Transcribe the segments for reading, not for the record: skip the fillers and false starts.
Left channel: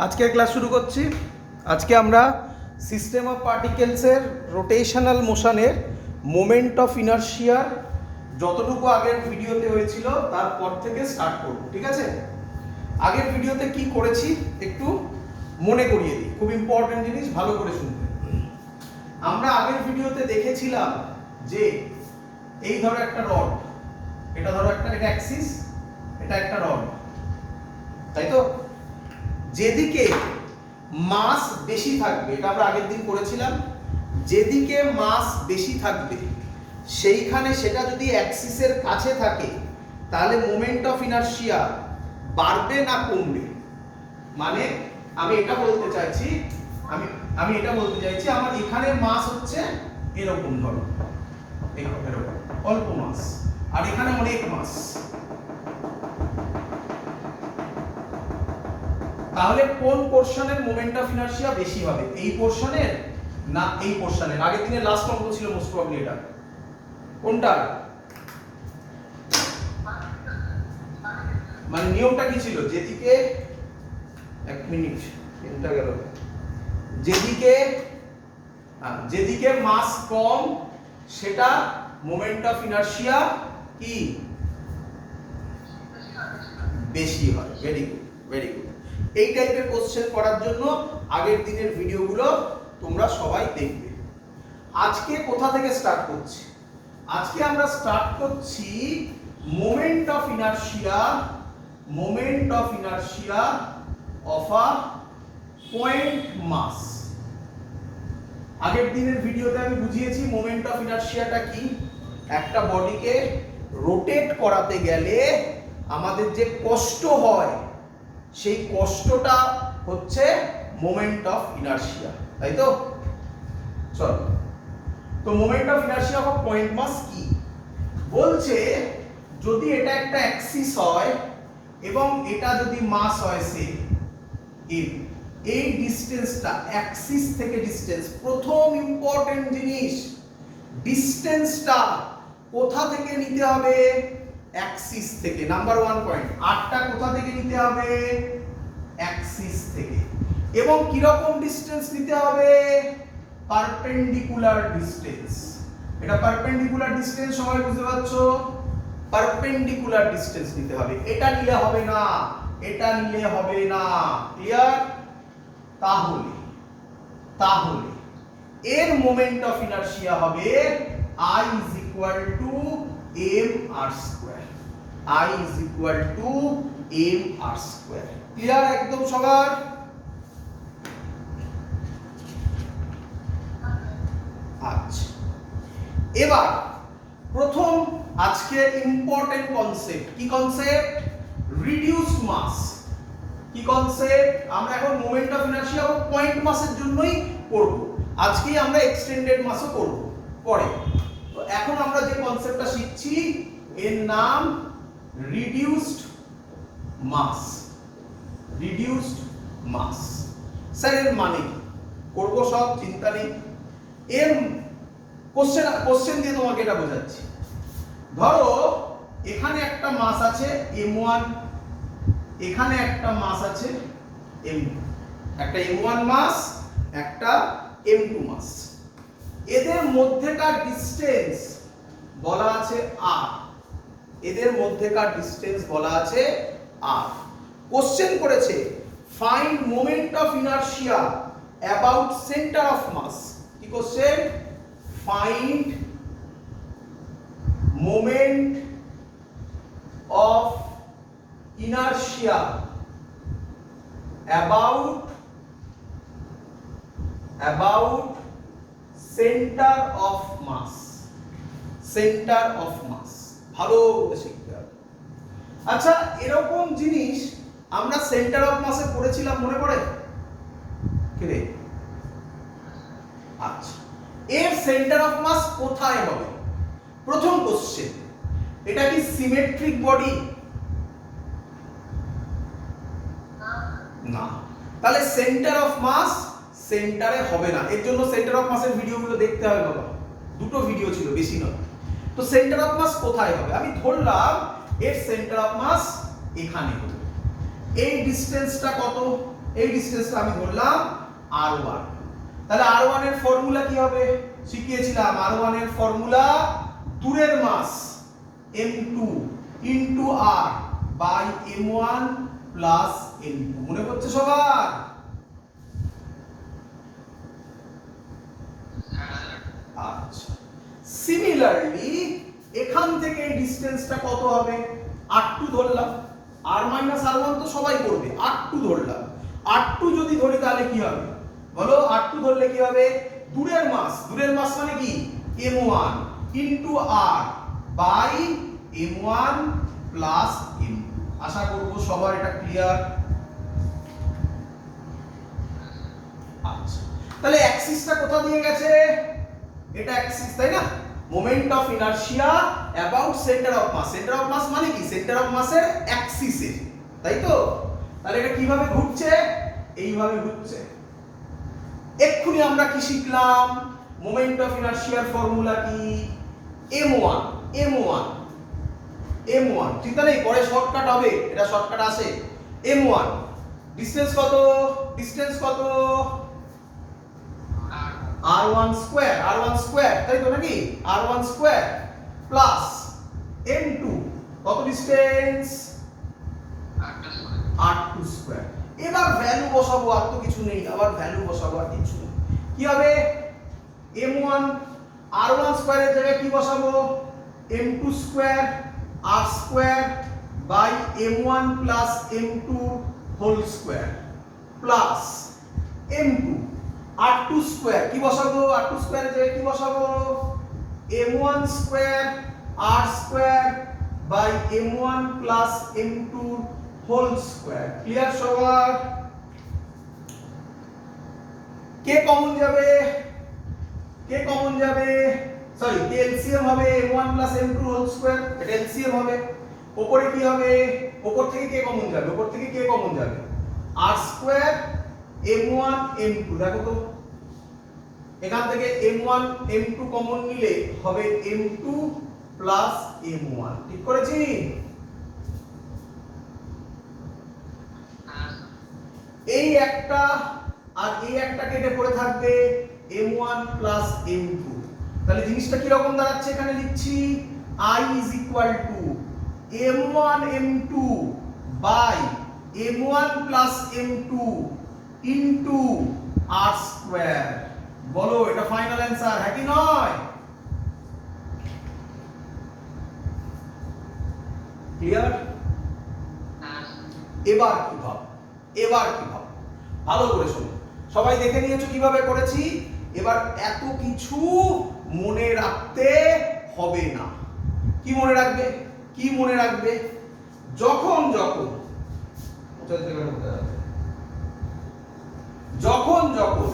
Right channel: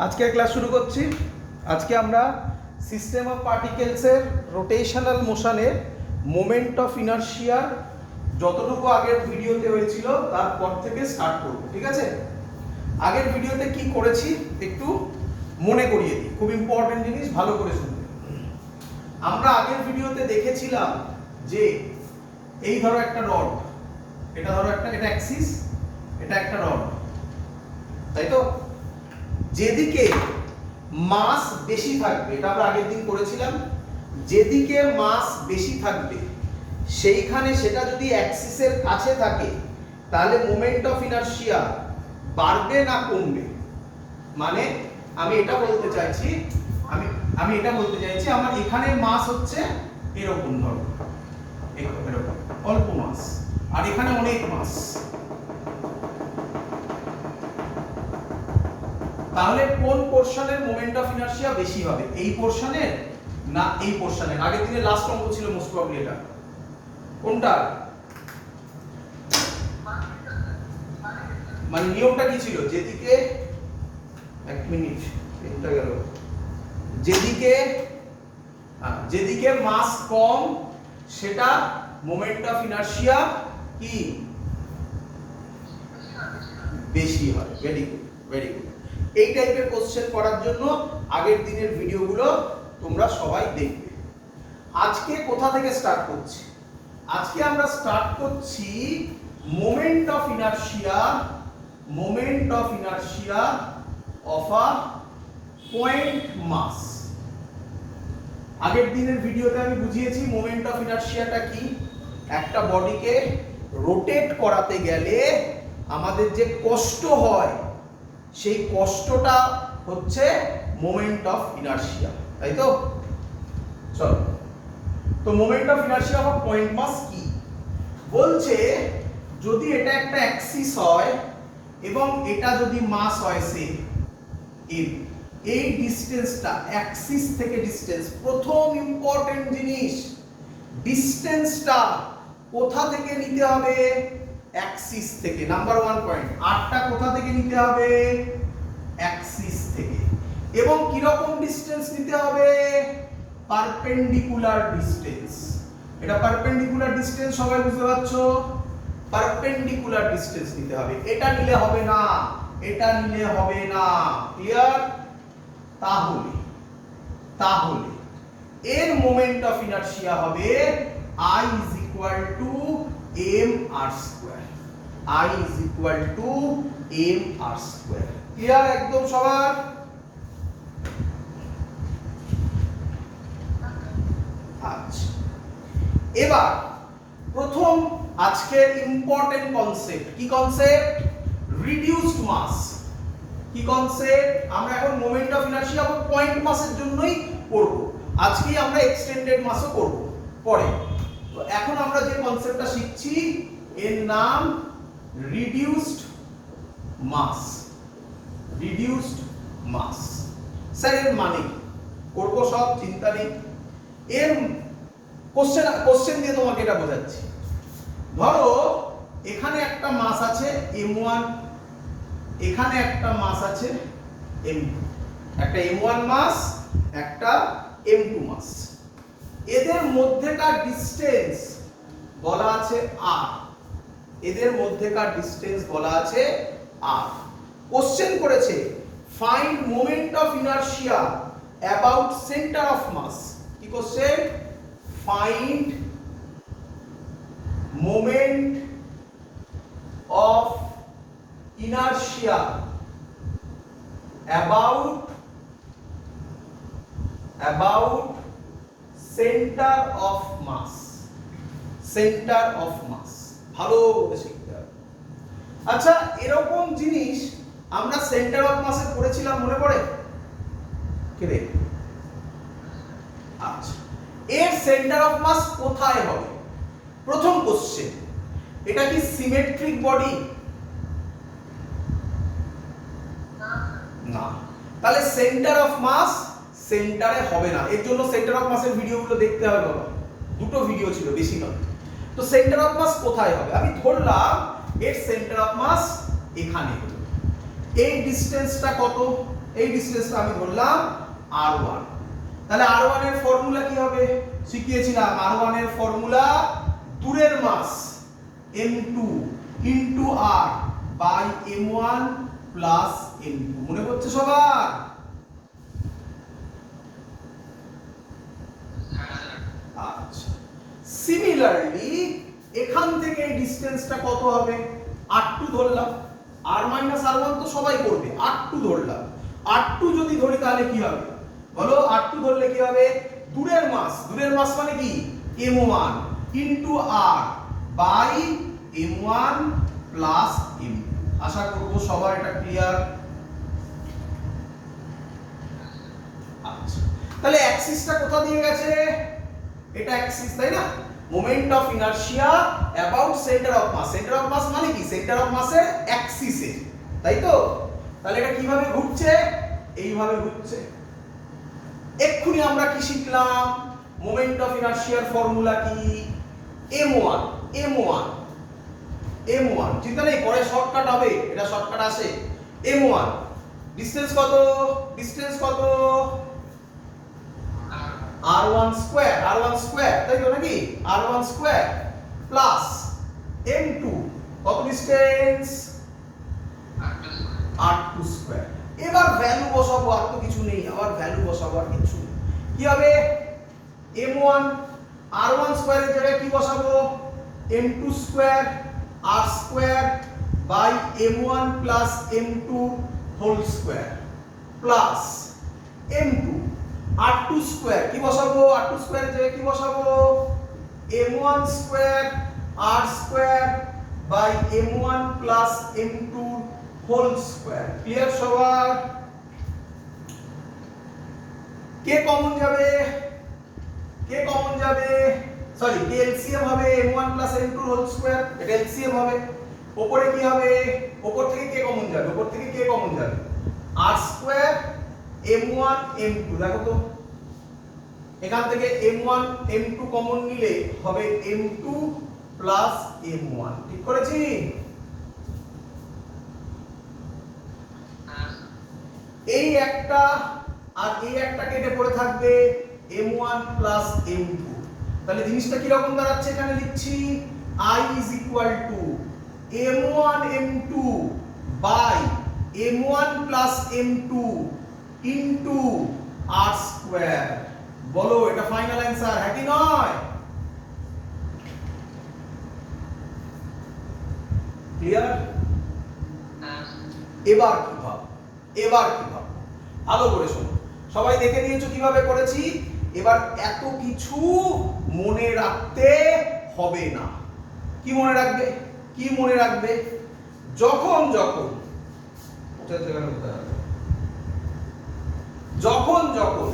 আজকে ক্লাস শুরু করছি। আজকে আমরা সিস্টেম অফ পার্টিকেলসের রোটেশনাল মোশনের মোমেন্ট অফ ইনারশিয়া যতটুকু আগের ভিডিওতে হয়েছিল তারপর থেকে স্টার্ট করব, ঠিক আছে? আগের ভিডিওতে কি করেছি একটু মনে করিয়ে দিই, খুব ইম্পর্টেন্ট জিনিস, ভালো করে শুনতে। আমরা আগের ভিডিওতে দেখেছিলাম যে এই ধরো একটা রড, এটা ধরো এটা অ্যাক্সিস, এটা একটা রড, তাই তো? যেদিকে মাস বেশি থাকবে, এটা আমরা আগের দিন করেছিলাম, যেদিকে মাস বেশি থাকবে সেইখানে সেটা যদি অ্যাক্সিসের কাছে থাকে তাহলে মোমেন্ট অফ ইনারশিয়া বাড়বে না কমবে। মানে আমি এটা বলতে চাইছি আমার এখানে মাস হচ্ছে এরকম, ধরো এরকম অল্প মাস, আর এখানে অনেক মাস, তাহলে কোন পোরশনের মোমেন্ট অফ ইনারশিয়া বেশি হবে? এই পোরশনের না এই পোরশনের? আগের দিনের লাস্ট অঙ্ক ছিল মোস্ট প্রবাবলি এটা। কোনটা? মানে নিয়মটা কি ছিল? যেদিকে এক মিনিট তিনটা গেল, যেদিকে মাস কম সেটা মোমেন্ট অফ ইনারশিয়া কি বেশি হয়। Very good, very good. এই টাইপের কোশ্চেন করার জন্য আগের দিনের ভিডিওগুলো তোমরা সবাই দেখবে। আজকে কোথা থেকে স্টার্ট করছি? আজকে আমরা স্টার্ট করছি moment of inertia of a point mass. আগের দিনের ভিডিওতে আমি বুঝিয়েছি মোমেন্ট অফ ইনারশিয়াটা কি। একটা বডিকে রোটেট করাতে গেলে আমাদের যে কষ্ট হয় সেই কষ্টটা হচ্ছে মোমেন্ট অফ ইনারশিয়া, তাই তো? চলো, তো moment of inertia of point mass কি বলছে? যদি এটা একটা অ্যাক্সিস হয় এবং এটা যদি মাস হয় সে এই ডিসটেন্সটা অ্যাক্সিস থেকে ডিসটেন্স, প্রথম ইম্পর্টেন্ট জিনিস, ডিসটেন্সটা কোথা থেকে নিতে হবে? অ্যাক্সিস থেকে। নাম্বার 1 পয়েন্ট, আরটা কোথা থেকে নিতে হবে? অ্যাক্সিস থেকে। এবং কি রকম ডিসটেন্স নিতে হবে? Perpendicular distance. এটা পারপেন্ডিকুলার ডিসটেন্স, সবাই বুঝতে পারছো? পারপেন্ডিকুলার ডিসটেন্স নিতে হবে, এটা নিলে হবে না, এটা নিলে হবে না। ক্লিয়ার? তাহলে এর মোমেন্ট অফ ইনারশিয়া হবে I is equal to mr square. I is equal to mr square. Clear একদম সবার? আচ্ছা, এবার প্রথম আজকের ইম্পর্টেন্ট কনসেপ্ট। কি কনসেপ্ট? রিডিউসড মাস। কি কনসেপ্ট? আমরা এখন moment of inertia of point মাসের জন্যই করব। আজকে আমরা এক্সটেন্ডেড মাসও করব পরে। তো এখন আমরা যে কনসেপ্টটা শিখছি এর নাম রিডিউসড মাস। রিডিউসড মাস। স্যার এর মানে করব সব, চিন্তা নেই। এর কোশ্চেন দিয়ে তোমাকে এটা বোঝাচ্ছি। ধরো এখানে একটা মাস আছে m1, এখানে একটা মাস আছে m2, একটা m1 মাস, একটা m2 মাস। এদের মধ্যেকার ডিসটেন্স বলা আছে r। এদের মধ্যেকার ডিসটেন্স বলা আছে r। কোশ্চেন করেছে find moment of inertia about centre of mass. কি question? Find moment of inertia about centre of mass. Centre of mass ভালো করে শিখতে হবে। আচ্ছা, এরকম জিনিস আমরা সেন্টার অফ মাসে পড়েছিলাম, মনে পড়ে? কে? আচ্ছা, এর সেন্টার অফ মাস কোথায় হবে? প্রথম কোশ্চেন, এটা কি সিমেট্রিক বডি? না। তাহলে সেন্টার অফ মাস সেন্টারে হবে না। এর জন্য সেন্টার অফ মাসের ভিডিওগুলো দেখতে হবে বাবা, দুটো ভিডিও ছিল, বেশি নয়। তো সেন্টার অফ মাস কোথায় হবে? আমি ধরলাম এর সেন্টার অফ মাস এখানে হবে। এই ডিসটেন্সটা কত? এই ডিসটেন্সটা আমি ধরলাম r1। তাহলে r1 এর ফর্মুলা কি হবে শিখিয়েছিলাম, r1 এর ফর্মুলা দূরের mass m2 into r by m1 plus m2। মনে পড়ছে সবার? আচ্ছা, সিমিলারলি এখান থেকে এই ডিসটেন্সটা কত হবে? r2 ধরলাম, r মাইনাস r1 তো সবাই করবে, r2 ধরলাম। r2 যদি ধরি তাহলে কি হবে বলো? r2 ধরলে কি হবে? দূরের মাস মানে কি m1 into r by m1 plus m2। আশা করব সবার এটা ক্লিয়ার। আচ্ছা, তাহলে অ্যাক্সিসটা কোথা দিয়ে গেছে? এটা অ্যাক্সিস, তাই না? Moment of inertia about centre of mass. Centre of mass মানে কি? সেন্টার অফ মাসের অ্যাক্সিসে, তাই তো? তাহলে এটা কিভাবে ঘুরছে? এইভাবে ঘুরছে। এক্ষুনি আমরা কি শিখলাম? মোমেন্ট অফ ইনারশিয়ার ফর্মুলা কি? m1 চিন্তা নেই, পরে শর্টকাট হবে, এটা শর্টকাট আসে। m1 ডিসটেন্স কত? r1 স্কয়ার, তাই তো নাকি? r1 স্কয়ার প্লাস m2 কত ডিসটেন্স? r2 square. এবার ভ্যালু বসাবো, আর তো কিছু নেই, আবার ভ্যালু বসাবো, আর কিছু নেই। কি হবে? m1 r1 স্কয়ারের জায়গায় কি বসাবো? m2 square r square by m1 plus m2 whole square plus m2 r2 square কি বসাবো? r2 স্কয়ারের জায়গায় কি বসাবো? m1 square r square by m1 plus m2 whole square. Clear সবার? কে কমন যাবে? সরি, কে এলসিএম হবে m1 plus m2 whole square, এটা এলসিএম হবে। উপরে কি হবে? উপর থেকে কে কমন যাবে? r square m1 m2। দেখো তো, এখান থেকে m1 m2 কমন নিলে হবে m2 প্লাস m1। ঠিক করেছি? এই একটা আর এই একটা কেটে পড়ে থাকবে m1 প্লাস m2। তাহলে জিনিসটা কি রকম দাঁড়াচ্ছে? এখানে লিখছি I is equal to m1 m2 by m1 plus m2 into r square। বলো এটা ফাইনাল অ্যানসার, হ্যাঁ কি নয়? ক্লিয়ার? এবার কি ভাব? ভালো করে শোনো। সবাই দেখে নিয়েছো কিভাবে করেছি? এবার এত কিছু মনে রাখতে হবে না। কি মনে রাখবে? যখন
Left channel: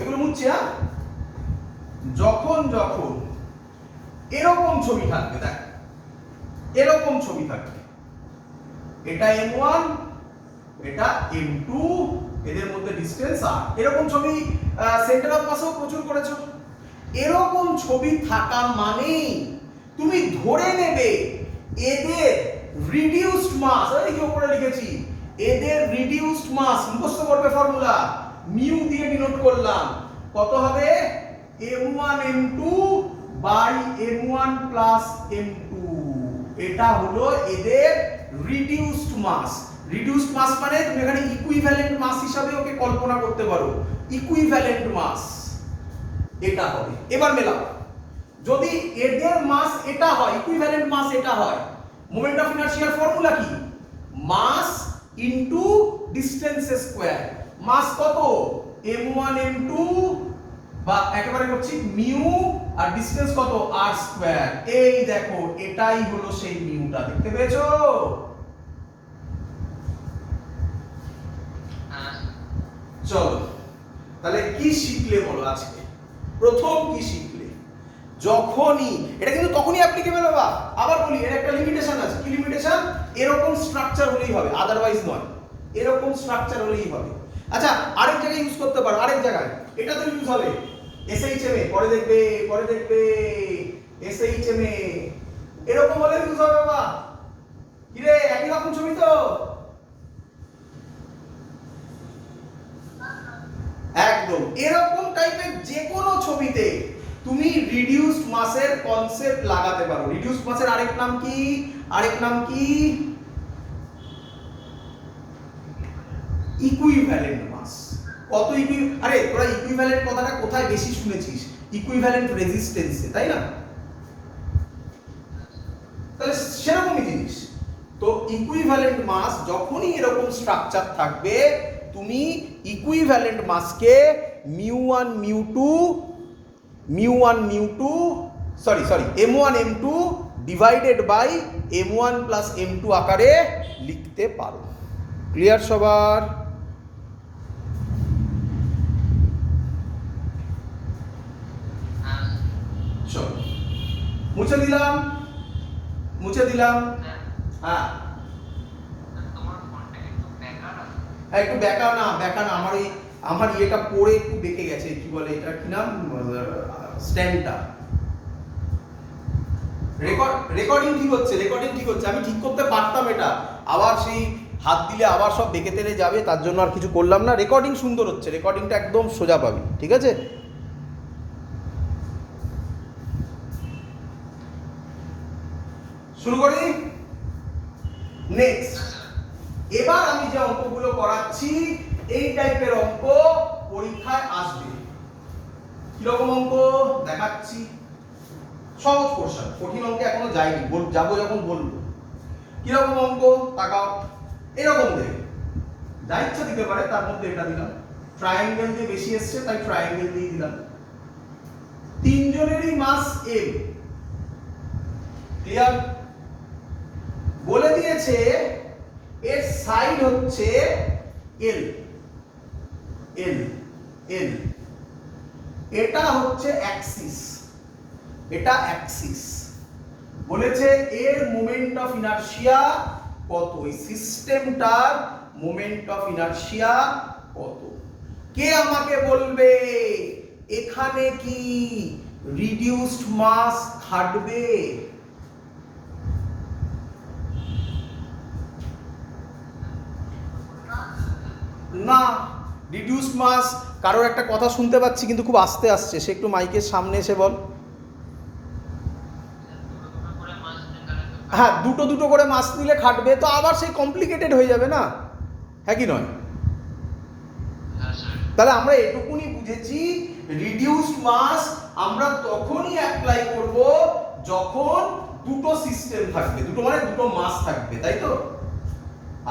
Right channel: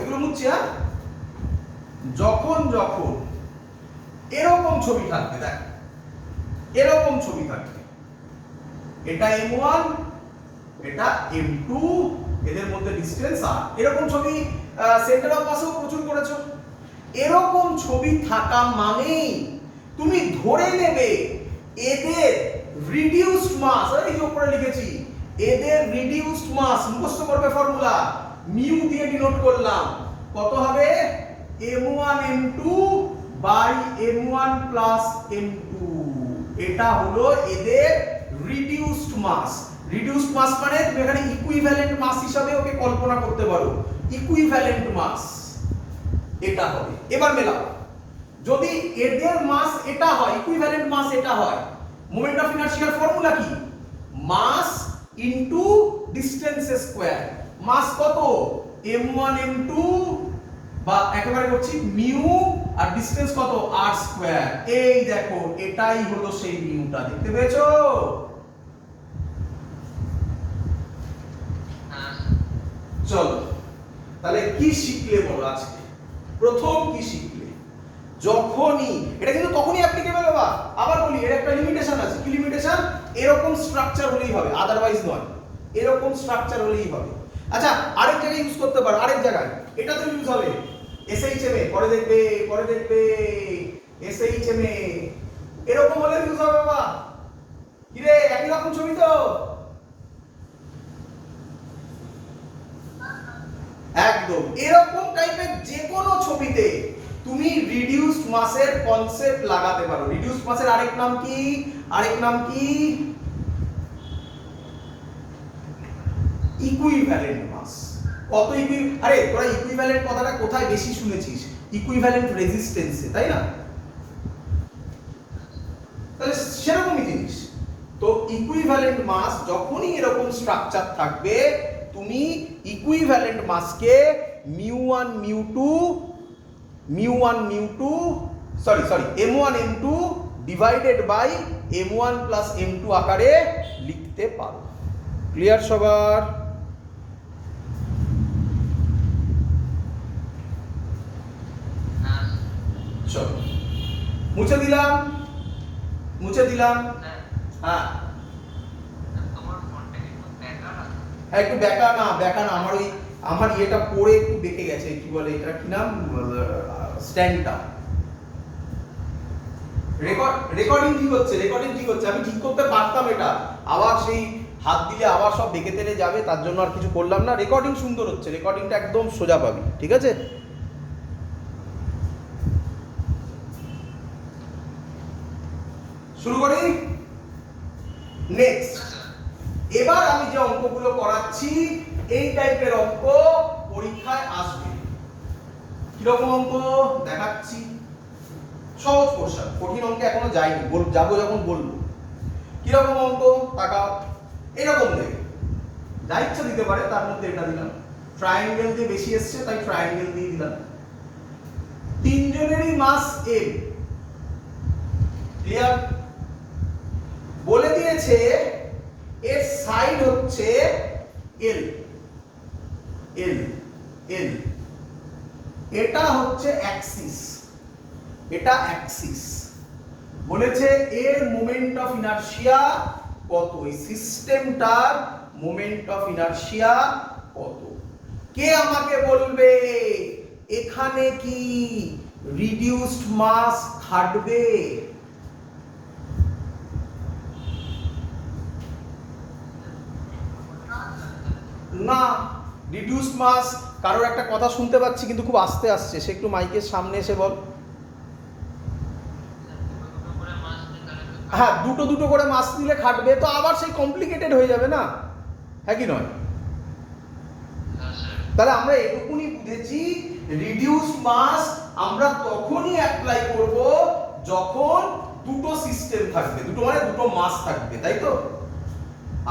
এগুলো মুছছি, হ্যাঁ? যখন এরকম ছবি থাকবে, দেখ এরকম ছবি থাকবে, এটা m1 এটা m2, এদের মধ্যে ডিসটেন্স r। এরকম ছবি সেন্টার অফ মাসেও প্রচুর করেছো। এরকম ছবি থাকা মানেই তুমি ধরে নেবে এদের রিডিউসড মাস। এই যে উপরে লিখেছি, এদের রিডিউসড মাস মুখস্থ করবে ফর্মুলা, মিউ দিয়ে ডিনোট করলাম। কত হবে? m1 m2 by m1 plus m2। এটা হলো এদের রিডিউসড মাস। রিডিউসড মাস মানে তুমি এখানে ইকুইভ্যালেন্ট মাস হিসাবে ওকে কল্পনা করতে পারো। ইকুইভ্যালেন্ট মাস এটা হবে। এবার মেলাও, যদি এদের মাস এটা হয়, ইকুইভ্যালেন্ট মাস এটা হয়, মোমেন্ট অফ ইনারশিয়ার ফর্মুলা কি? Mass into distance square. Mass কত? m1 m2 বা একেবারে করছি মিউ, আর ডিসটেন্স কত? r square. এই দেখো, এটাই হলো সেই মিউটা। দেখতে পেয়েছো? চলো তাহলে কি শিখলে বলো আজকে? প্রথম কি শিখলে? যখনই এটা কিন্তু তখনই অ্যাপ্লিকেবল হবে। আবার বলি, এর একটা লিমিটেশন আছে। কি লিমিটেশন? এরকম স্ট্রাকচার হলেই হবে, আদারওয়াইজ নয়। এরকম স্ট্রাকচার হলেই হবে। আচ্ছা, আরেক জায়গায় ইউজ করতে পারো, আরেক জায়গায় এটা তো ইউজ হবে এসএইচএম এ, পরে দেখবে এসএইচএম এ এরকম হলে ইউজ হবে। বাবা কি রে, একই রকম ছবি তো। একদম এরকম টাইপের যে কোনো ছবিতে তুমি রিডিউসড মাসের কনসেপ্ট লাগাতে পারো। রিডিউসড মাসের আরেক নাম কি? আরেক নাম কি? ইকুইভ্যালেন্ট মাস। কত আরে তোরা ইকুইভ্যালেন্ট কথাটা কোথায় বেশি শুনেছিস? ইকুইভ্যালেন্ট রেজিস্ট্যান্সে, তাই না? তাহলে সেরকমই জিনিস। তো ইকুইভ্যালেন্ট মাস যখনই এরকম স্ট্রাকচার থাকবে, তুমি ইকুইভ্যালেন্ট মাসকে μ1 μ2 m1 m2 divided by m1 plus m2 আকারে লিখতে পারো। ক্লিয়ার সবার? চলো মুছে দিলাম। হ্যাঁ একটু বেকা না আমার ইয়েটা পড়ে একটু বেঁকে গেছে, কি বলে এটা, কি নাম, স্ট্যান্ডটা। রেকর্ডিং ঠিক হচ্ছে, আমি ঠিক করতে পারতাম এটা, আবার সেই হাত দিলে আবার সব বেঁকে টেনে যাবে, তার জন্য আর কিছু করলাম না। রেকর্ডিং সুন্দর হচ্ছে, রেকর্ডিংটা একদম সোজা পাবি, ঠিক আছে? শুরু করি। নেক্সট, এবার আমি যে অঙ্কগুলো করাচ্ছি এই টাইপের অঙ্ক পরীক্ষায় আসবে। কিরকম অঙ্ক দেখাচ্ছি? সহজ কোশ্চেন, কঠিন অঙ্কে এখনো যাইনি, যাবো যখন বলবো। কিরকম অঙ্ক তাকাও, এরকম দেবে, যা ইচ্ছা দিতে পারে, তার মধ্যে এটা দিলাম। ট্রায়াঙ্গেল দিয়ে বেশি এসছে তাই ট্রায়াঙ্গেল দিয়ে দিলাম। তিনজনেরই মাস m, ক্লিয়ার? বলে দিয়েছে এর সাইড হচ্ছে l, এটা হচ্ছে অ্যাক্সিস, বলেছে এর মোমেন্ট অফ ইনারশিয়া কত, এই সিস্টেমটার মোমেন্ট অফ ইনারশিয়া কত। কে আমাকে বলবে এখানে কি রিডিউসড মাস খাটবে? না, রিডিউসড মাস, কারোর একটা কথা শুনতে পাচ্ছি কিন্তু খুব আস্তে আসছে, সে একটু মাইকের সামনে এসে বল। হ্যাঁ, দুটো করে মাস নিলে খাটবে, তো আবার সেই কমপ্লিকেটেড হয়ে যাবে না, হ্যাঁ কি নয়? তাহলে আমরা এটুকুনি বুঝেছি, রিডিউসড মাস আমরা তখনই অ্যাপ্লাই করব যখন দুটো সিস্টেম থাকবে, দুটো মানে দুটো মাস থাকবে, তাই তো?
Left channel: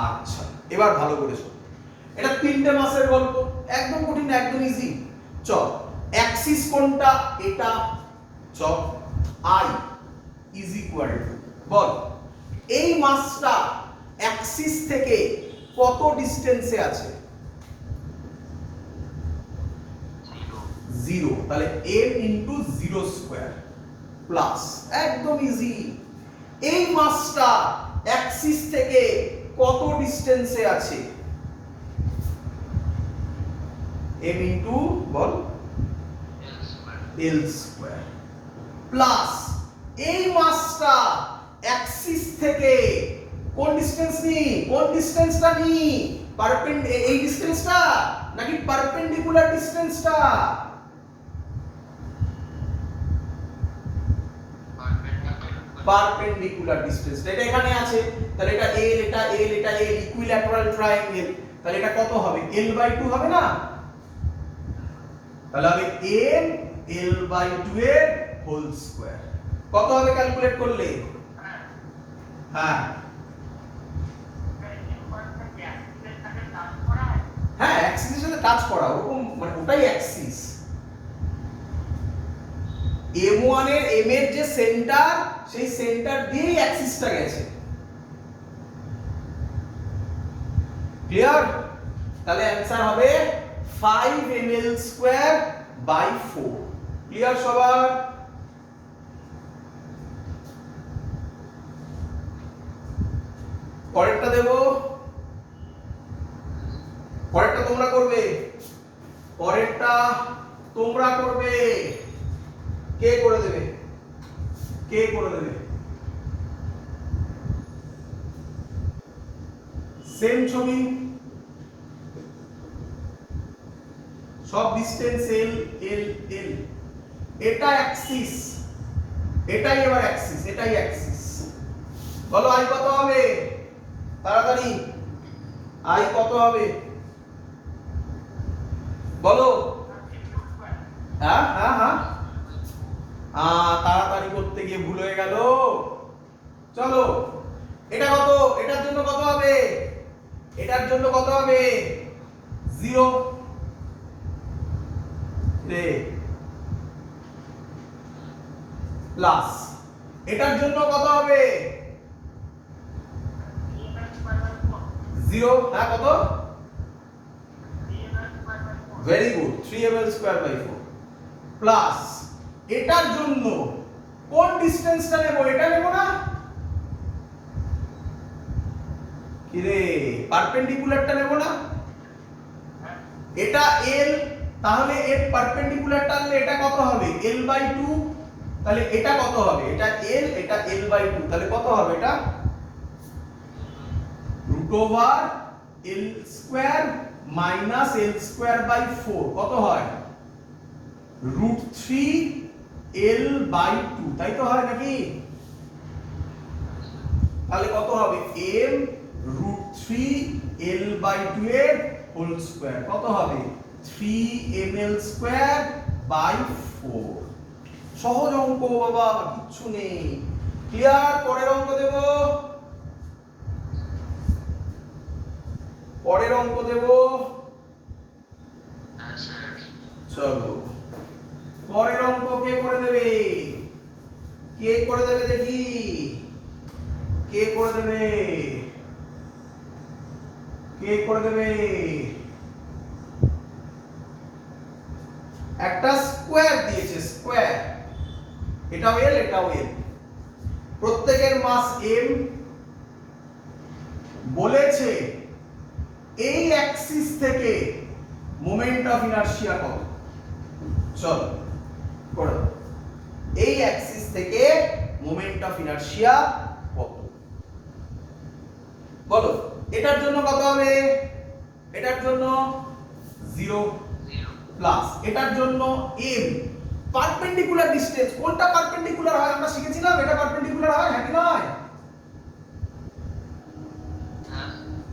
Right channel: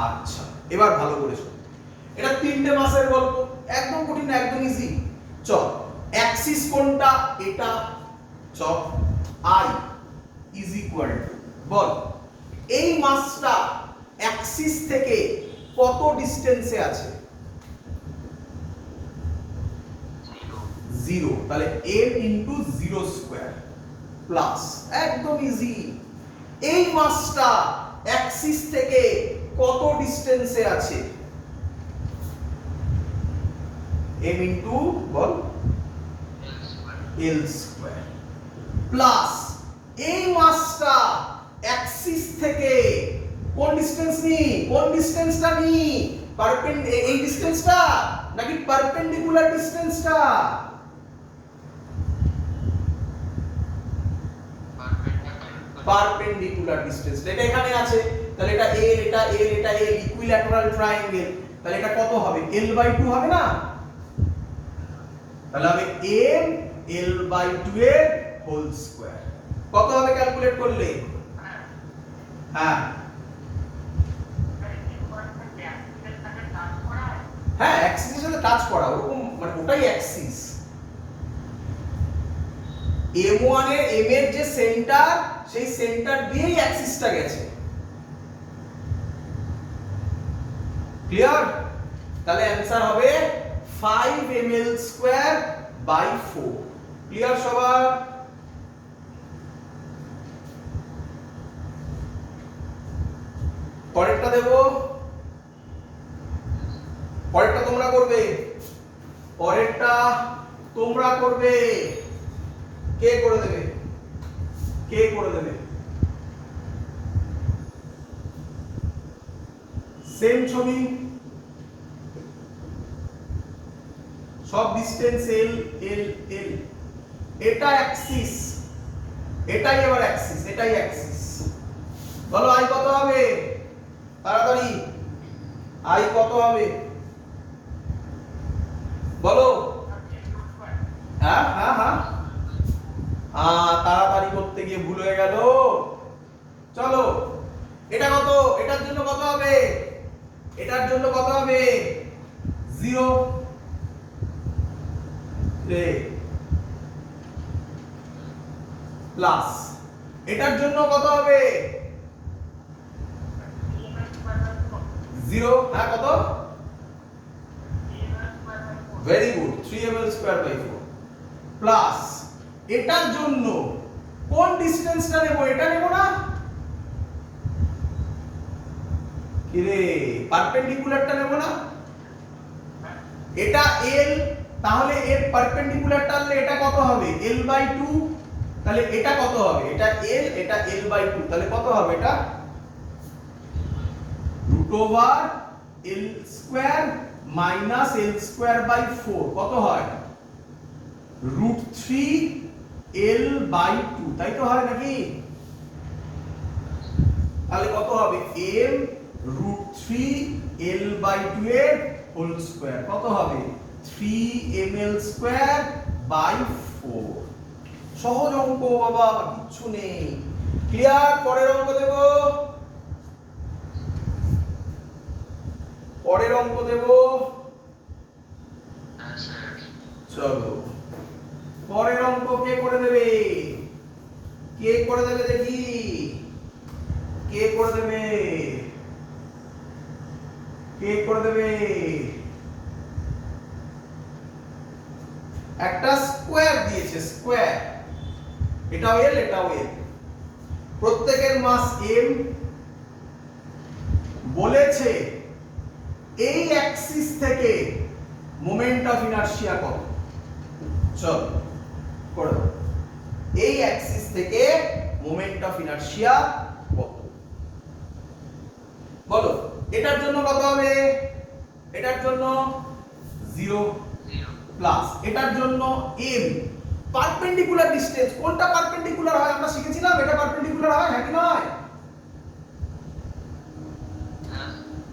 আচ্ছা, এবার ভালো করে শোন, এটা তিনটে মাসের গল্প, একদম কঠিন না, একদম ইজি। চল, অ্যাক্সিস কোনটা? এটা। চল, i ইজ ইকুয়াল টু, বল এই মাসটা অ্যাক্সিস থেকে কত ডিসটেন্সে আছে? 0, তাহলে m ইনটু 0 স্কয়ার প্লাস, একদম ইজি। এই মাসটা অ্যাক্সিস থেকে কত ডিসটেন্সে আছে? m ইনটু বল l স্কয়ার প্লাস এই মাসটা অ্যাক্সিস থেকে কোন ডিসটেন্স নি, কোন ডিসটেন্সটা নি, এই ডিসটেন্সটা নাকি পারপেন্ডিকুলার ডিসটেন্সটা? পারপেন্ডিকুলার ডিসটেন্স, এটা এখানে আছে, তাহলে এটা l, এটা l, এটা l, ইকুইল্যাটারাল ট্রায়াঙ্গেল, তাহলে এটা কত হবে? l/2 হবে না? তাহলে হবে m l/2 এর হোল স্কয়ার। কত হবে ক্যালকুলেট করলে? হ্যাঁ হ্যাঁ, অ্যাক্সিসের সাথে টাচ করা, ওরকম মানে ওটাই অ্যাক্সিস। m1 এর m এর যে সেন্টার, সেই সেন্টার দিয়েই অ্যাক্সিসটা গেছে। ক্লিয়ার? তাহলে অ্যানসার হবে 5 ml²/4। ক্লিয়ার সবার? পরেরটা দেব, পরেরটা তোমরা করবে, পরেরটা তোমরা করবে। কে করে দেবে? কে করে দেবে? সেম ছবি, সব ডিসটেন্স এল এল এল, এটা অ্যাক্সিস, এটাই এবার অ্যাক্সিস, এটাই অ্যাক্সিস। বলো আই কত হবে তাড়াতাড়ি, আই কত হবে বলো। হ্যাঁ হ্যাঁ হ্যাঁ, তাড়াতাড়ি করতে গিয়ে ভুল হয়ে গেল। চলো এটা কত, এটার জন্য কত হবে, এটার জন্য কত হবে 0 রে প্লাস, এটার জন্য কত হবে 0, হ্যাঁ কত, ভেরি গুড 3ml²/4 প্লাস এটার জন্য কোন ডিসটেন্সটা নেব, এটা নেব না কি রে, পারপেন্ডিকুলারটা নেব না, এটা l, তাহলে এর পারপেন্ডিকুলারটা নিলে এটা কত হবে l/2, তাহলে এটা কত হবে, এটা l, এটা l/2, তাহলে কত হবে এটা √l² মাইনাস l²/4 কত হয় √3l/2, তাই তো হয় নাকি, তাহলে কত হবে m √3l/2 এর হোল স্কয়ার কত হবে 3ml²/4। সহজ অঙ্ক বাবা, কিচ্ছু নেই, ক্লিয়ার। পরের অঙ্ক দেব, পরের অঙ্ক দেব, চলো পরের অঙ্ক কে করে দেবে, কে করে দেবে দেখি, কে করে দেবে, কে করে দেবে, একটা স্কয়ার দিয়েছে, স্কয়ার, এটাও এল এটাও এল, প্রত্যেকের মাস m, বলেছে এই অ্যাক্সিস থেকে মোমেন্ট অফ ইনারশিয়া কত, চল করো, এই অ্যাক্সিস থেকে মোমেন্ট অফ ইনারশিয়া কত বলো। এটার জন্য কত হবে, এটার জন্য 0 প্লাস এটার জন্য m, পারপেন্ডিকুলার ডিসটেন্স, কোনটা পারপেন্ডিকুলার হয় আমরা শিখেছিলাম, এটা পারপেন্ডিকুলার হয় নাকি নয়,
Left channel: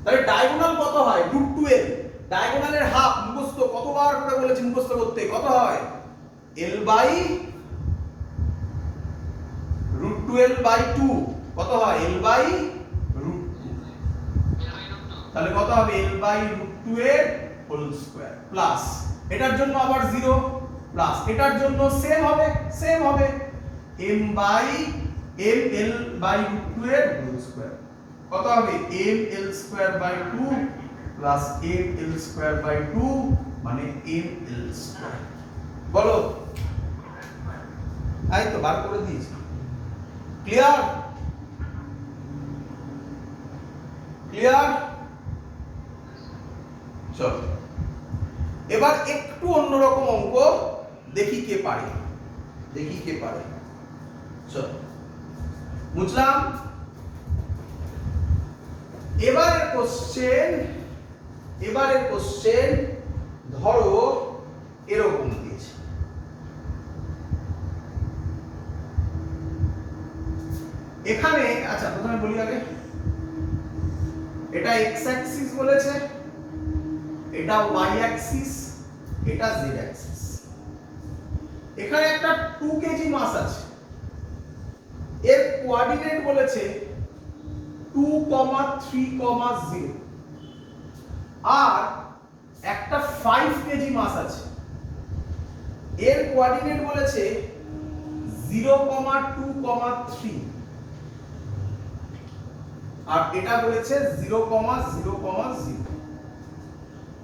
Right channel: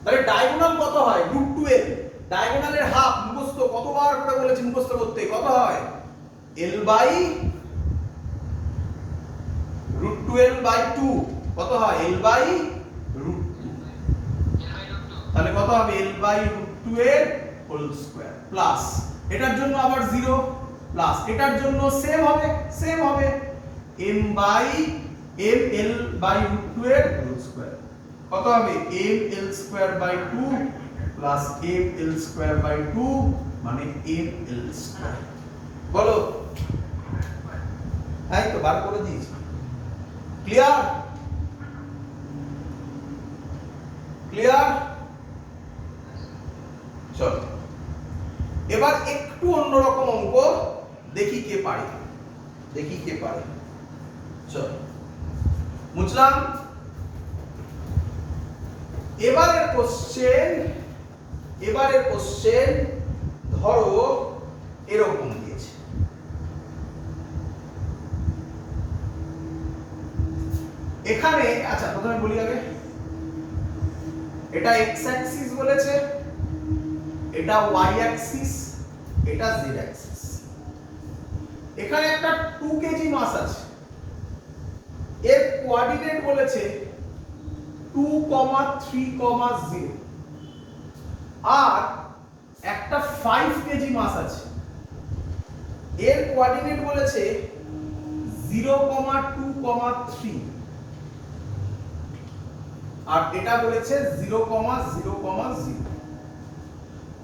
তাহলে ডায়াগোনাল কত হয় √2l, ডায়াগোনালের হাফ মুখস্থ কতবার করে বলেছি মুখস্থ করতে, কত হয় l/√2l/2 কত হয় l/√2, তাহলে কত হবে l/√2 এর হোল স্কয়ার প্লাস এটার জন্য আবার 0 প্লাস এটার জন্য সেম হবে ml/√2 এর হোল স্কয়ার কত হবে ml²/2 প্লাস ml²/2 মানে ml², বলো এই তো বার করে দিয়েছি, ক্লিয়ার, ক্লিয়ার। চলো এবার একটু অন্যরকম অঙ্ক দেখি কে পারে, দেখি কে পারে, চলো বুঝলাম। এবারের কোশ্চেন ধরো এরকম দিয়েছে, এখানে আচ্ছা প্রথমে বলি আগে, এটা x অ্যাক্সিস বলেছে, এটা y অ্যাক্সিস, এটা z অ্যাক্সিস, এখানে একটা 2 কেজি মাস আছে, এর কোঅর্ডিনেট বলেছে 2,3,0 আর একটা 5 কেজি মাস আছে, এর কোঅর্ডিনেট বলেছে 0,2,3 আর এটা বলেছে 0,0,0।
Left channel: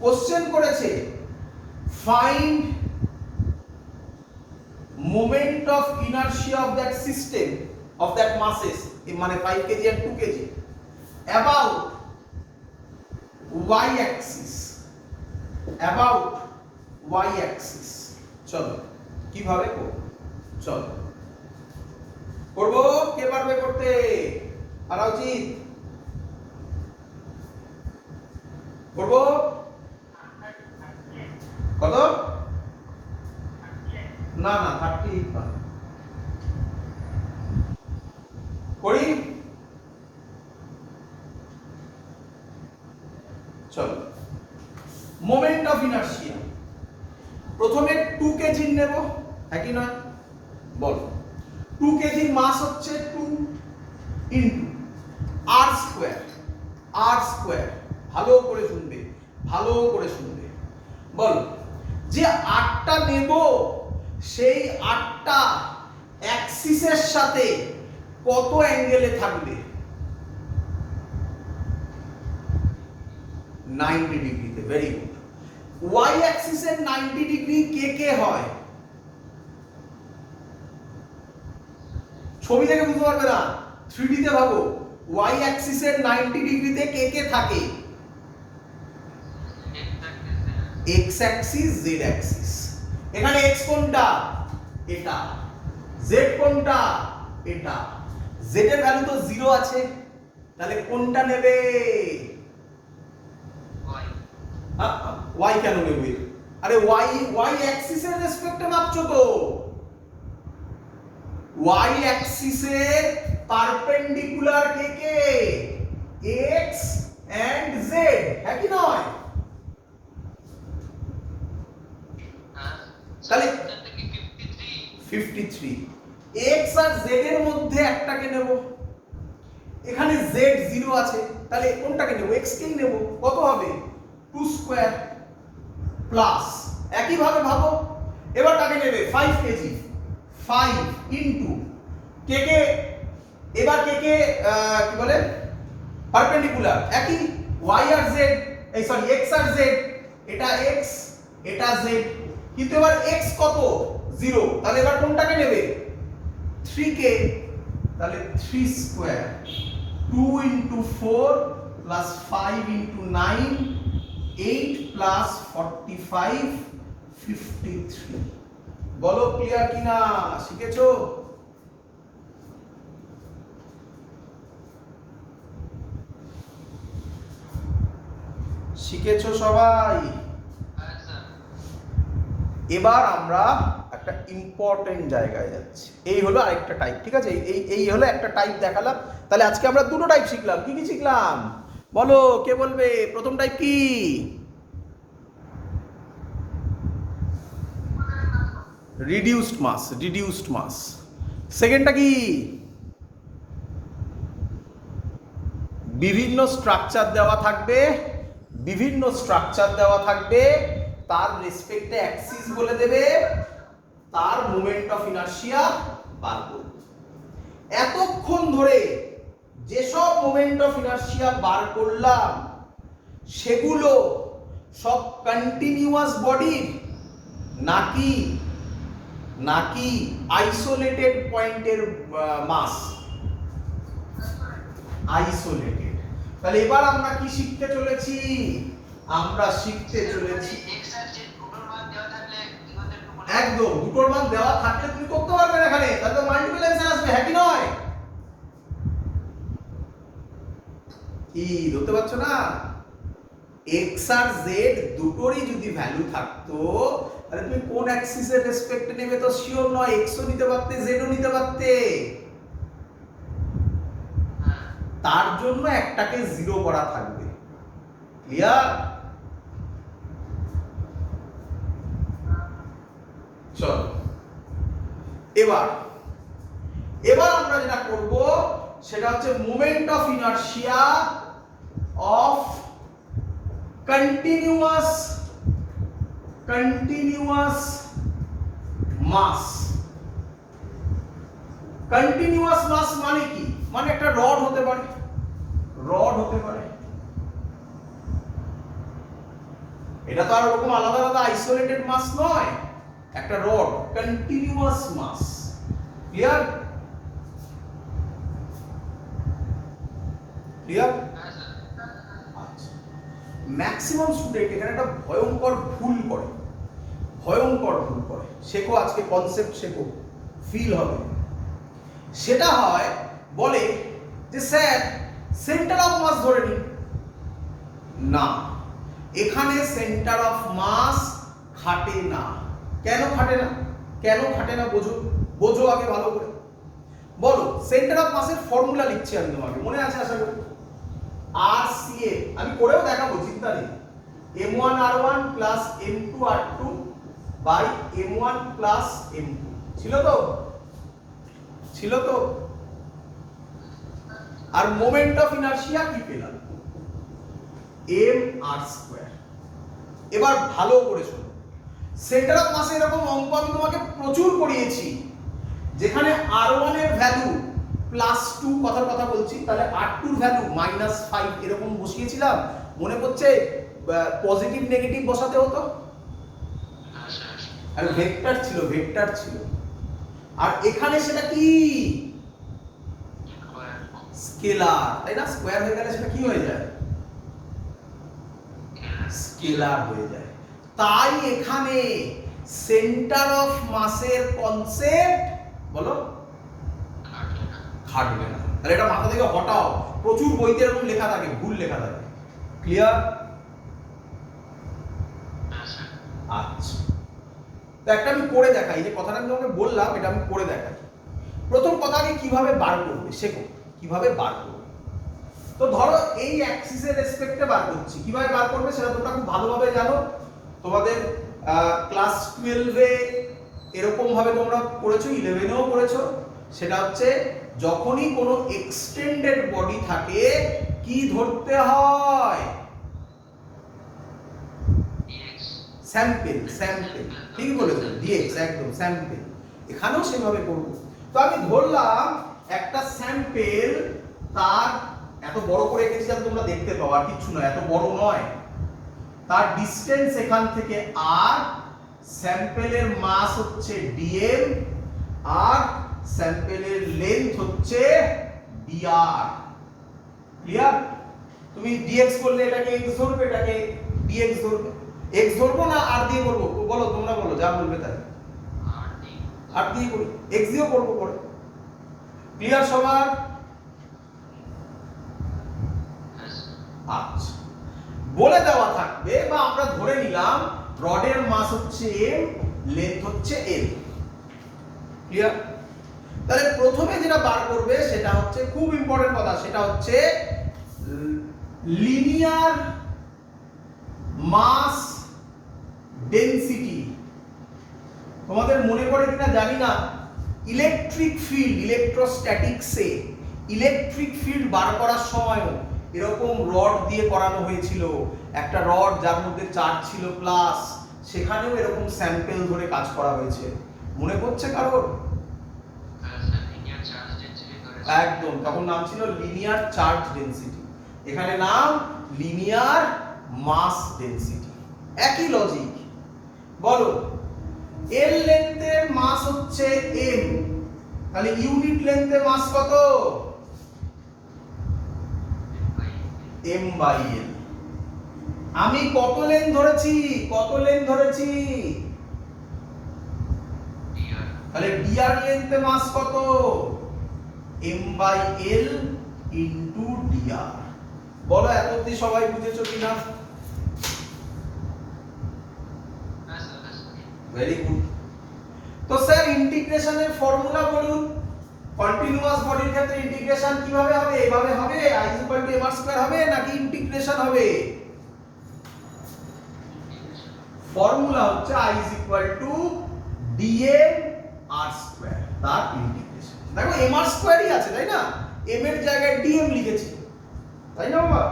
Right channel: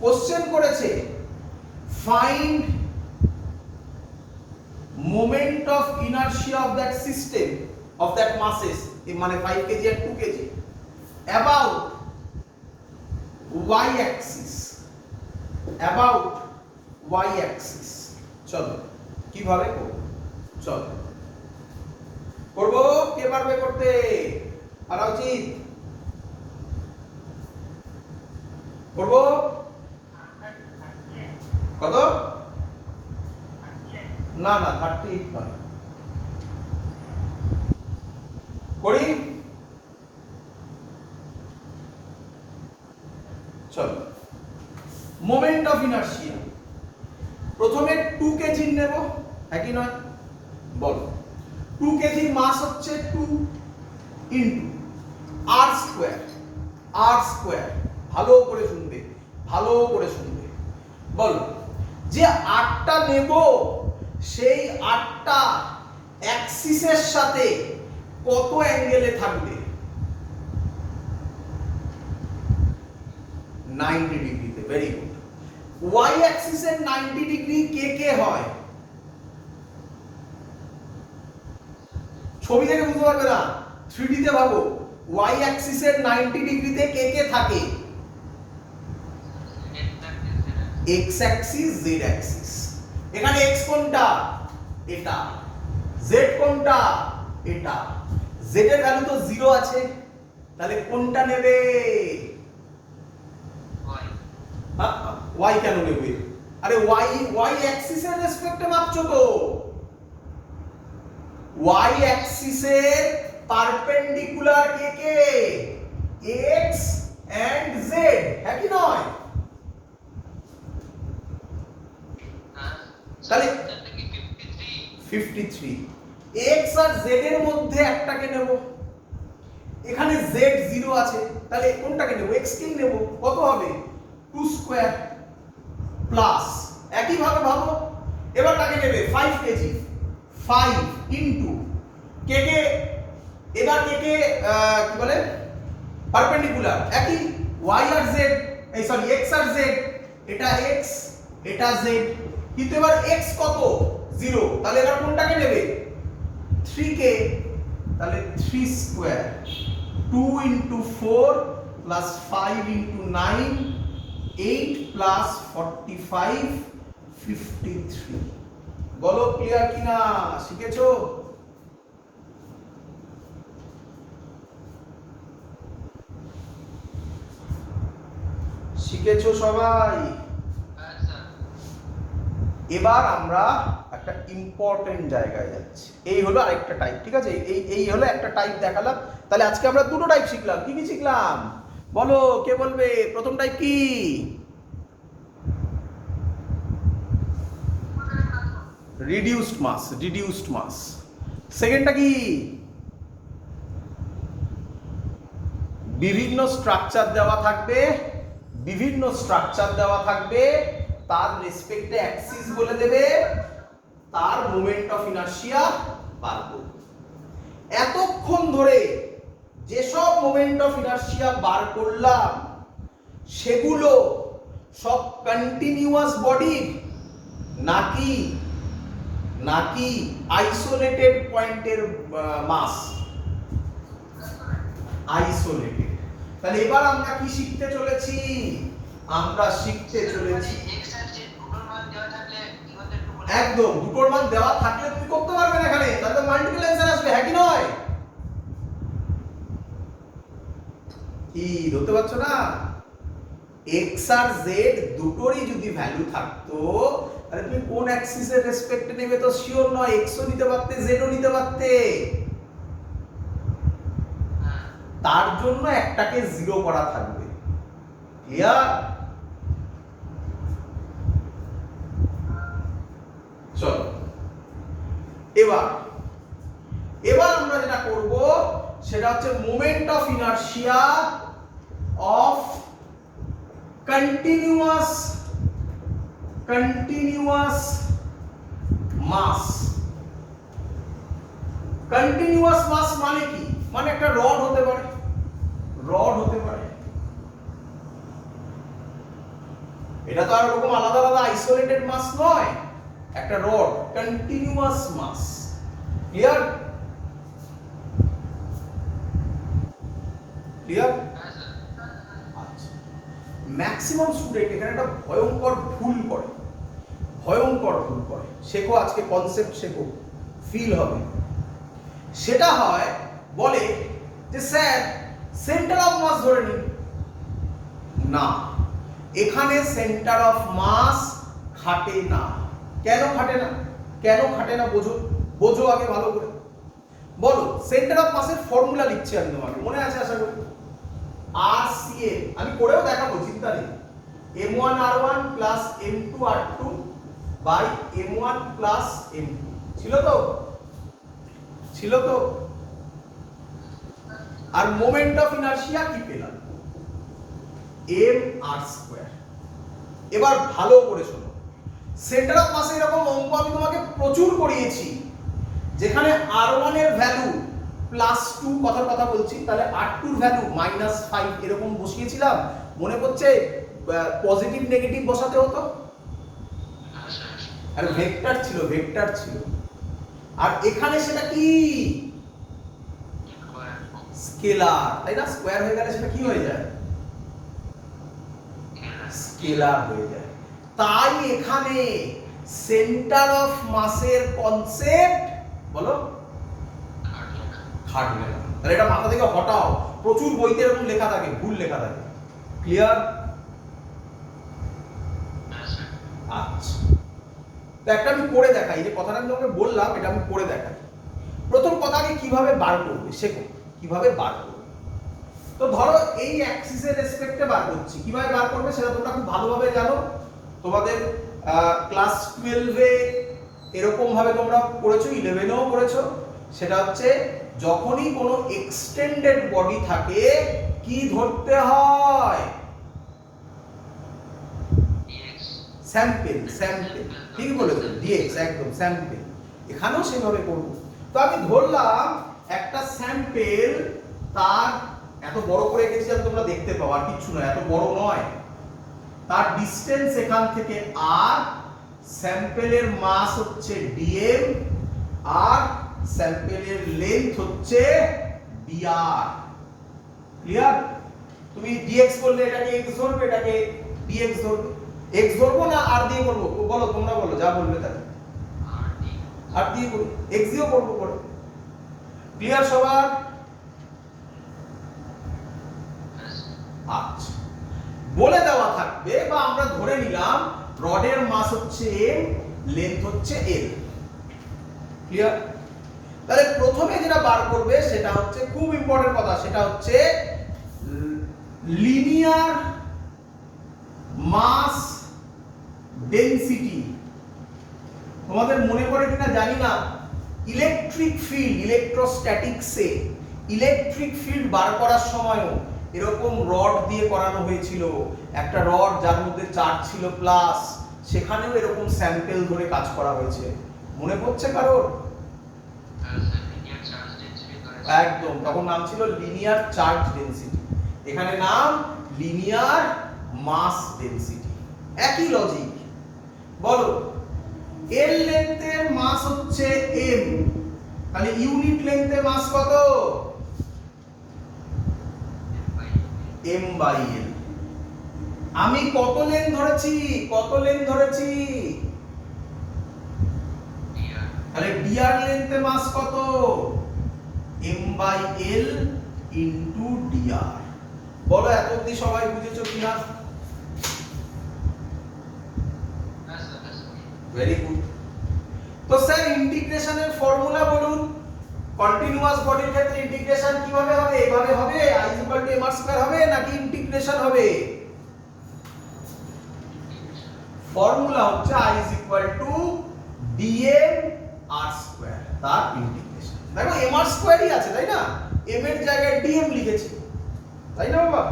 কোশ্চেন করেছে find moment of inertia of that system of that masses, মানে 5 কেজি আর 2 kg about y axis, about y axis। চলো কিভাবে করব, চলো করব, কে পারবে করতে, পারা উচিত, করব কত? না না 38 নয়, করি। চলো, মোমেন্ট অফ ইনার্শিয়া প্রথমে 2 কেজি নেব, একই নয়? বল, 2 কেজি মাস হচ্ছে 2 ইনটু আর স্কয়ার, আর স্কয়ার। ভালো করে শুনবে, ভালো করে শুনবে। বল, যে আটটা নেব সেই আটটা অ্যাক্সিসের সাথে কত অ্যাঙ্গেলে থাকবে? 90 ডিগ্রিতে। Very good. ওয়াই অ্যাক্সিসের 90 ডিগ্রি কে কে হয়? ছবি দেখে বুঝতে পারবে না, 3D তে ভাবো। ওয়াই অ্যাক্সিসের 90 ডিগ্রিতে কে কে থাকে? X Axis, Z Axis. এখানে এক্স কোনটা? এটা। জেড কোনটা? এটা। জেড এর ভ্যালু তো 0 আছে, তাহলে কোনটা নেবে? ওয়াই কেন নেবে? আরে ওয়াই অ্যাক্সিসের রেসপেক্টে মাপছো তো। ওয়াই অ্যাক্সিসের পারপেন্ডিকুলার কে কে? এক্স এন্ড জেড, হ্যাঁ কি নয়? তাহলে 53। এক্স আর জেড এর মধ্যে একটাকে নেব। এখানে জেড 0 আছে, তাহলে কোনটাকে নেব? এক্স কে নেব। কত হবে? 2 স্কয়ার প্লাস, একই ভাবে ভাবো। এবার কাকে নেবে? 5 কেজি। 5 ইনটু কে কে, এবার কে কে কি বলে পারপেন্ডিকুলার, একই y আর z, এই সরি x আর z। এটা x, এটা z, কিন্তু এবার x কত? 0। তাহলে এবার কোনটাকে নেবে? 3 কে। তাহলে 3 square 2 into 4 plus 5 into 9, 8 plus 45, 53। বলো ক্লিয়ার কিনা? শিখেছো? শিখেছো সবাই? এবার আমরা একটা ইম্পর্টেন্ট জায়গায় যাচ্ছি। এই হলো আরেকটা টাইপ, ঠিক আছে? এই হলো একটা টাইপ দেখালাম। তাহলে আজকে আমরা দুটো টাইপ শিখলাম। কি কি শিখলাম বলো, কে বলবে? প্রথম টাইপ কি? রিডিউসড মাস, রিডিউসড মাস। সেকেন্ডটা কি? বিভিন্ন স্ট্রাকচার দেওয়া থাকবে, বিভিন্ন স্ট্রাকচার দেওয়া থাকবে, তার রেসপেক্টে অ্যাক্সিস বলে দেবে, তার মোমেন্ট অফ ইনার্শিয়া বার করবে। এতক্ষণ ধরে যেসব মোমেন্ট অফ ইনার্শিয়া বার করলাম সেগুলো সব কন্টিনিউয়াস বডি নাকি নাকি আইসোলেটেড পয়েন্টের মাস? আইসোলেটেড। তাহলে এবার আমরা কি শিখতে চলেছি? আমরা শিখতে চলেছি একদম দুটোর মান দেওয়া থাকলে তুমি করতে পারবে না এখানে, তাহলে তো মাল্টিপল অ্যানসার আসবে, হ্যাঁ কি নয়? কি ধরতে পারছো না? এক্স আর জেড দুটোরই যদি ভ্যালু থাকতো তাহলে তুমি কোন অ্যাক্সিসের রেসপেক্টে নেবে তো শিওর নয়। এক্সও নিতে পারতে, জেডও নিতে পারতে। তার জন্য একটাকে 0 করা থাকবে। ক্লিয়ার? চলো এবার আমরা যেটা করব সেটা হচ্ছে moment of inertia of continuous mass. Continuous mass মানে কি? মানে একটা রড হতে পারে, রড হতে পারে। এটা তো আর ওরকম আলাদা আলাদা আইসোলেটেড মাস নয়, একটা রড কন্টিনিউয়াস মাস। ক্লিয়ার? ক্লিয়ার? আচ্ছা, ম্যাক্সিমাম স্টুডেন্ট এখানে একটা ভয়ঙ্কর ভুল করে, ভয়ঙ্কর ভুল করে। শেখো আজকে, কনসেপ্ট শেখো, ফিল হবে। সেটা হয় বলে যে স্যার সেন্টার অফ মাস ধরে নিন। না, এখানে সেন্টার অফ মাস খাটে না। কেন খাটে না? কেন খাটে না বোঝো, বোঝো আগে ভালো করে বলো। সেন্টার অফ মাসের ফর্মুলা লিখছি আমি তোমাকে, মনে আছে আশা করি। RCA আমি করেও দেখাবো, চিন্তা নেই। M1R1 plus M2R2 by M1 plus M2 ছিল তো? ছিল তো? আর মোমেন্ট অফ ইনারশিয়া কি পেলাম? mr²। এবার ভালো করে শোনো, সেন্টার অফ মাসে এরকম অঙ্ক আমি তোমাকে প্রচুর করিয়েছি, যেখানে r1 এর ভ্যালু +2, কথার কথা বলছি, তাহলে r2 এর ভ্যালু -5 এরকম বসিয়েছিলাম, মনে করছে পজিটিভ নেগেটিভ বসাতে হতো, আর ভেক্টর ছিল, ভেক্টর ছিল। আর এখানে সেটা কি? স্কেলার, তাই না? স্কয়ার হয়ে গেলে সেটা কি হয়ে যায়? স্কেলার হয়ে যায়। তাই এখানে সেন্টার অফ মাসের কনসেপ্ট বলো খাটবে না। তাহলে এটা মাথা থেকে হটাও, প্রচুর বইতে এরকম লেখা থাকে, ভুল লেখা থাকে। ক্লিয়ার? আচ্ছা, তো একটা আমি করে দেখাই, এই যে কথাটা আমি তোমাকে বললাম এটা আমি করে দেখাই। প্রথম কথা, আমি কিভাবে বার করবে শেখো, কিভাবে বার করবে। তো ধরো এই অ্যাক্সিসের রেসপেক্টে বার করছি, কিভাবে বার করবে সেটা তোমরা খুব ভালোভাবে জানো। তোমাদের ক্লাস 12 এ এরকম ভাবে তোমরা পড়েছো, 11 এও পড়েছো। সেটা হচ্ছে যখনই কোনো এক্সটেন্ডেড বডি থাকে কি ধরতে হয়? স্যাম্পল, স্যাম্পল, ঠিকই বলেছো, ডিএক্স, একদম স্যাম্পল। এখানেও সেভাবে করব। তো আমি ধরলাম একটা স্যাম্পল, তার এত বড় করে এঁকেছি যাতে তোমরা দেখতে পাও, আর কিছু নয়, এত বড় নয়। তার ডিসটেন্স এখান থেকে r, স্যাম্পলের মাস হচ্ছে dm, আর স্যাম্পলের লেন্থ হচ্ছে dr। ক্লিয়ার? তুমি dx করলে এটাকে x ধরবে, এটাকে dx ধরবে। x ধরবো না r দিয়ে করবো? বলো, তোমরা বলো, যা বলবে তাই। r দিয়ে করব, x দিয়েও করবো করে। ক্লিয়ার সবার? আচ্ছা, বলে দেওয়া থাকবে বা আমরা ধরে নিলাম রডের মাস হচ্ছে m, লেন্থ হচ্ছে l। ক্লিয়ার? তাহলে প্রথমে যেটা বার করবে সেটা হচ্ছে খুব ইম্পর্টেন্ট কথা, সেটা হচ্ছে লিনিয়ার মাস ডেনসিটি। তোমাদের মনে পড়ে কিনা জানি না, ইলেকট্রিক ফিল্ড, ইলেকট্রোস্ট্যাটিক্সে ইলেকট্রিক ফিল্ড বার করার সময়ও এরকম রড দিয়ে করানো হয়েছিল। একটা রড যার মধ্যে চার্জ ছিল প্লাস, সেখানেও এরকম স্যাম্পল ধরে কাজ করা হয়েছে। মনে পড়ছে কারোর? একদম, তখন নাম ছিল লিনিয়ার চার্জ ডেনসিটি, এখানে নাম লিনিয়ার মাস ডেনসিটি। একই লজিক। বলো, এল লেন্থের মাস হচ্ছে m, তাহলে ইউনিট লেন্থের মাস কত? m/l। আমি কত লেন্থ ধরেছি? কত লেন্থ ধরেছি? তাহলে dr লেন্থের মাস কত? m/l into dr। বলো এত অবধি সবাই বুঝেছো কিনা? Very good. তো স্যার ইন্টিগ্রেশনের ফর্মুলা বলুন। কন্টিনিউয়াস বডির ক্ষেত্রে ইন্টিগ্রেশন কিভাবে হবে? এইভাবে হবে, i m/r² হবে নাকি ইন্টিগ্রেশন হবে? ফর্মুলা হচ্ছে i dm/r², তার ইন্টিগ্রেশন। দেখো mr² ই আছে, তাই না? m এর জায়গায় dm লিখেছি, তাই না বাবা?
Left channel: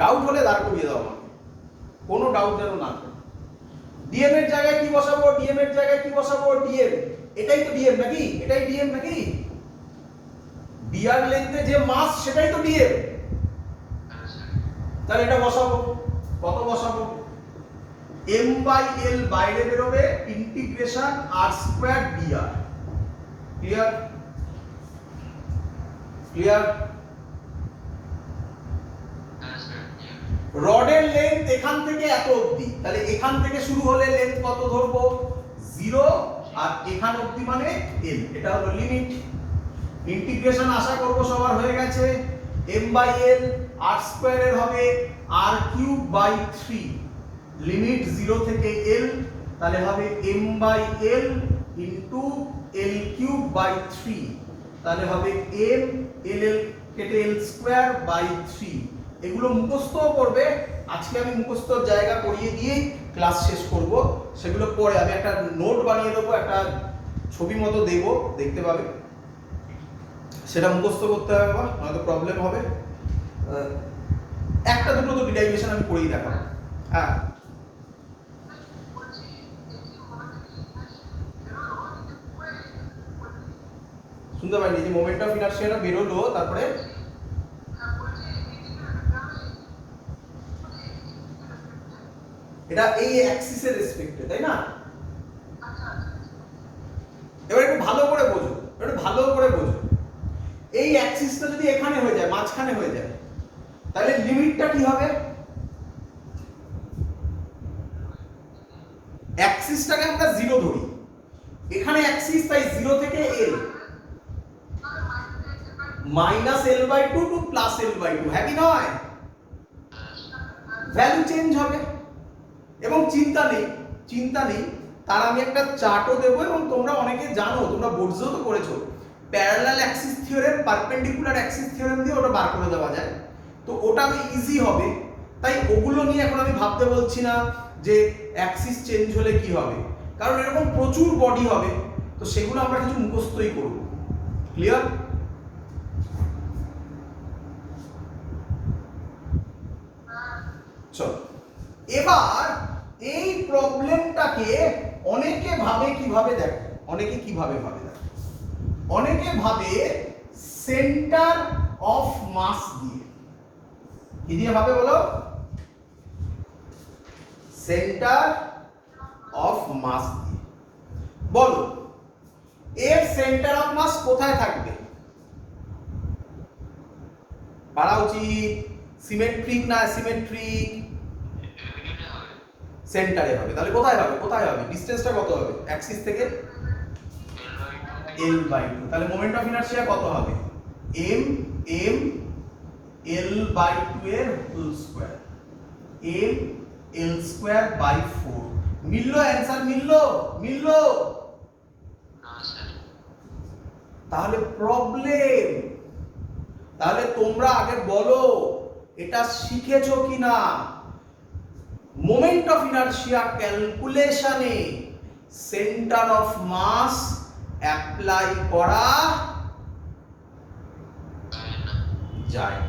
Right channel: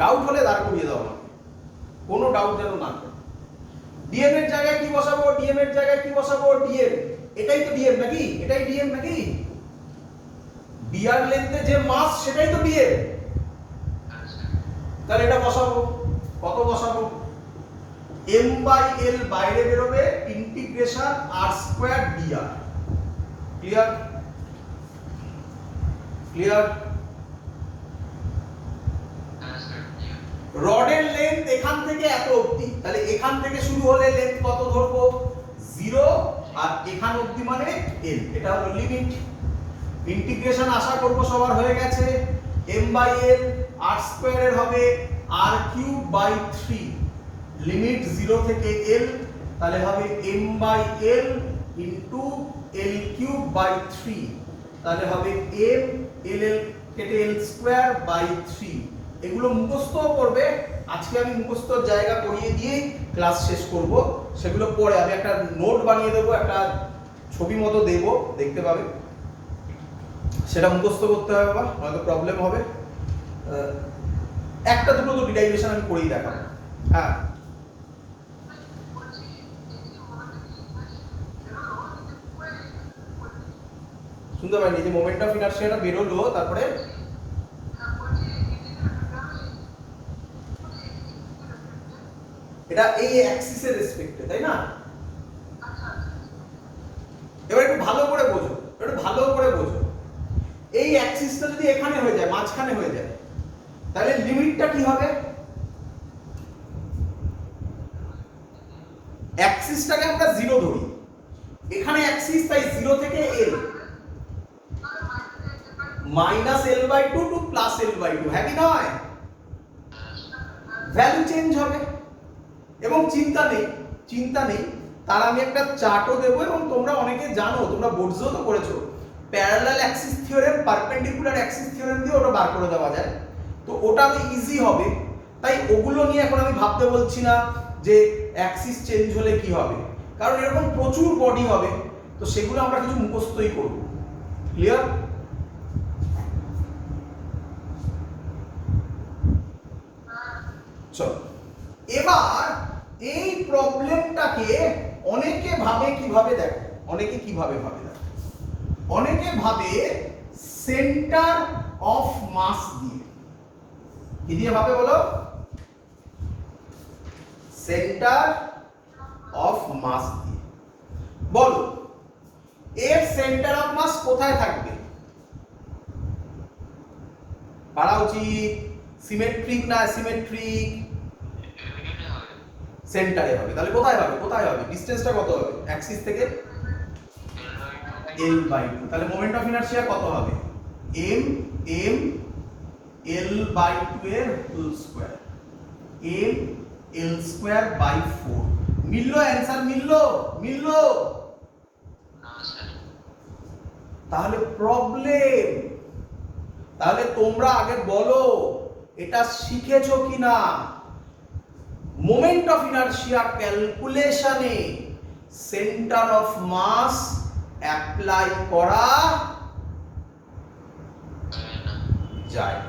ডাউট হলে দাঁড় করিয়ে দাও আমাকে, কোনো ডাউট যেন না থাকে। dm এর জায়গায় কি বসাবো? dm এর জায়গায় কি বসাবো? dm, এটাই তো dm নাকি? এটাই dm নাকি? dr লেন্থে যে মাস সেটাই তো dm। তাহলে এটা বসাবো, কত বসাবো? m/l বাইরে বেরোবে, integration r² dr। Clear? Clear? রডের লেন্থ এখান থেকে এত অবধি, তাহলে এখান থেকে শুরু হলে লেন্থ কত ধরবো? 0, আর এখান অবধি মানে l। এটা হলো লিমিট। ইন্টিগ্রেশন আশা করব সবার হয়ে গেছে। m/l r স্কয়ারের হবে r কিউব বাই 3 লিমিট 0 থেকে l, তাহলে হবে m by l into l cube by 3, তাহলে হবে m l l কেটে l স্কয়ার বাই 3। এগুলো মুখস্থ করবে, আজকে আমি মুখস্থর জায়গা করিয়ে দিয়ে ক্লাস শেষ করব, সেগুলো পরে আমি একটা নোট বানিয়ে দেবো, একটা ছবি মতো দেব, দেখতে পাবে, সেটা মুখস্থ করতে হবে, বা হয়তো প্রবলেম হবে। একটা দুটো তো ডিরাইভেশন আমি করেই দেখাবো। হ্যাঁ, শুনতে পাইনি যে মোমেন্ট অফ ইনার্শিয়াটা বেরোলো, তারপরে এটা এই অ্যাক্সিসের রেসপেক্টে, তাই না? এবার একটু ভালো করে বোঝো, একটু ভালো করে বোঝো। এই অ্যাক্সিসটা যদি এখানে হয়ে যায়, মাঝখানে হয়ে যায়, তাহলে লিমিটটা কি হবে? অ্যাক্সিসটাকে আমরা 0 ধরি, এখানে অ্যাক্সিস, তাই 0 থেকে l, minus l/2 two plus l/2, হ্যাঁ কি নয়? ভ্যালু চেঞ্জ হবে, এবং চিন্তা নেই, তার আমি একটা চার্টও দেবো, এবং তোমরা অনেকে জানো, তোমরা বোর্ডসও তো করেছো, parallel axis theorem, perpendicular Axis theorem দিয়ে ওটা বার করে দেওয়া যায়, তো ওটা আমি ইজি হবে। তাই ওগুলো নিয়ে এখন আমি ভাবতে বলছি না যে অ্যাক্সিস চেঞ্জ হলে কি হবে, কারণ এরকম প্রচুর বডি হবে, তো সেগুলো আমরা কিছু মুখস্থই করব। ক্লিয়ার? চলো, এবার এই প্রবলেমটাকে অনেকে ভাবে কিভাবে দেখে, অনেকে ভাবে সেন্টার অফ মাস দিয়ে। কি দিয়ে ভাবে বলো? সেন্টার অফ মাস দিয়ে। বলো, এর সেন্টার অফ মাস কোথায় থাকবে? পারা উচিত, সিমেট্রিক না অ্যাসিমেট্রিক? সেন্টারে হবে। তাহলে কোথায় হবে? ডিসটেন্সটা কত হবে অ্যাক্সিস থেকে? l/2। তাহলে মোমেন্ট অফ ইনারশিয়া কত হবে? m l/2 এর whole square, m l square by 4। মিললো? অ্যানসার মিললো? না স্যার। তাহলে প্রবলেম, তাহলে তোমরা আগে বলো এটা শিখেছো কিনা? মোমেন্ট অফ ইনারশিয়া ক্যালকুলেশনে সেন্টার অফ মাস অ্যাপ্লাই করা যায়,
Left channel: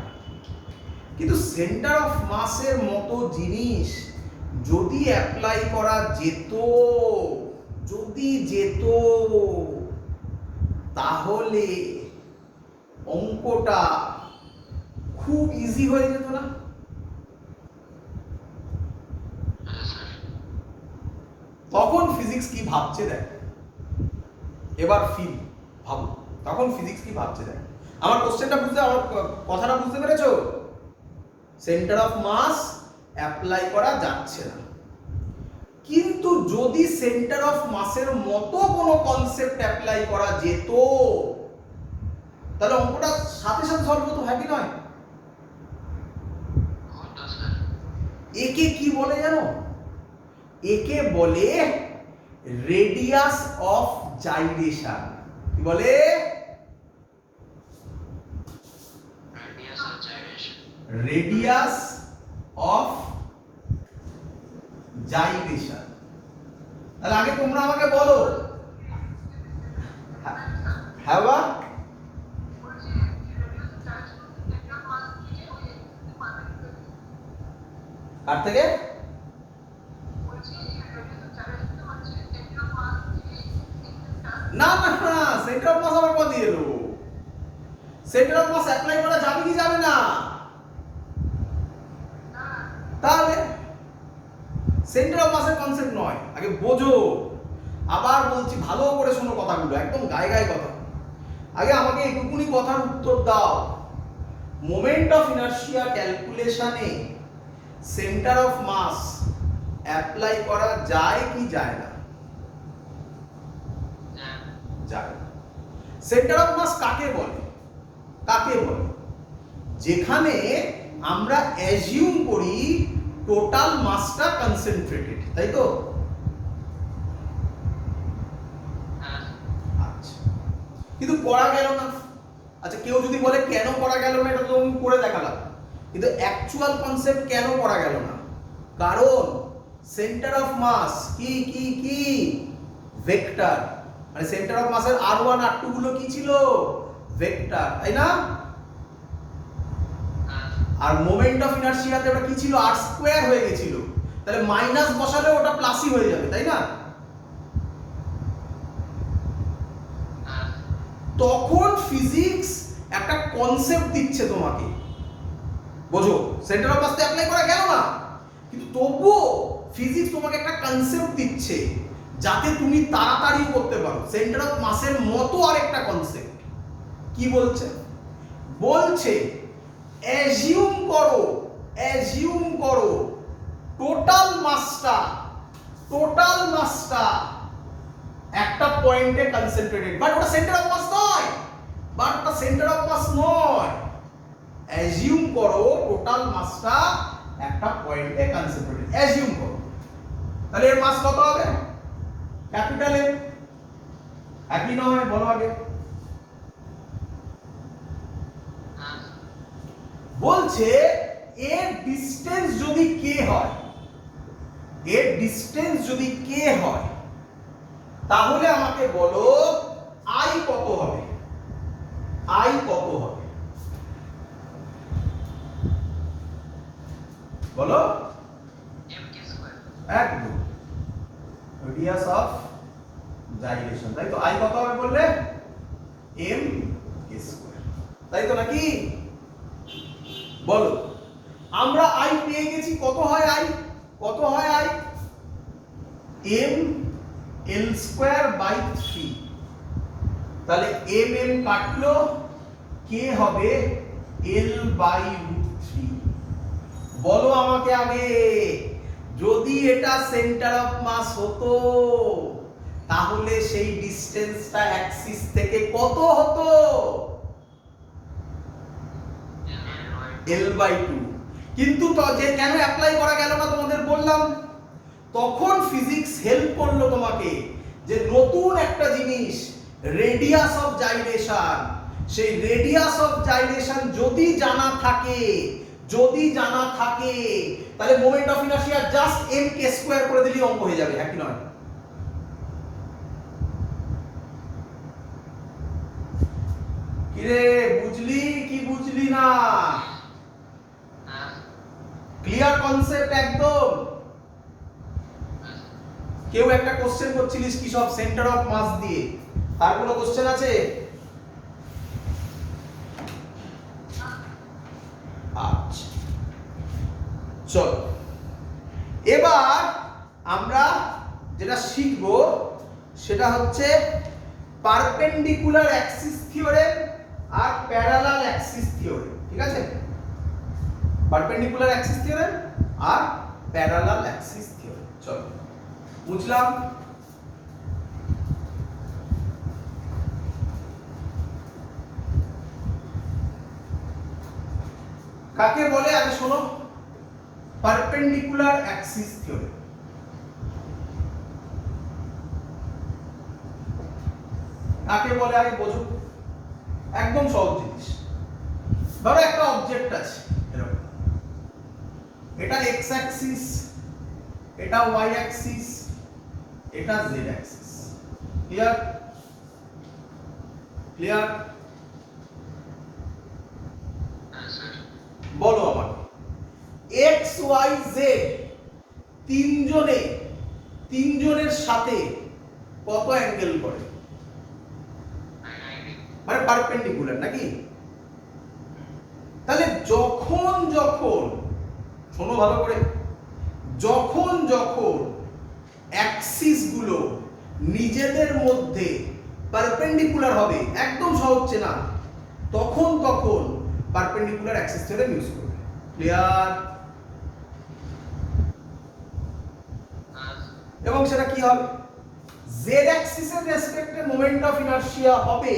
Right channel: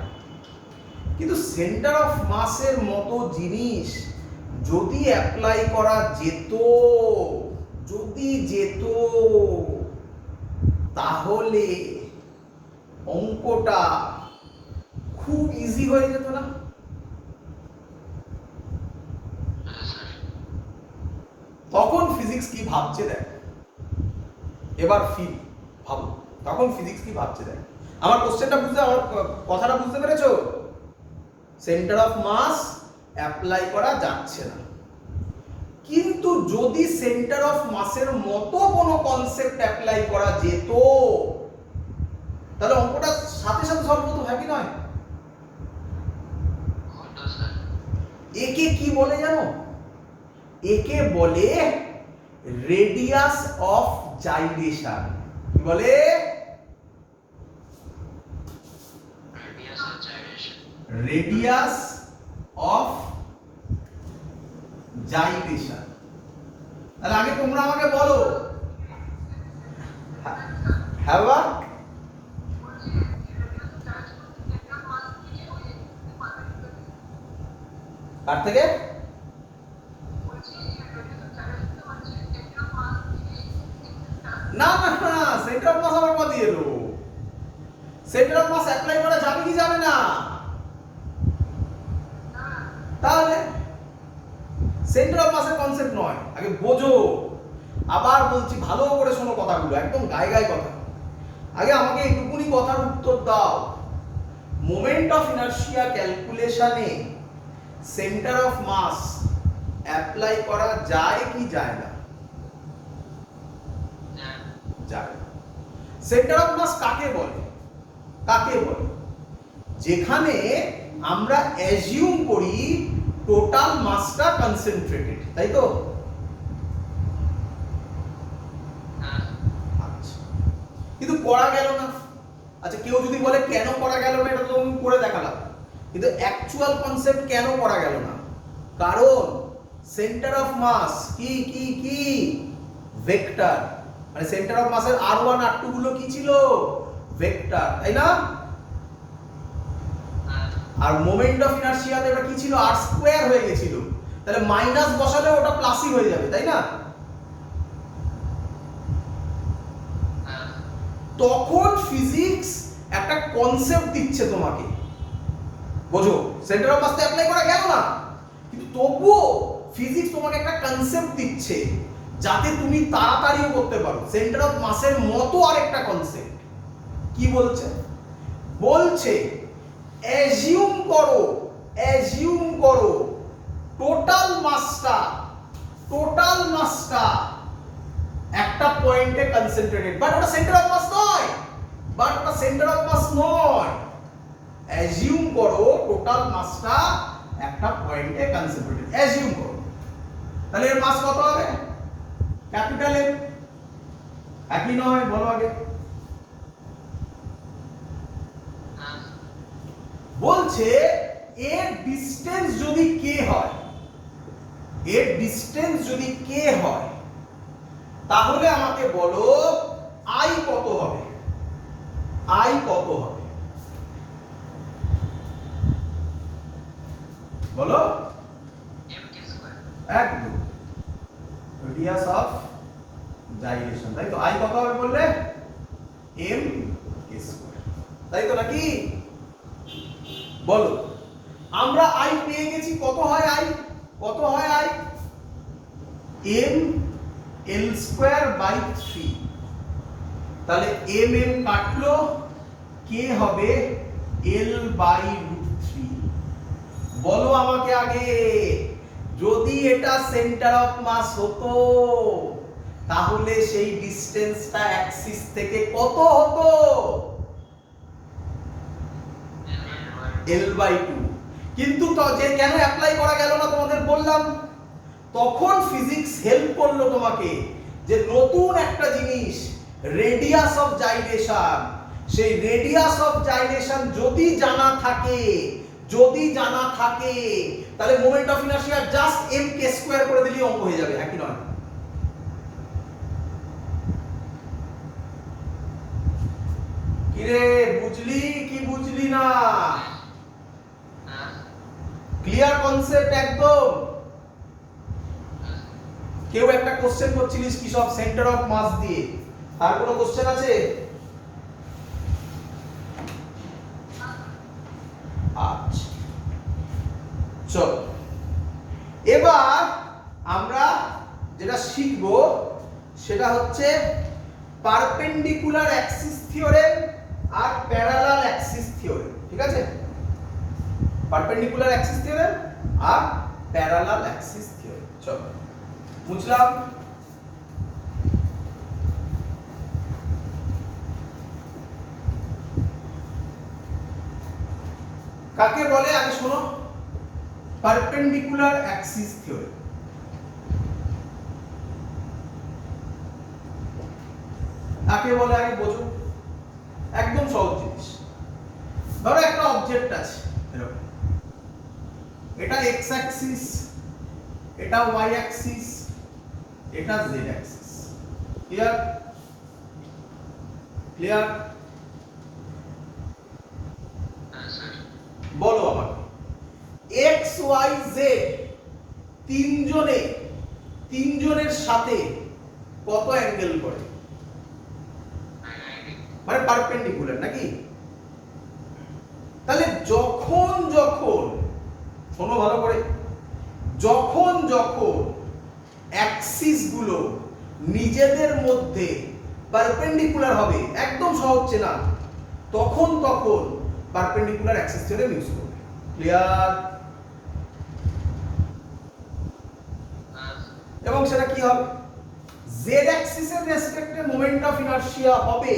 কিন্তু সেন্টার অফ মাসের মতো জিনিস যদি অ্যাপ্লাই করা যেত, তাহলে অঙ্কটা খুব ইজি হয়ে যেত না? তখন ফিজিক্স কি ভাবছে দেখ, এবার ভাবো তখন ফিজিক্স কি ভাবছে দেখ। আমার কোশ্চেনটা বুঝতে, আমার কথাটা বুঝতে পেরেছো? সেন্টার অফ মাস অ্যাপ্লাই করা যাচ্ছে না, কিন্তু যদি সেন্টার অফ মাসের মতো কোনো কনসেপ্ট অ্যাপ্লাই করা যেত, তাহলে অঙ্কটা সাথে সলভ হতো, হয় কি নয়? একে কি বলে জানো? একে বলে রেডিয়াস অফ জাইরেশন। কি বলে? Radius of gyration. তাহলে আগে তোমরা আমাকে বলো, হ্যাঁ বা? কার থেকে? না, সেন্টার অফ মাস আবার দিয়ে এলো। সেন্টার অফ মাস অ্যাপ্লাই করা যাবে কি যাবে না? তাহলে সেন্টার অফ মাসের কনসেপ্ট নয়, আগে বোঝো। আবার বলছি, ভালো করে শোনো কথাগুলো, একদম গায়ে কথা। আগে আমাকে এইটুকুনি কথার উত্তর দাও, মোমেন্ট অফ ইনারশিয়া ক্যালকুলেশনে সেন্টার অফ মাস অ্যাপ্লাই করা যায় কি যায় না? যায়। সেন্টার অফ মাস কাকে বলে? যেখানে আমরা অ্যাজিউম করি টোটাল মাসটা কনসেন্ট্রেটেড, তাই তো? আচ্ছা, কিন্তু করা গেল না। আচ্ছা, কেউ যদি বলে কেন করা গেল না, এটা তো আমি করে দেখালাম, কিন্তু অ্যাকচুয়াল কনসেপ্ট কেন করা গেল না? কারণ সেন্টার অফ মাস কি কি কি ভেক্টর, মানে সেন্টার অফ মাসের r1 r2 গুলো কি ছিল? ভেক্টর, তাই না? আর মোমেন্ট অফ ইনারশিয়াতে ওটা কি ছিল? r স্কয়ার হয়ে গেছিল, তাহলে মাইনাস বসালে ওটা প্লাসই হয়ে যাবে, তাই না? তখন ফিজিক্স একটা কনসেপ্ট দিচ্ছে তোমাকে, বোঝো? সেন্টার অফ মাসে অ্যাপ্লাই করা গেল না, কিন্তু তবুও ফিজিক্স তোমাকে একটা কনসেপ্ট দিচ্ছে যাতে তুমি তাড়াতাড়ি করতে পারো। সেন্টার অফ মাসের মতো আরেকটা কনসেপ্ট কি বলছে? বলছে অ্যাজিউম করো টোটাল মাসটা একটা পয়েন্টে কনসেন্ট্রেটেড, বাট ওটা সেন্টার অফ মাস নয়। অ্যাজিউম করো টোটাল মাসটা একটা পয়েন্টে কনসেন্ট্রেটেড, অ্যাজিউম করো। তাহলে এর মাস কত হবে? Capital M. একই নয়, বলো আগে। বলছে এর ডিসটেন্স যদি কে হয়, তাহলে আমাকে বলো আই কত হবে? বলো। একদম, রেডিয়াস অফ জাইলেশন, তাই তো? আই কত হবে বললে? m k স্কয়ার, তাই তো নাকি? বলো, আমরা আই পেয়ে গেছি। কত হয় I? m l square by 3। তাহলে m কাটলো, k হবে l বাই √3। বলো আমাকে আগে, যদি এটা সেন্টার অফ মাস হতো তাহলে সেই ডিসটেন্সটা অ্যাক্সিস থেকে কত হতো? l/2। কিন্তু যে কেন অ্যাপ্লাই করা গেল না তোমাদের বললাম, তখন ফিজিক্স হেল্প করলো তোমাকে যে নতুন একটা জিনিস, রেডিয়াস অফ জাইলেশন। সেই রেডিয়াস অফ জাইলেশন যদি জানা থাকে তাহলে moment of inertia just m k square করে দিলেই অঙ্ক হয়ে যাবে, একই নয়? কিরে, বুঝলি কি বুঝলি না? ক্লিয়ার কনসেপ্ট একদম? কেউ একটা কোশ্চেন করছিলিস কি সব সেন্টার অফ মাস দিয়ে, আর কোনো কোশ্চেন আছে? আচ্ছা, চলো এবার আমরা যেটা শিখব সেটা হচ্ছে perpendicular Axis theorem are parallel axis theorem, ঠিক আছে? Perpendicular Axis theorem are parallel axis theorem. চলো বুঝলাম? কাকে বলে আগে শোনো? Perpendicular Axis theorem. কাকে বলে আগে বোঝো, একদম সহজ জিনিস। ধরো একটা অবজেক্ট আছে এরকম, এটা এক্স অ্যাক্সিস, এটা ওয়াই অ্যাক্সিস, এটা জেড অ্যাক্সিস। ক্লিয়ার? বলো আমাকে, এক্স ওয়াই জেড তিনজনের সাথে কত অ্যাঙ্গেল করে? মানে পারপেন্ডিকুলার নাকি? তাহলে যখন শোনো ভালো করে, যখন অ্যাক্সিস গুলো নিজেদের মধ্যে পারপেন্ডিকুলার হবে, একদম সহজ চেনা, তখন পারপেন্ডিকুলার অ্যাক্সিস থিওরেম ইউজ করবে। ক্লিয়ার? এবং সেটা কি হবে? জেড অ্যাক্সিসের রেসপেক্টে মোমেন্ট অফ ইনারশিয়া হবে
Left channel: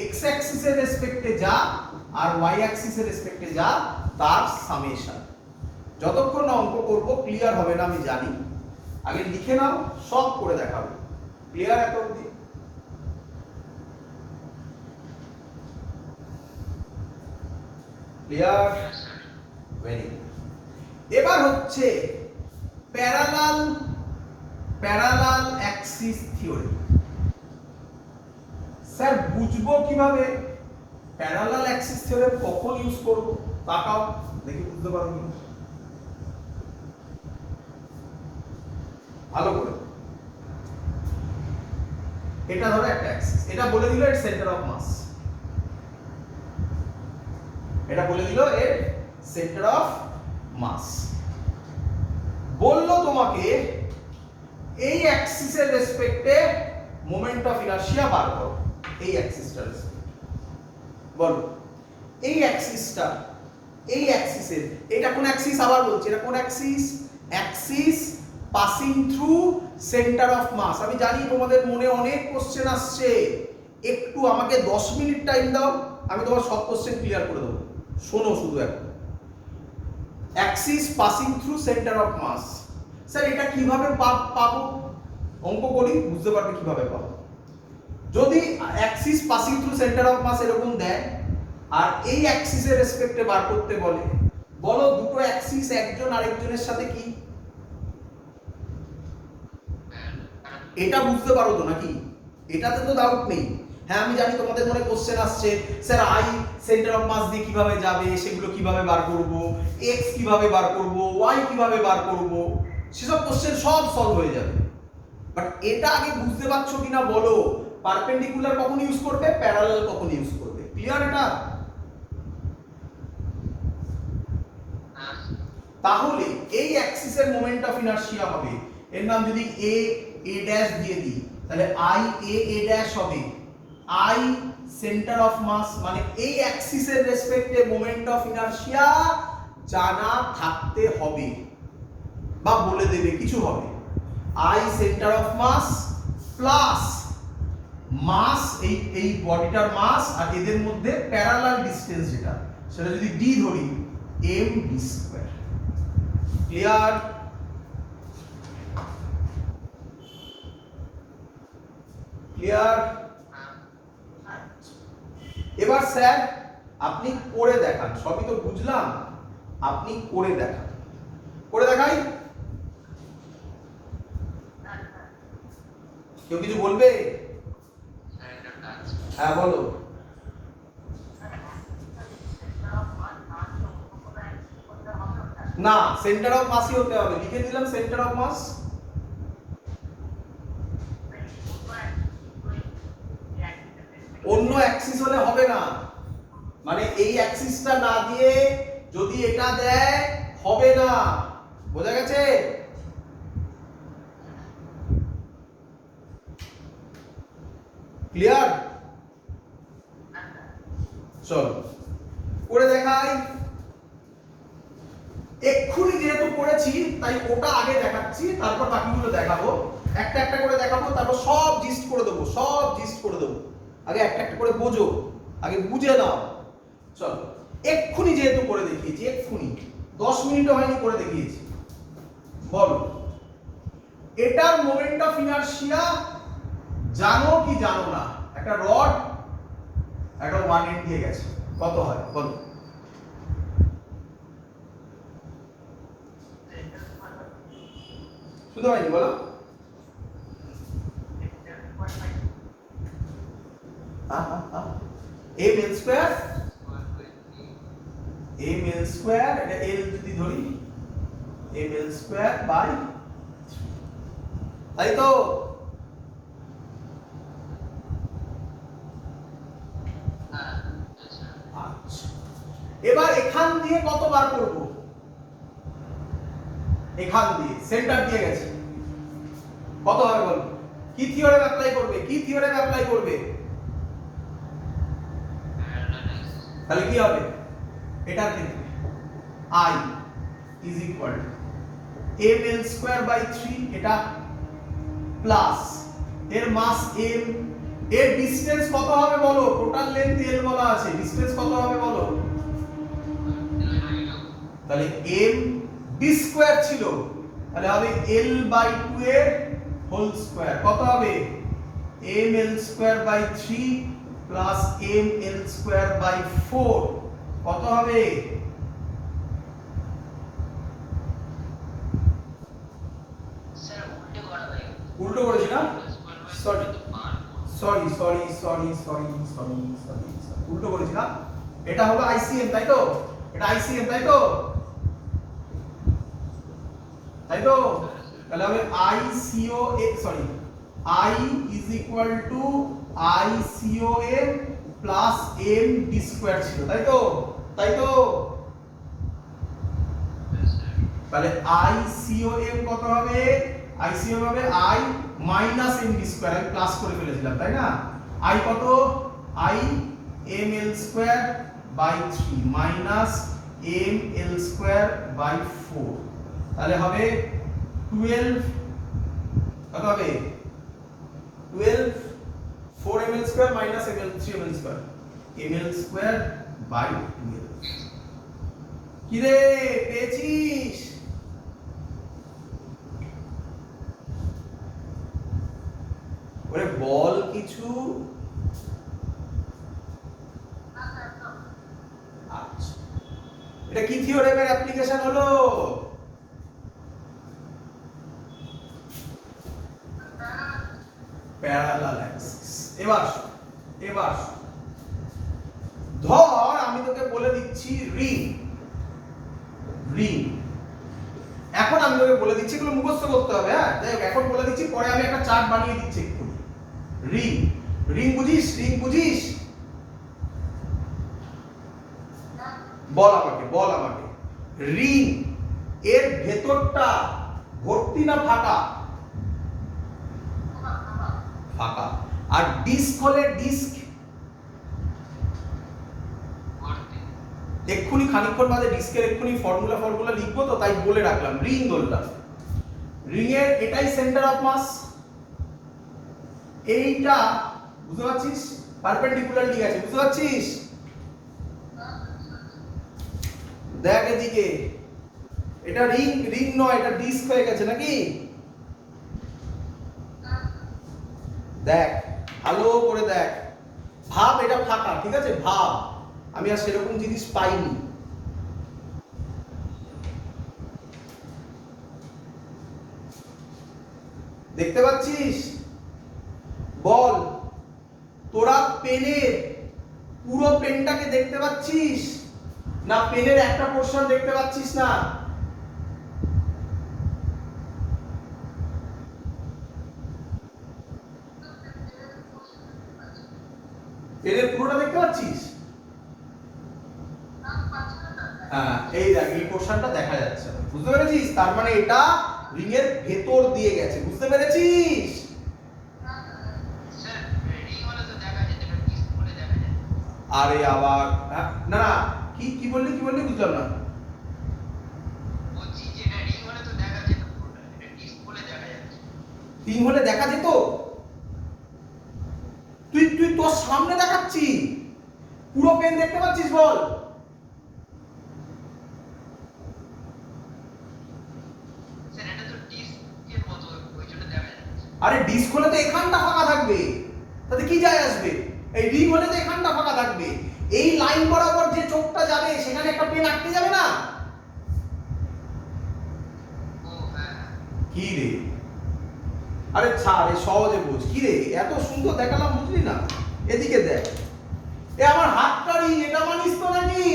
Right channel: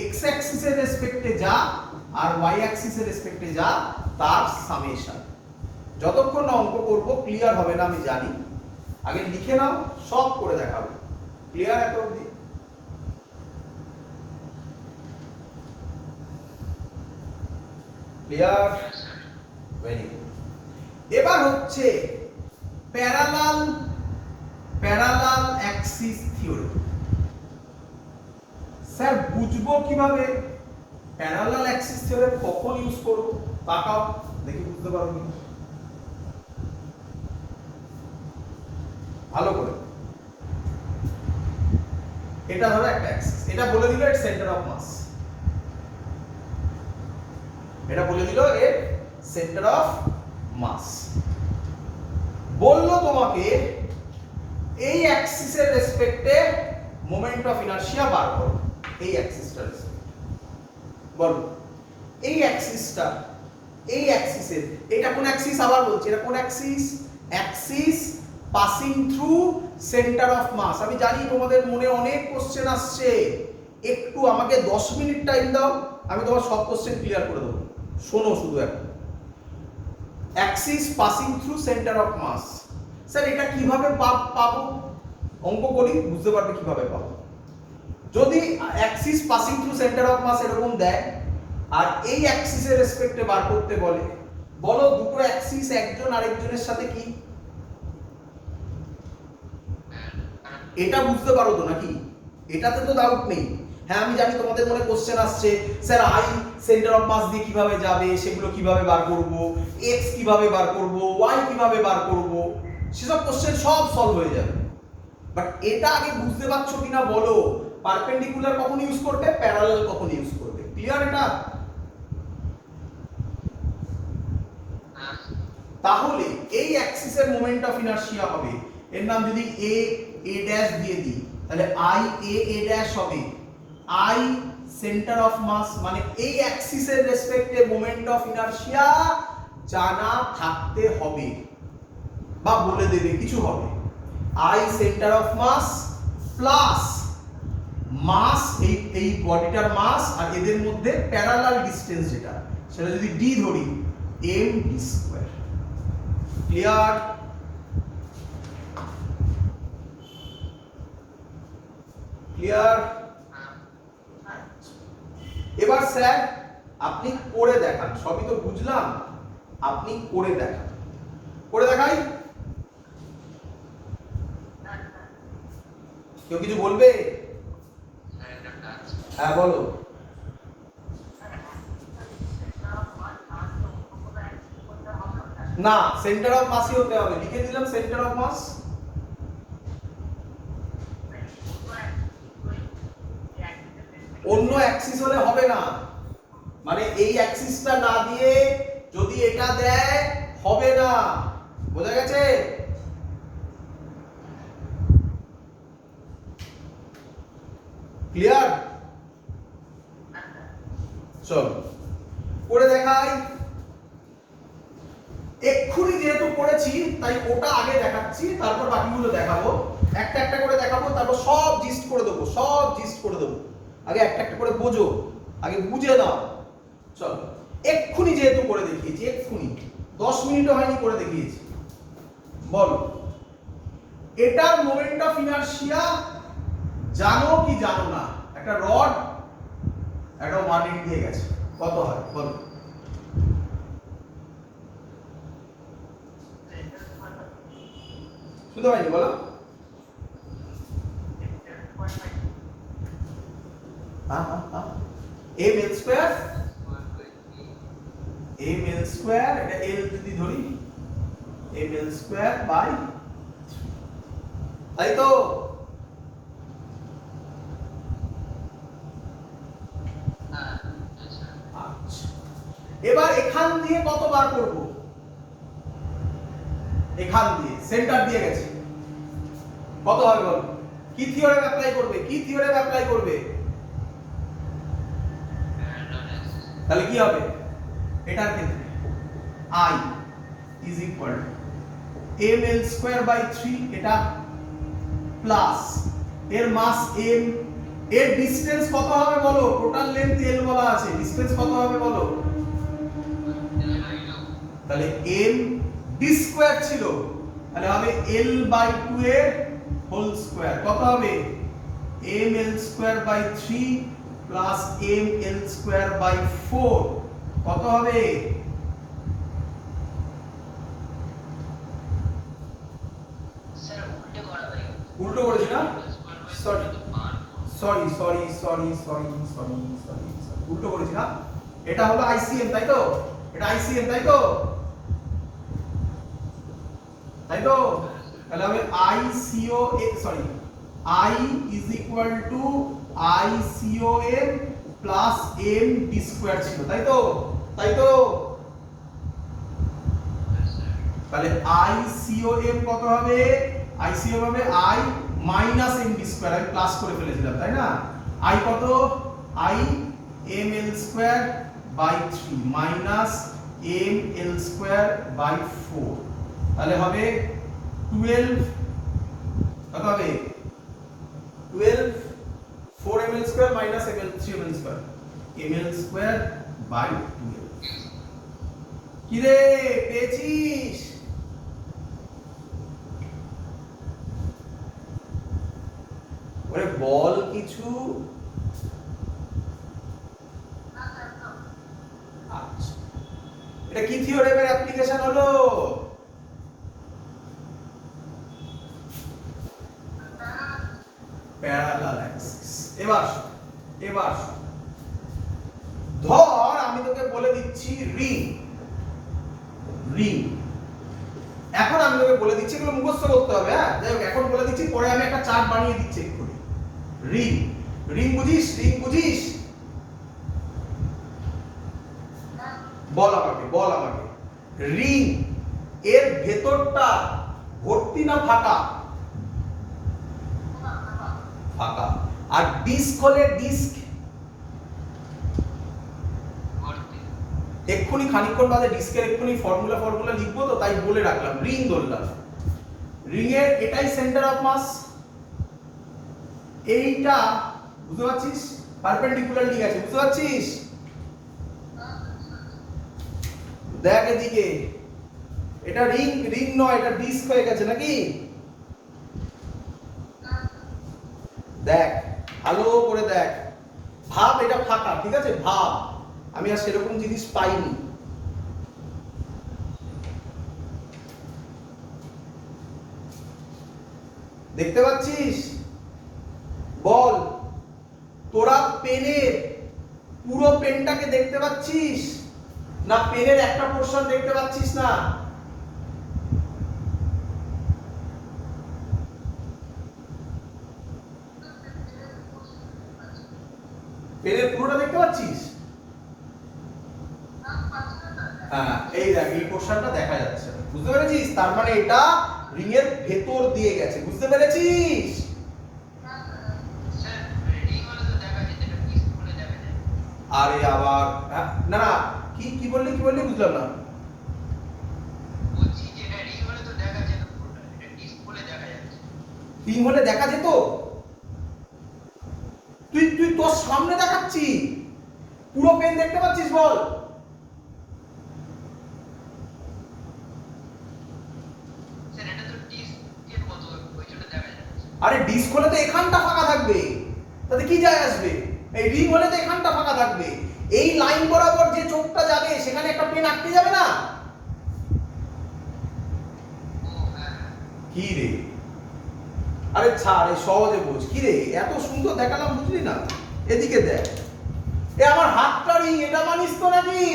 এক্স অ্যাক্সিসের রেসপেক্টে যা আর ওয়াই অ্যাক্সিসের রেসপেক্টে যা তার সামেশন। যতক্ষণ না অঙ্ক করব ক্লিয়ার হবে না আমি জানি, আগে লিখে নাও, সব করে দেখাবো। ক্লিয়ার একটা অবধি? ক্লিয়ার? Very good. এবার হচ্ছে প্যারালাল অ্যাক্সিস থিওরি। স্যার বুঝবো কিভাবে প্যারালাল অ্যাক্সিস থিওরি কখন ইউজ করব? তাকাও দেখি বুঝতে পারো কি ভালো করে। এটা ধরো একটা অ্যাক্সিস, এটা বলে দিল এর সেন্টার অফ মাস, এটা বলে দিল এর সেন্টার অফ মাস। বললো তোমাকে এই অ্যাক্সিসের রেসপেক্টে মোমেন্ট অফ ইনারশিয়া বার করো। এই অ্যাক্সিসটার রেসপেক্টে বলো, এই অ্যাক্সিসের, এটা কোন অ্যাক্সিস? আবার বলছি, এটা কোন axis? Axis passing through centre of mass. আমি জানি তোমাদের মনে অনেক কোশ্চেন আসছে, একটু আমাকে 10 মিনিট টাইম দাও, আমি তোমার সব কোশ্চেন ক্লিয়ার করে দেবো। শোনো শুধু এখন, axis passing through centre of mass. Sir এটা কিভাবে পাবো? অঙ্ক করি, বুঝতে পারবে কিভাবে পাবো। যদি axis passing through centre of mass এরকম দেয় আর এই অ্যাক্সিসের রেসপেক্টে বার করতে বলে, বলো দুটো অ্যাক্সিস একজন আরেকজনের সাথে কি? এটা বুঝতে পারো তো নাকি? এটাতে তো ডাউট নেই। হ্যাঁ আমি জানি তোমাদের মনে কোশ্চেন আসছে, sir I centre of mass দিয়ে কিভাবে যাবে, সেগুলো কিভাবে বার করব, এক্স কিভাবে বার করব, ওয়াই কিভাবে বার করব, সেসব কোশ্চেন সব সলভ হয়ে যাবে। বাট এটা আগে বুঝতে পারছো কিনা বলো, পারপেন্ডিকুলার কখন ইউজ করবে, প্যারালাল কখন ইউজ করবে। ক্লিয়ার এটা? তাহলে এই অ্যাক্সিসের মোমেন্ট অফ ইনারশিয়া হবে, এর নাম যদি এ ড্যাশ দিয়ে দিই, তাহলে আই এ ড্যাশ হবে আই সেন্টার অফ মাস, মানে এই অ্যাক্সিসের রেসপেক্টে মোমেন্ট অফ ইনারশিয়া জানা থাকতে হবে বা বলে দেবে কিছু হবে। I centre of mass plus mass, এই বডিটার মাস আর এদের মধ্যে প্যারালাল ডিসটেন্স যেটা, সেটা যদি ডি ধরি, M D square. Clear? Clear? এবার স্যার আপনি করে দেখান, সবই তো বুঝলাম, আপনি করে দেখান। করে দেখাই? কেউ কিছু বলবে? হ্যাঁ বলো। না, সেন্টার অফ মাসই হতে হবে, লিখে দিলাম সেন্টার অফ মাস। অন্য অ্যাক্সিস হলে হবে না, মানে এই অ্যাক্সিসটা না দিয়ে যদি এটা দেয় হবে না, বোঝা গেছে? ক্লিয়ার? চলো করে দেখাই। এক্ষুনি যেহেতু করেছি তাই ওটা আগে দেখাচ্ছি, তারপর বাকিগুলো দেখাবো, একটা একটা করে দেখাবো, তারপর সব জিস্ট করে দেবো, সব জিস্ট করে দেবো। আগে একটা একটা করে বোঝো, আগে বুঝে নাও। চলো এক্ষুনি যেহেতু করে দেখিয়েছি, এক্ষুনি 10 মিনিটও হয়নি করে দেখিয়েছি, বলো এটার মোমেন্ট অফ ইনারশিয়া জানো কি জানো না? একটা রড একটা 1 দিয়ে গেছে, কত হয় বলো? শুধু হয়নি বলো? M L square, M L square, এটা এল যদি ধরি, এম এল স্কয়ার বাই, তাই তো? আচ্ছা এবার এখান দিয়ে কতবার করব? এখান দিয়ে সেন্টার দিয়ে গেছে, কত হবে বলো? কি থিওরেম অ্যাপ্লাই করবে? কি থিওরেম অ্যাপ্লাই করবে? তাহলে কি হবে এটার ক্ষেত্রে? I is equal to ml square by 3, এটা প্লাস এর মাস m, এর ডিসটেন্স কত হবে বলো? টোটাল লেন্থ l বলা আছে, ডিসটেন্স কত হবে বলো? তাহলে m d স্কয়ার ছিল, তাহলে হবে l বাই 2 এর হোল স্কয়ার। কত হবে ml square by 3 plus ml square by 4 কত হবে? স্যার উল্টো করা হয়ে গেল। উল্টো করেছি না? Sorry sorry sorry sorry sorry sorry sorry sorry উল্টো করেছি না? এটা হলো আইসিএম তাই তো? এটা আইসিএম তাই তো? তাই তো? তাহলে হবে ICO sorry I is equal to ICON plus m d square ছিল তাই তো? তাই তো? তাহলে ICOM কত হবে? ICOM হবে I minus m d square, আমি প্লাস করে ফেলেছিলাম তাই না? I কত? I ml square by 3 minus ml square by 4, তাহলে হবে 12 কত হবে? 12 4ml square minus ml 3ml square ml square by 12। কি রে পেয়েছিস? ওরে বল কিছু। আচ্ছা, এটা কি থিওরেমের অ্যাপ্লিকেশন হলো? Parallel Axis. এবার ধর আমি তোকে বলে দিচ্ছি রিং। এখন আমি তোকে বলে দিচ্ছি, এগুলো মুখস্থ করতে হবে। হ্যাঁ যাই হোক, এখন বলে দিচ্ছি, পরে আমি একটা চার্ট বানিয়ে দিচ্ছি একটু। রিং বুঝিস? বল আমাকে রিং এর ভেতরটা ভর্তি না ফাঁকা? ফাঁকা। আর ডিস্ক হলে ডিস্ক এক্ষুনি খানিকক্ষণ বাদে ডিস্কের এক্ষুনি ফর্মুলা লিখবো, তো তাই বলে রাখলাম রিং ধরলাম। রিং এর এটাই সেন্টার অফ মাস, এইটা বুঝতে পারছিস? পারপেন্ডিকুলারলি গেছে, বুঝতে পারছিস? দেখ এদিকে, এটা রিং নয়, এটা ডিস্ক হয়ে গেছে নাকি? দেখ ভালো করে দেখ, ভাব এটা ফাঁকা, ঠিক আছে? ভাব আমি আর সেরকম জিনিস পাইনি। দেখতে পাচ্ছিস? বল, তোরা পেনের পুরো পেনটাকে দেখতে পাচ্ছিস না পেনের একটা পোরশন দেখতে পাচ্ছিস না? পেনের পুরোটা দেখতে পাচ্ছিস? হ্যাঁ এই দেখ, এই পোরশনটা দেখা যাচ্ছে, বুঝতে পেরেছিস? তার মানে এটা রিং এর ভেতর দিয়ে গেছে, বুঝতে পেরেছিস? আরে আবার না কি বললি বুঝলাম না। বলছি যে এটা রিং হলে তো দেখা যেত পুরোটা, এটা ডিস্ক হলে দেখা যাচ্ছে। রিং হলে দেখা যেত? তুই তোর সামনে দেখাচ্ছি, পুরো পেন দেখতে পাচ্ছিস? বল। স্যার এটা তো ডিস্কের মতো, ওই জন্য দেখা যাচ্ছে। আরে ডিস্ক হলে তো এখানটা ফাঁকা থাকবে, তাতে কি যায় আসবে? এই রিং হলে তো এখানটা ফাঁকা থাকবে, এই লাইন বরাবর যে চোখটা যাবে সেখানে একটা পেন আটকে যাবে না? ও হ্যাঁ। কি রে, আরে ছাড়, এই সহজে বোঝ। কি রে এত সুন্দর দেখালাম, বুঝলি না? এদিকে দেখ, এ আমার হাতটা রিং, এটা মানিস তো নাকি?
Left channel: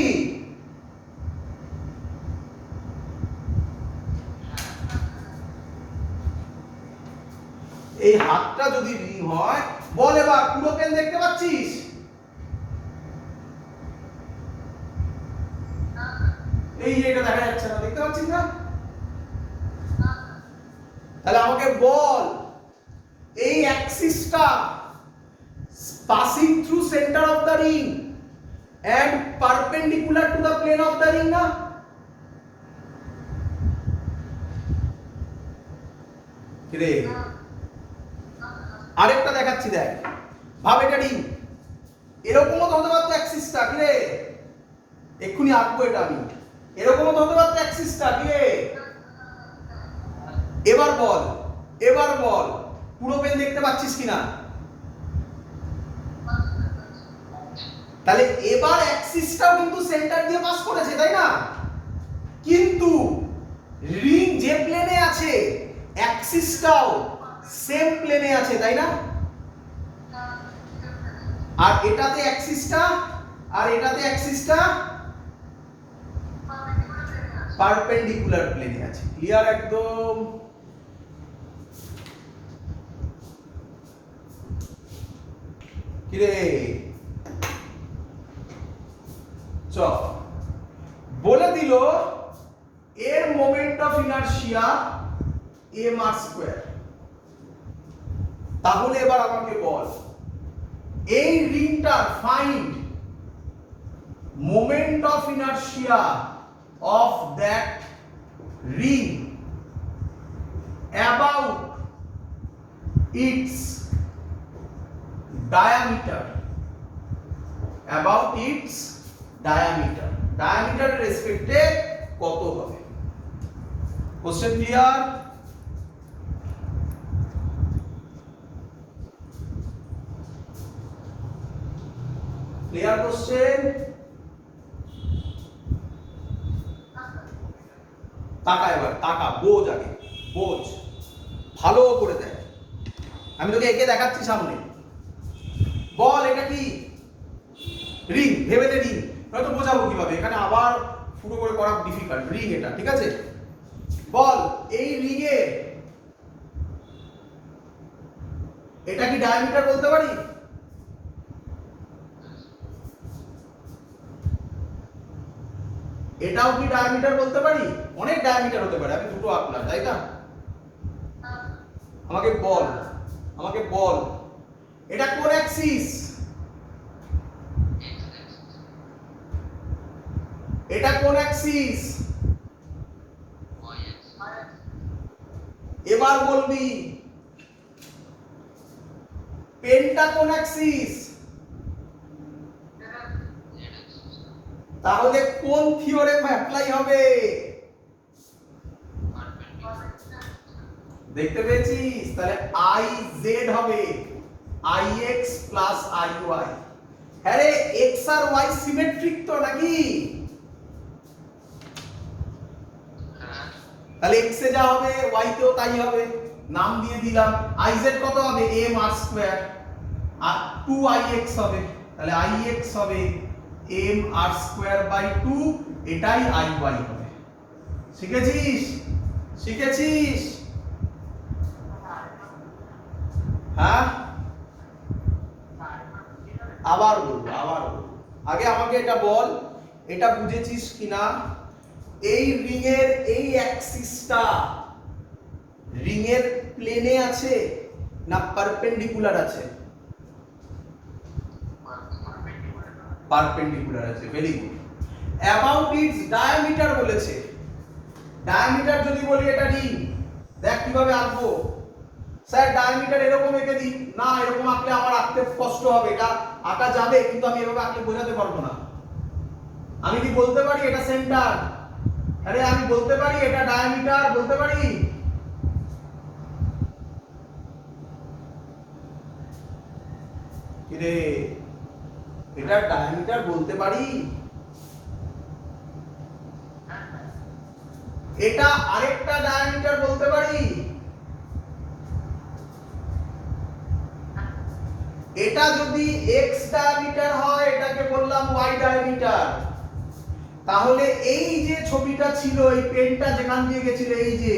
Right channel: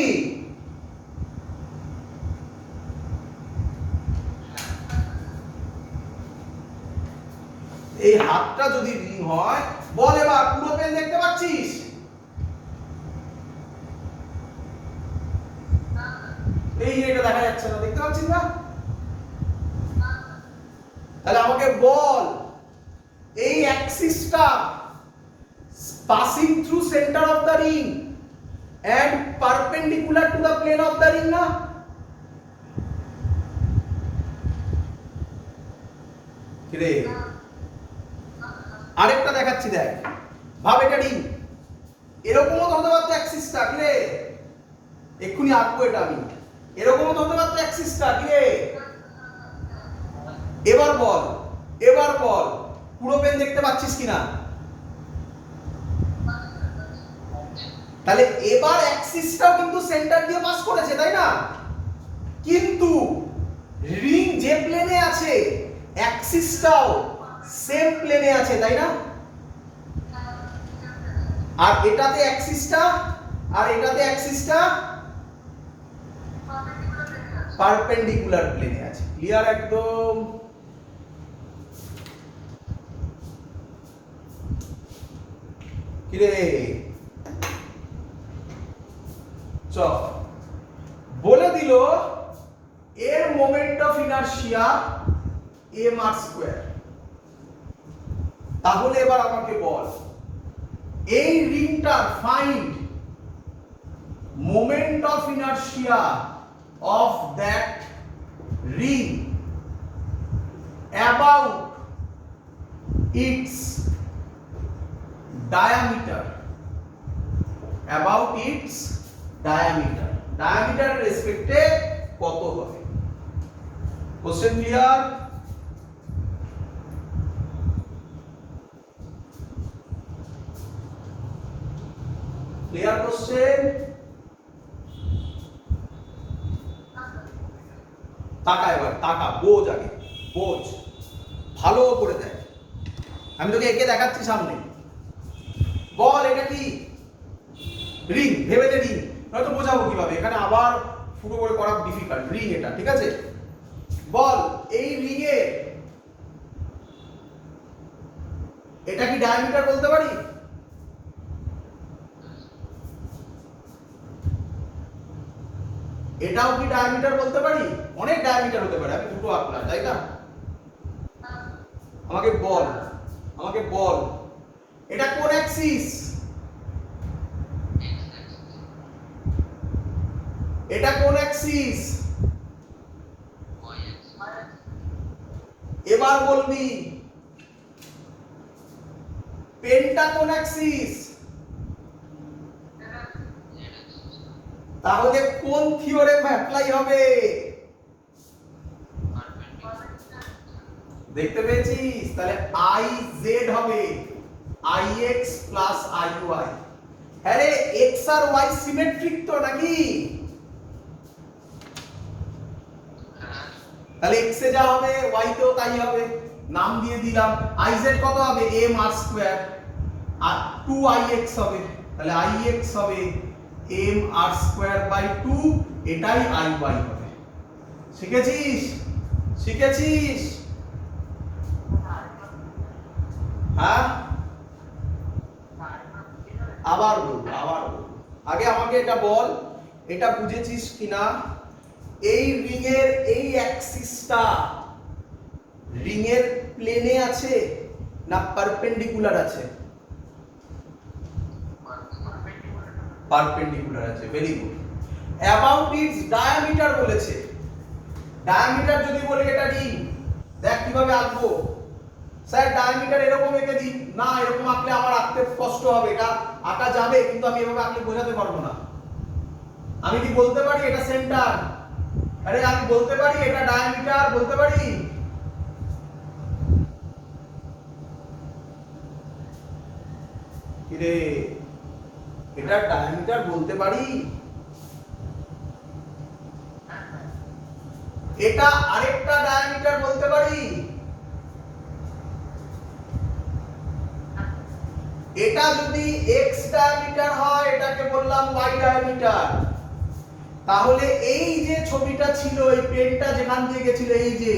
এই হাতটা যদি রিং হয়, বল এবার পুরো পেন দেখতে পাচ্ছিস? এই যে এটা দেখা যাচ্ছে না, দেখতে পাচ্ছিস না? তাহলে আমাকে বল, এই অ্যাক্সিসটা passing through center of the ring and perpendicular to the plane of the ring না? রে আরেকটা দেখাচ্ছি, দেখ ভাব এটা রিং, এরকম তো হতে পারতো অ্যাক্সিসটা। কি রে এক্ষুনি আঁকবো এটা আমি, এরকমও তো হতে পারতো অ্যাক্সিসটা, কি রে? এবার বল পুরো পেন দেখতে পাচ্ছিস কিনা? তাহলে এবার অ্যাক্সিসটাও কিন্তু সেন্টার দিয়ে পাস করেছে, তাই না? কিন্তু রিং যে প্লেনে আছে অ্যাক্সিসটাও সেম প্লেনে আছে, তাই না? আর এটাতে অ্যাক্সিসটা পারপেন্ডিকুলার প্লেনে আছে। ক্লিয়ার একদম? কি রে? চল বলে দিল এর মোমেন্ট অফ ইনারশিয়া mr²। তাহলে এবার আমাকে বল এই রিংটার find moment of inertia of that ring about its diameter, about its diameter, diameter রেসপেক্টে কত হবে? Question clear? Clear question? তাকা এবার, তাকা, বোঝ আগে, বোঝ ভালো করে দেখ। আমি তোকে একে দেখাচ্ছি সামনে। বল এটা কি? রিং, ভেবে নে রিং, নয়তো বোঝাবো কিভাবে? এখানে আবার শুরু করে করা ডিফিকাল্ট। রিং এটা, ঠিক আছে? বল এই রিং এ এটা কি ডায়ামিটার বলতে পারি? এটাও কি ডায়ামিটার বলতে পারি? অনেক ডায়ামিটার হতে পারে, আমি দুটো আঁকলাম, তাই না? আমাকে বল এটা কোন অ্যাক্সিস? এটা কোন অ্যাক্সিস? এবার বলবি পেনটা কোন অ্যাক্সিস? তাহলে কোন থিওরেম অ্যাপ্লাই হবে? দেখতে পেয়েছিস? তাহলে IZ হবে IX প্লাস IY। হ্যাঁ রে, X আর Y সিমেট্রিক তো নাকি? তাহলে X এ যা হবে Y তেও তাই হবে, নাম দিয়ে দিলাম। IZ কত হবে? mr² আর 2IX হবে, তাহলে IX হবে mr²/2, এটাই IY হবে। শিখেছিস? হ্যাঁ, আবার বল। আগে আমাকে এটা বল, এটা বুঝেছিস কিনা? এই রিং এর এই অ্যাক্সিসটা রিং এর প্লেনে আছে না পারপেন্ডিকুলার আছে? পারপেন্ডিকুলার আছে। Very good. About its diameter বলেছে। ডায়ামিটার যদি বলি এটা রিং, দেখ কিভাবে আঁকবো। স্যার ডায়ামিটার এরকম এঁকে দিই না, এরকম আঁকলে আমার আঁকতে কষ্ট হবে, কারণ আঁকা যাবে কিন্তু আমি এভাবে আঁকলে বোঝাতে পারবো না। আমি কি বলতে পারি এটা সেন্টার? আরে আমি বলতে পারি এটা ডায়ামিটার, বলতে পারি? কি রে, এটা ডায়ামিটার বলতে পারি? এটা আরেকটা ডায়ামিটার বলতে পারি? এটা যদি x ডায়ামিটার হয় এটাকে বললাম y ডায়ামিটার। তাহলে এই যে ছবিটা ছিল, এই পেনটা যেখান দিয়ে গেছিল, এই যে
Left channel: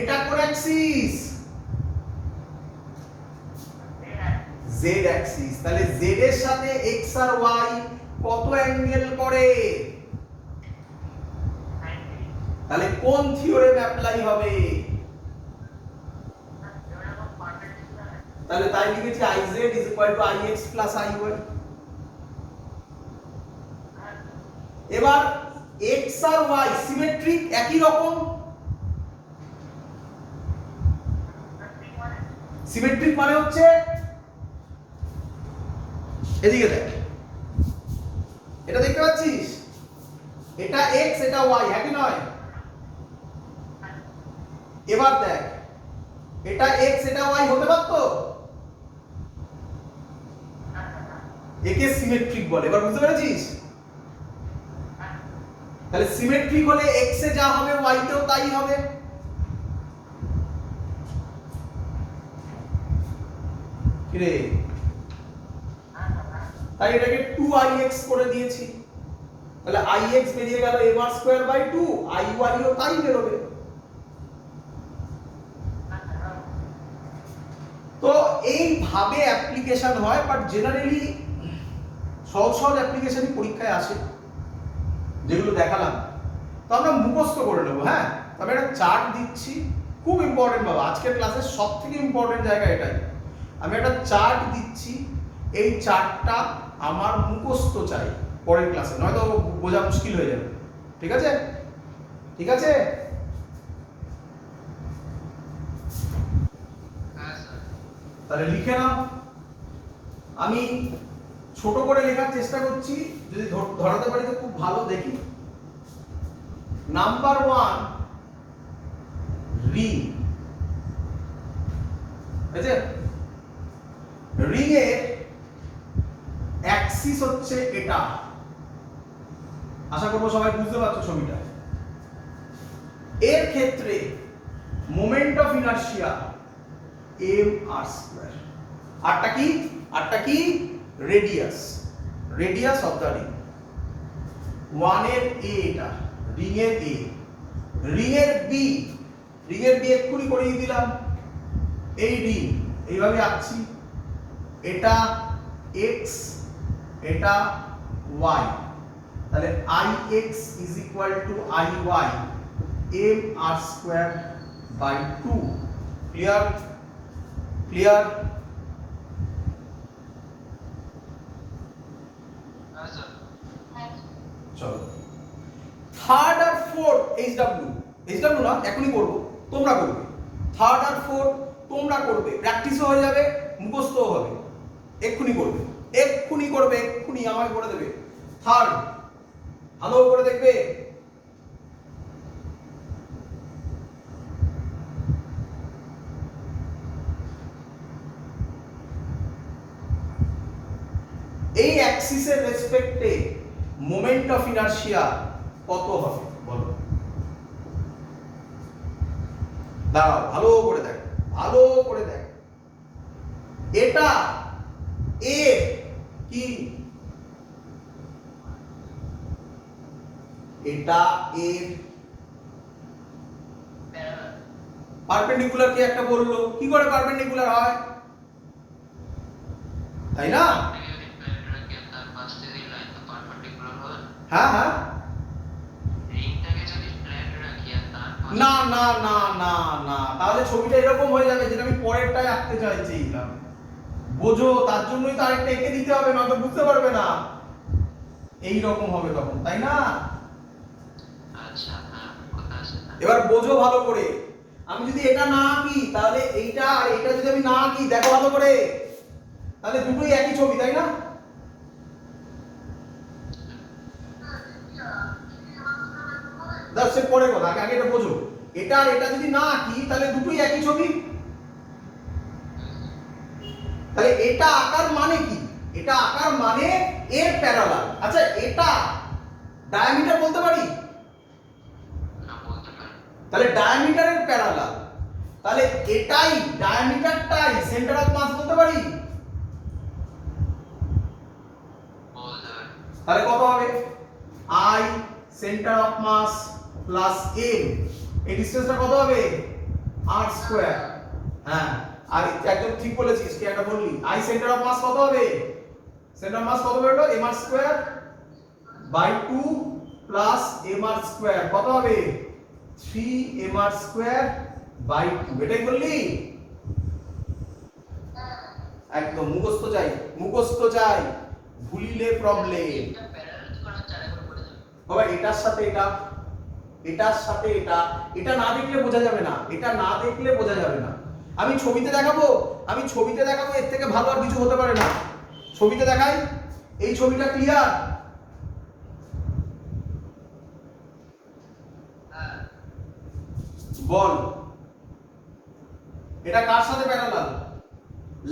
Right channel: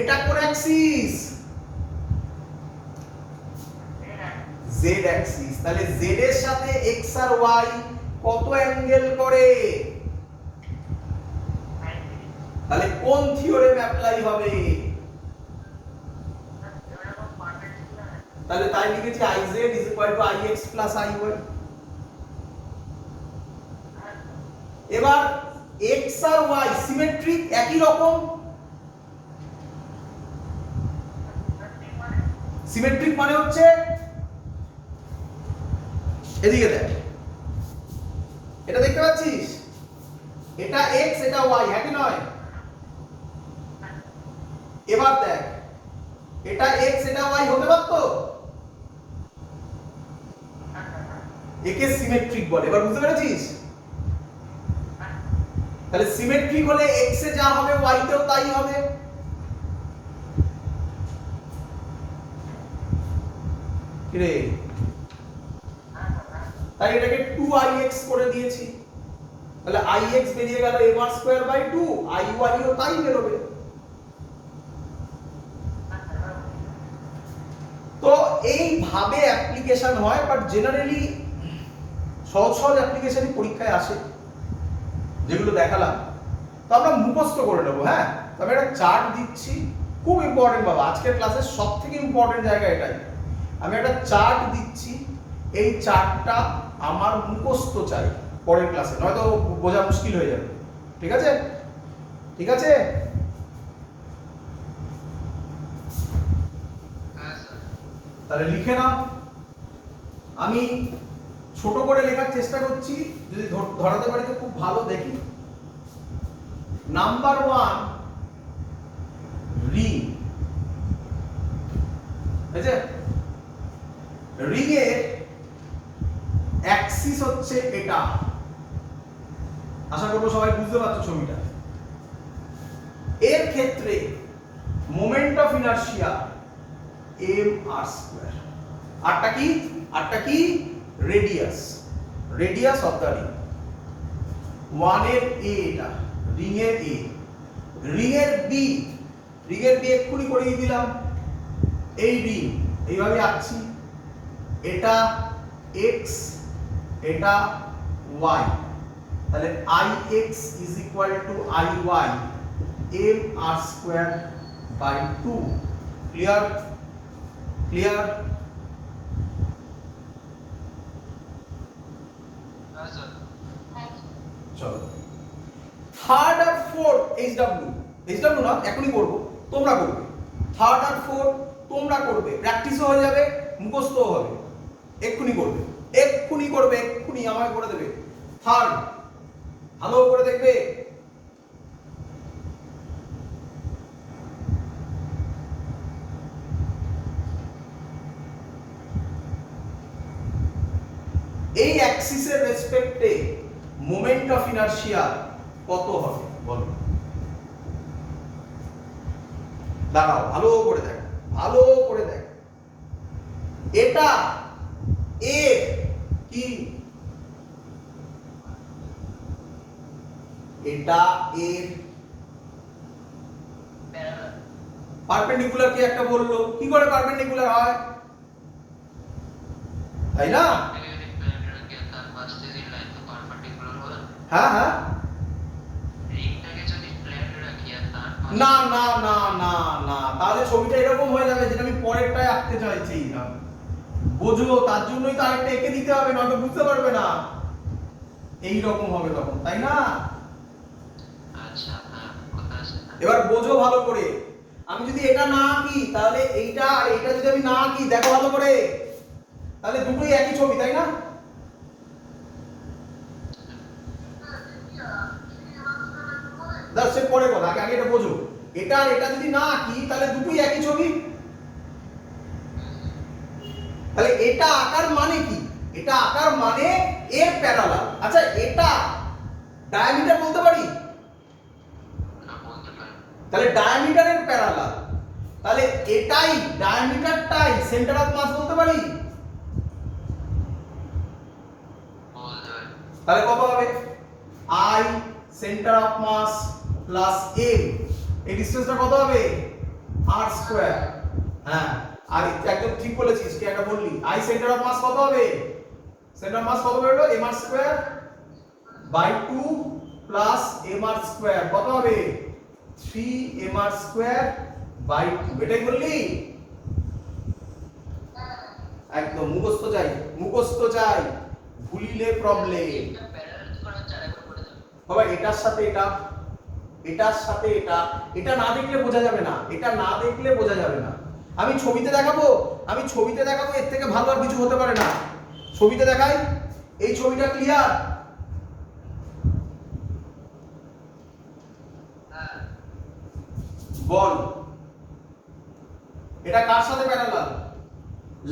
এটা কোন অ্যাক্সিস? z Axis. তাহলে z এর সাথে x আর y কত অ্যাঙ্গেল করে? তাহলে কোন থিওরেম অ্যাপ্লাই হবে? তাহলে তাই লিখেছি IZ IX প্লাস IY। এবার x আর y সিমেট্রিক, একই রকম। সিমেট্রিক মানে হচ্ছে এদিকে দেখ, এটা দেখতে পাচ্ছিস? এটা x এটা y, হ্যাঁ কি নয়? এবার দেখ, এটা x এটা y হতে পারতো? একে সিমেট্রিক বলে। এবার বুঝতে পেরেছিস? তাহলে সিমেট্রিক হলে x এ যা হবে y তেও তাই হবে। কি রে? তাই এটাকে 2ix করে দিয়েছি। তাহলে ix বেরিয়ে গেল mr স্কয়ার বাই 2, iy ও তাই বেরোবে। তো এইভাবে অ্যাপ্লিকেশন হয়, বাট জেনারেলি সহজ সহজ অ্যাপ্লিকেশনই পরীক্ষায় আসে, যেগুলো দেখালাম। তো আমরা মুখস্থ করে নেবো। হ্যাঁ, তবে একটা চার্ট দিচ্ছি, খুব ইম্পর্টেন্ট বাবা, আজকের ক্লাসের সব থেকে ইম্পর্টেন্ট জায়গা এটাই। আমি একটা চার্ট দিচ্ছি, এই চার্টটা আমার মুখস্থ চাই পরের ক্লাসে, নয়তো বোঝা মুশকিল হয়ে যাবে। ঠিক আছে? ঠিক আছে? হ্যাঁ স্যার। তাহলে লিখে নাও। আমি ছোট করে লেখার চেষ্টা করছি, যদি ধরাতে পারি তো খুব ভালো। দেখি, নাম্বার 1 রিং। বুঝেছে? রিং এর অ্যাক্সিস হচ্ছে এটা। আশা করবো সবাই বুঝতে পারছো ছবিটা। এর ক্ষেত্রে মোমেন্ট অফ ইনারশিয়া mr²। আরটা কি? আরটা কি? Radius, radius of the ring. 1 এর a, এটা রিং এর a, রিং এর b, রিং এর b এক্ষুনি করিয়ে দিলাম। এই রিং এইভাবে আঁকছি, এটা x এটা y, তাহলে ix is equal to iy mr² by 2। Clear? Clear? হ্যাঁ স্যার। চলো, থার্ড আর ফোর্থ এইচডব্লিউ না এখনই করব, তোমরা করবে। থার্ড আর ফোর্থ তোমরা করবে, প্র্যাকটিসও হয়ে যাবে, মুখস্থও হবে। এক্ষুনি করবে, এক্ষুনি করবে, এক্ষুনি আমায় করে দেবে। থার্ড ভালো করে দেখবে। এই অ্যাক্সিসের রেসপেক্টে মোমেন্ট অফ ইনারশিয়া কত হবে বলো? দাঁড়াও, ভালো করে দেখ, ভালো করে দেখ। এটা এ কি? এটা এর প্যারালাল। পারপেন্ডিকুলার কে একটা বললো, কি করে পারপেন্ডিকুলার হয়? তাই না? যদি প্লেন রাখি তার পাশ থেকে লাইন তো পারপেন্ডিকুলার হবে। হ্যাঁ হ্যাঁ। রিংটাকে যদি প্লেন রাখি আর তার পাশ না না না না না, তাহলে ছবিটা এরকম হয়ে যাবে, যেটা আমি পরেরটায় আঁকতে চাইছি না। বোঝো, তার জন্যই তো আরেকটা এঁকে দিতে হবে, নয়তো বুঝতে পারবে না। এই রকম হবে তখন, তাই না? আচ্ছা, হ্যাঁ কথা আছে। এবার বোঝো ভালো করে। আমি যদি এটা না আঁকি, তাহলে এইটা আর এটা যদি আমি না আঁকি, দেখো ভালো করে, তাহলে দুটোই একই ছবি, তাই না? দাও, সে পরে কথা, আগে এটা বোঝো। এটা আর এটা যদি না আঁকি, তাহলে দুটোই একই ছবি। তাহলে এটা আকার মানে কি? এটা আকার মানে এর প্যারালাল। আচ্ছা, এটা ডায়ামিটার বলতে পারি? না বলতে পারি। তাহলে ডায়ামিটারের প্যারালাল, তাহলে এটাই ডায়ামিটারটাই সেন্টার অফ মাস বলতে পারি? বলতে পারি। তাহলে কত হবে? I centre of mass plus m, এই ডিসটেন্সটা কত হবে? r²। হ্যাঁ, আর একদম ঠিক বলেছিস, কি একটা বললি, I সেন্টার অফ মাস কত হবে? সেন্টার অফ মাস কত বেরোলো? mr² বাই 2 প্লাস mr² কত হবে? 3mr² by 2। এটাই বললি? একদম মুখস্থ চাই, মুখস্থ চাই, ভুলিলে প্রবলেম। এটা প্যারালাল করা চার একবার পড়ে যাবে। বাবা, এটার সাথে এটা, এটার সাথে এটা, এটা না দেখলে বোঝা যাবে না, এটা না দেখলে বোঝা যাবে না। আমি ছবিতে দেখাবো, আমি ছবিতে দেখাবো, এর থেকে ভালো আর কিছু হতে পারে না। ছবিতে দেখাই, এই ছবিটা ক্লিয়ার? বল এটা কার সাথে প্যারালাল?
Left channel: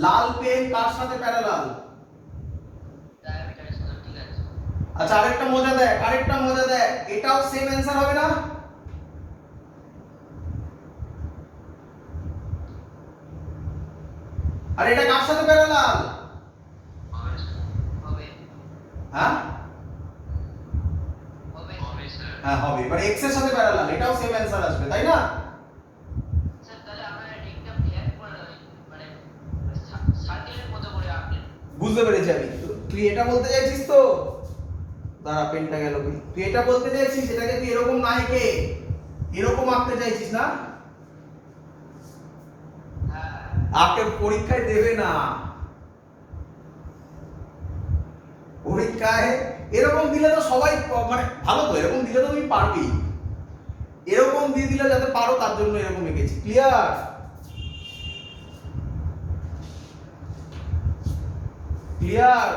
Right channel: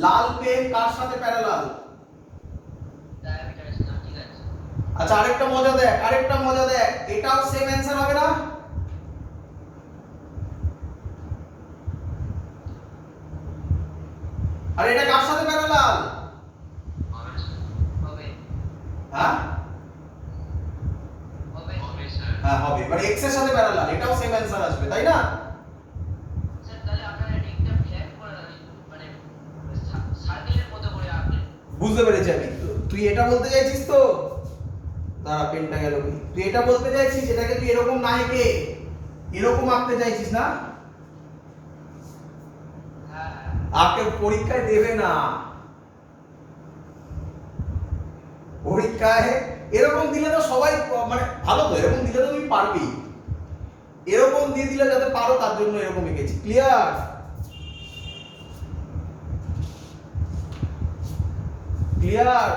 লাল পেন কার সাথে প্যারালাল? ডায়ামিটারের সাথে, ঠিক আছে। আচ্ছা আরেকটা মজা দেখ এটাও সেম অ্যানসার হবে না? আর এটা কার সাথে প্যারালাল? হবে হ্যাঁ হবে হ্যাঁ হবে, মানে x এর সাথে প্যারালাল, এটাও সেম অ্যানসার আসবে তাই না? স্যার তাহলে আমরা একটা ব্ল্যাক করে মানে সার্কেলের মতো করে আঁকলেন। বুঝতে পেরেছি আমি। তুই এটা বলতে চাইছিস তো, দাঁড়া পেনটা গেল কই, তুই এটা বলতে চাইছিস এটাকে তুই এরকম না এঁকে এরকম আঁকতে চাইছিস না? হ্যাঁ আঁকে পরীক্ষায় দেবে না, পরীক্ষায় এরকম দিলে তো সবাই মানে ভালো, তো এরকম দিলে তো তুমি পারবি, এরকম দিয়ে দিলে যাতে পারো তার জন্য এরকম এঁকেছি। ক্লিয়ার? ক্লিয়ার?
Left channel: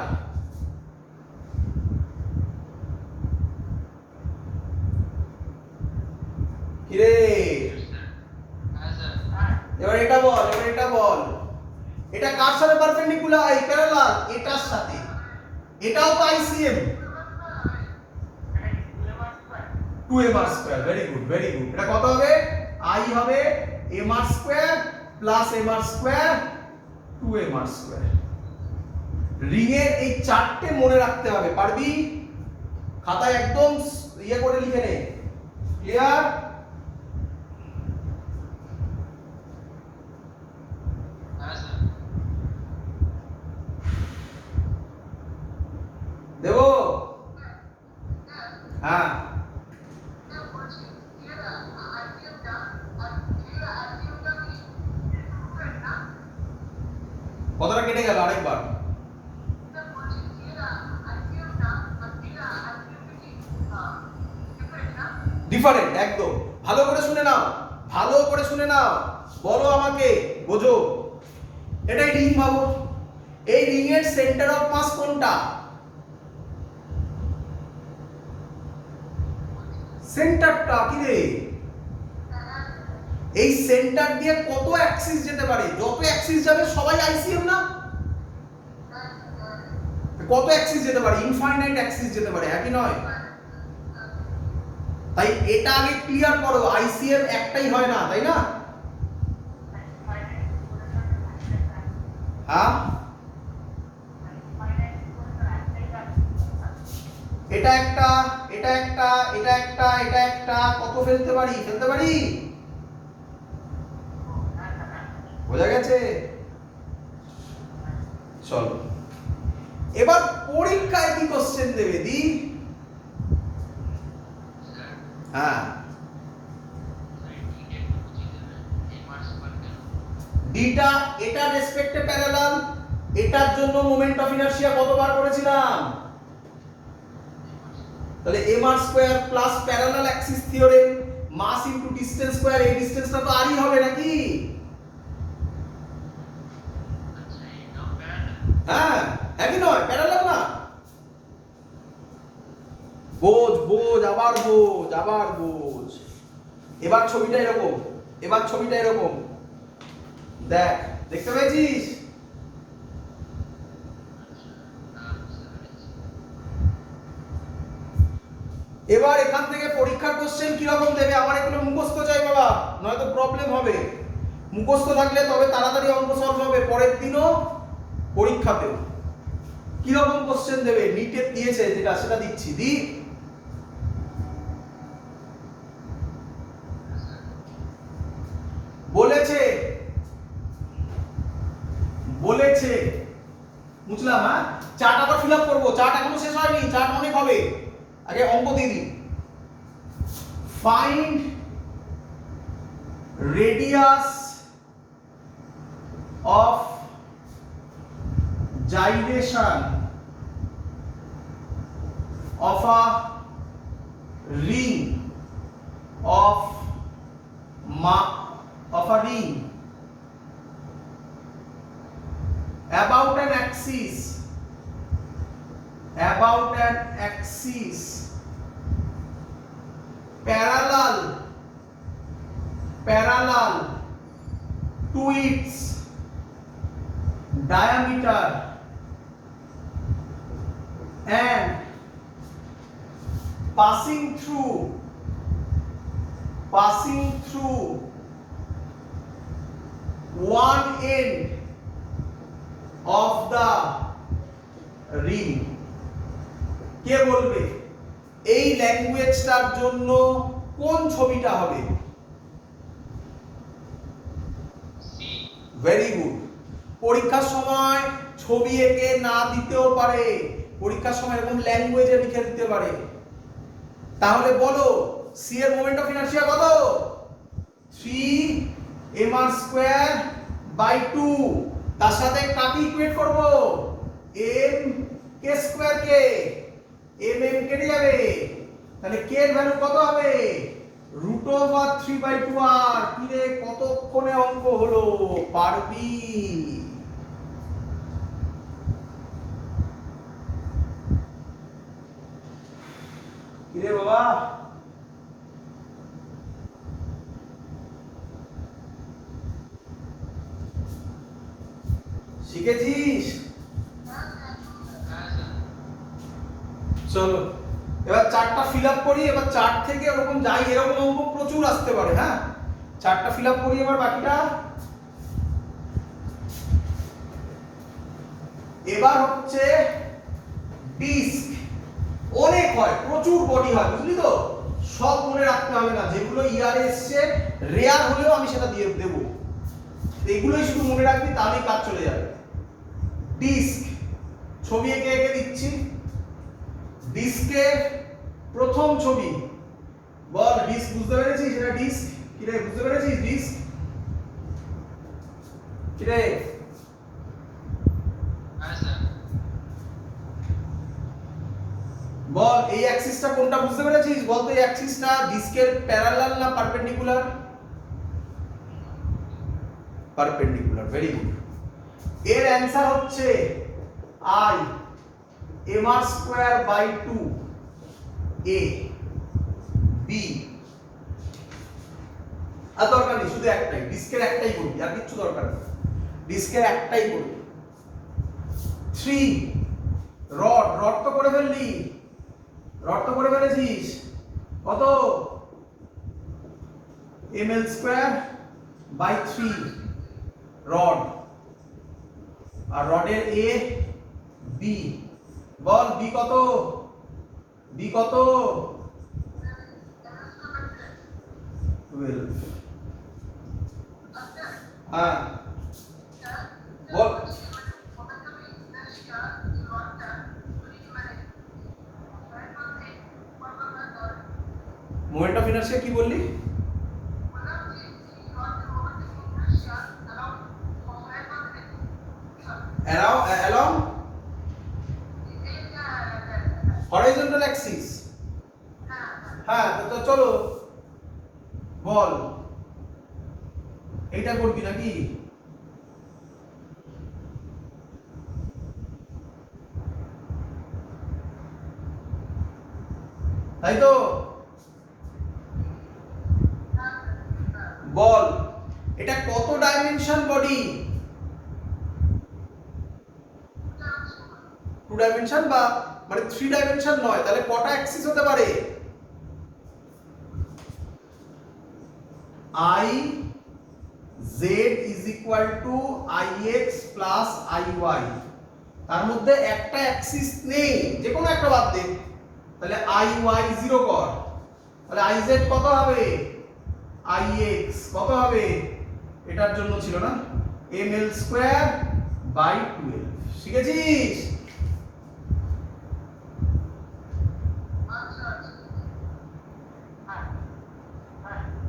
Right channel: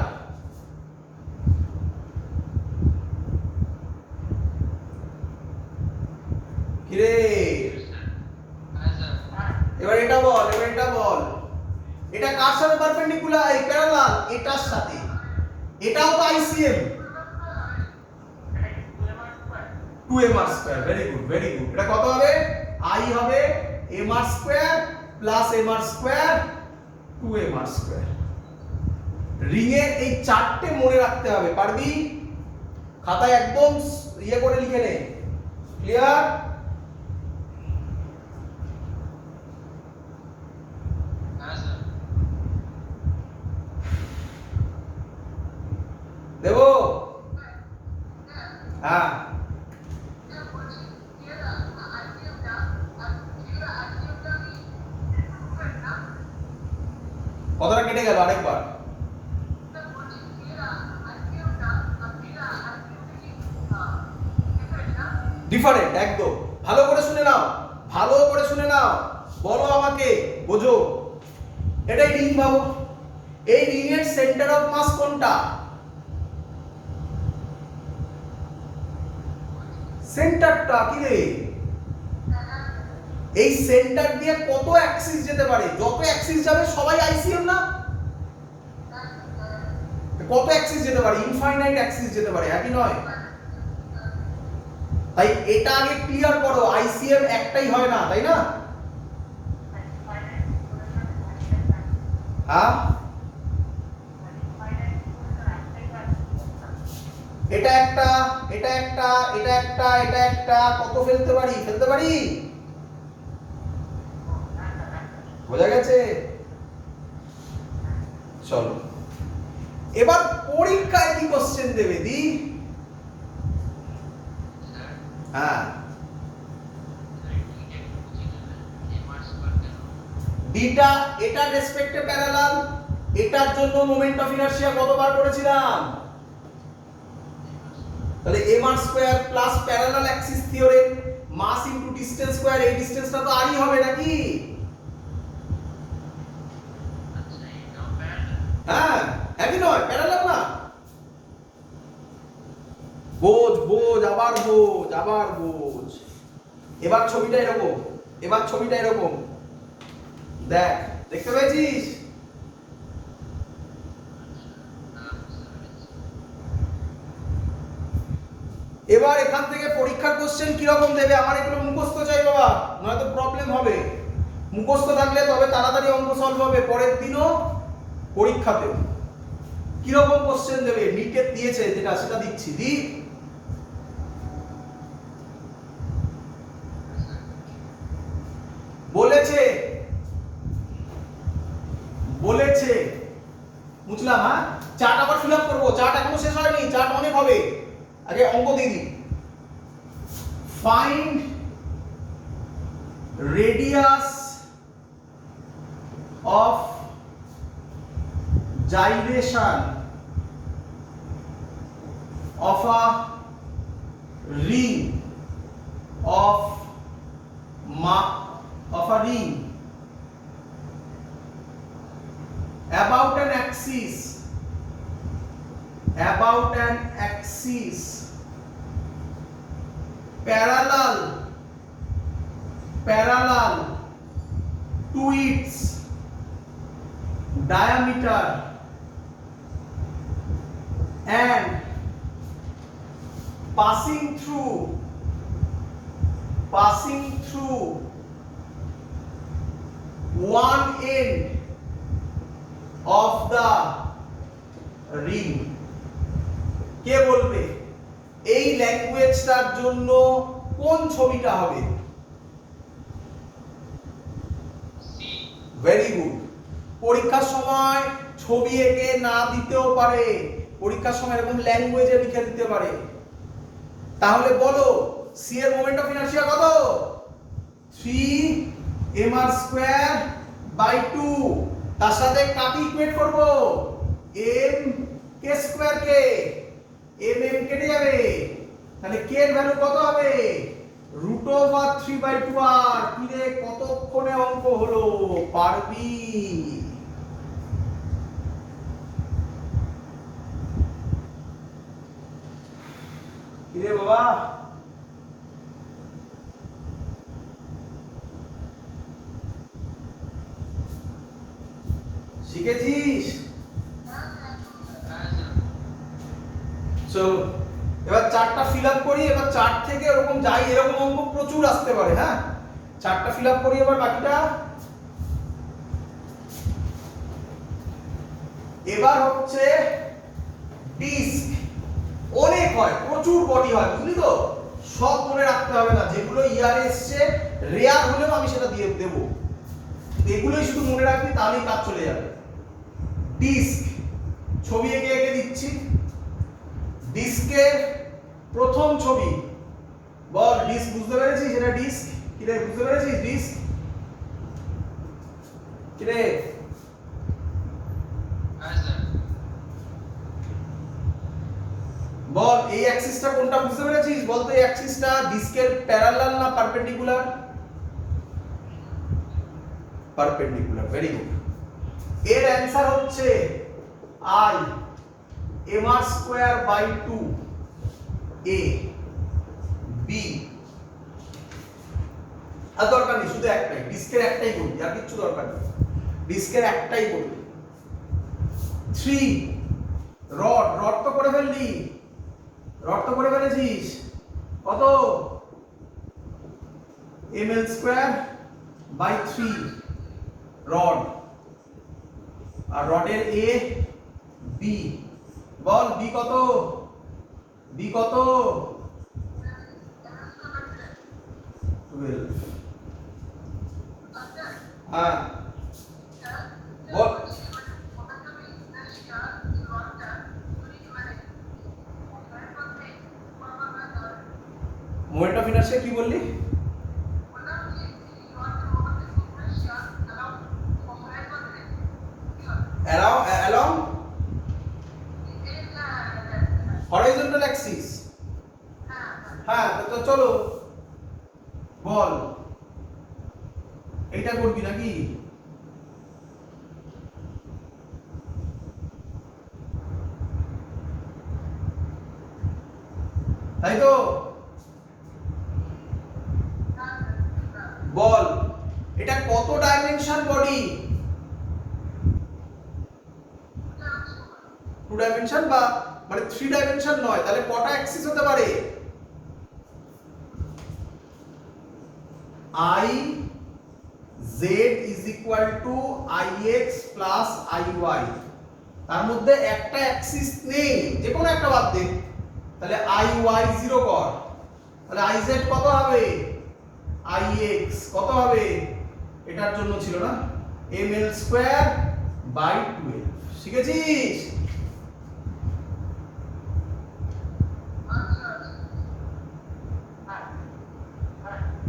কিরে হ্যাঁ স্যার। এবার এটা বল এটা কার সাথে পারপেন্ডিকুলার, এই প্যারালাল এটার সাথে, এটাও তো আইসিএম 2mr²। ভেরি গুড এটা কত হবে? i হবে mr² plus mr² 2mr²। Ring এর এই চারটে মনে রাখতে হবে, পারবি? খাতায় একদম ইয়ে করে লিখে নে। ক্লিয়ার? হ্যাঁ স্যার। দেবো? হ্যাঁ কতটা কেটে গেল আরেকবার? ডিফারেন্ট একদম। ভালো করে শুনে নাও, বলো আমাকে, বোঝো। এটাই রিং ভাবো, এই রিং এর সেন্টার অফ মাস কোনটা? সেন্টারটা কি রে? এই সেন্টার দিয়ে কত অ্যাক্সিস যেতে পারে? যত অ্যাক্সিস যাবে সবাই আইসিএম না? কত অ্যাক্সিস যেতে পারে? ইনফাইনাইট অ্যাক্সিস যেতে পারে, একই নয়? তাই এটা আগে ক্লিয়ার করো, আইসিএম একটাই হয় না, তাই না? হ্যাঁ এটা একটা কত ফেলতে পারি? বোঝা গেছে? চলো এবার পরীক্ষায় কি কোশ্চেন দেবে দি? স্যার হ্যাঁ ঠিক একটু বুঝিয়ে দেবেন এমআরস পার কেন? ডিটা এটা রেসপেক্টে প্যারালাল, এটার জন্য মোমেন্ট অফ ইনারশিয়া কতবার করেছিলাম? তাহলে mr² plus parallel axis theorem mass into distance square, এই ডিসটেন্সটা তো আরই হবে নাকি? আচ্ছা এটাও প্যারালাল। হ্যাঁ একই নয়, প্যারালাল না? বোঝ আবার বোঝ। এবার ছবিটা এরকম দেখ, দেখতে পেয়েছিস? এবার এখান থেকে পরীক্ষার কোশ্চেন কি রকম দেবে? আমার এগুলো মুখস্থ চাই বাবা, নয়তো প্রবলেম হবে। মুখস্থ থাকলে তবে তাড়াতাড়ি অঙ্ক সলভ হবে পরের দিনও পরীক্ষাতেও। কি রকম কোশ্চেন দেবে? নিটে দিয়েছে যেটা সেটা দিচ্ছি দি। বলেছে বুঝলাম। হ্যাঁ চার্ট আবার ফিল আপ করবো, চার্ট এখনো শেষ হয়নি, চার্ট অনেক হবে, আগে অঙ্ক দিয়ে দিই। Find radius of gyration of a ring of ring about an axis parallel parallel to its diameter and passing through one end of the ring. কে বলবে এই ল্যাঙ্গুয়েজটার জন্য কোন ছবিটা হবে? Very good. পরীক্ষার সময় ছবি এঁকে না দিতেও পারে, পরীক্ষার সময় এরকম ল্যাঙ্গুয়েজে লিখে দিতে পারে। তাহলে বলো সি এর মোমেন্ট অফ ইনারশিয়া কত? 3mr²/2। তার সাথে কাকে ইকুয়েট করব? m k স্কয়ার কে m কেটে যাবে, তাহলে k এর ভ্যালু কত হবে? √3/2r। কি রে কতক্ষণে অঙ্ক হলো? পারবি? কি রে বাবা? শিখেছিস? চলো এবার চার্টটা ফিল আপ করি। এবার চার্ট থেকে এরকম যাই, এরকম অঙ্ক প্রচুর আসতে পারে। হ্যাঁ, চার্টটা ফিল আপ করি এবার বাকিটা। এবার হচ্ছে ডিস্ক। অনেক হয়, প্রচুর বডি হয়, বুঝলি তো? সব মনে রাখতে হবে না, যেগুলো ইয়ারে এসছে রেয়ার হলেও আমি সেটা দিয়ে দেব। এগুলোই শুধু মনে রাখবি, তাহলেই কাজ চলে যাবে। ডিস্ক ছবি এঁকে এঁকে দিচ্ছি। ডিস্কের প্রথম ছবি বল। ডিস্ক বুঝতে পেরেছিস? এটা ডিস্ক। কি রে বুঝতে পেরেছিস? ডিস্ক কি রে? হ্যাঁ স্যার। বল এই অ্যাক্সিসটা কোনটা বুঝতে পেরেছিস? বল তো এই অ্যাক্সিসটা ডিস্কের প্যারালাল না পারপেন্ডিকুলার? পারপেন্ডিকুলার। Very good. এর অ্যানসার হচ্ছে I mr²/2 a b। আর দরকার নেই, শুধু একটাই ডিস্কের, একটাই বলবি, আর কিছু দরকার নেই, ডিস্কের একটাই বলবি। 3 রড তো করে ফেললি, রড তো করে ফেলেছিস। কত? ml²/3 rod. আর রডের এ বি। বল বি কত? বি কত? 12। হ্যাঁ বল। মোমেন্ট অফ ইনারশিয়া কি বললি? along horizontal axis। হ্যাঁ তো চলো বল এইটা করবি নাকি? তাই তো বল এটা কত ডাইমেনশন বডি? 2 ডাইমেনশন বা মানে 3 ডাইমেনশন নয়, তাহলে কটা অ্যাক্সিস হতে পারে? I z is equal to ix plus iy। তার মধ্যে একটা অ্যাক্সিস নেই, যে কোনো একটা বাদ দে, তাহলে iy 0 কর, তাহলে iz কত হবে? ix কত হবে? এটার জন্য ছিল না ml²/12। শিখেছিস?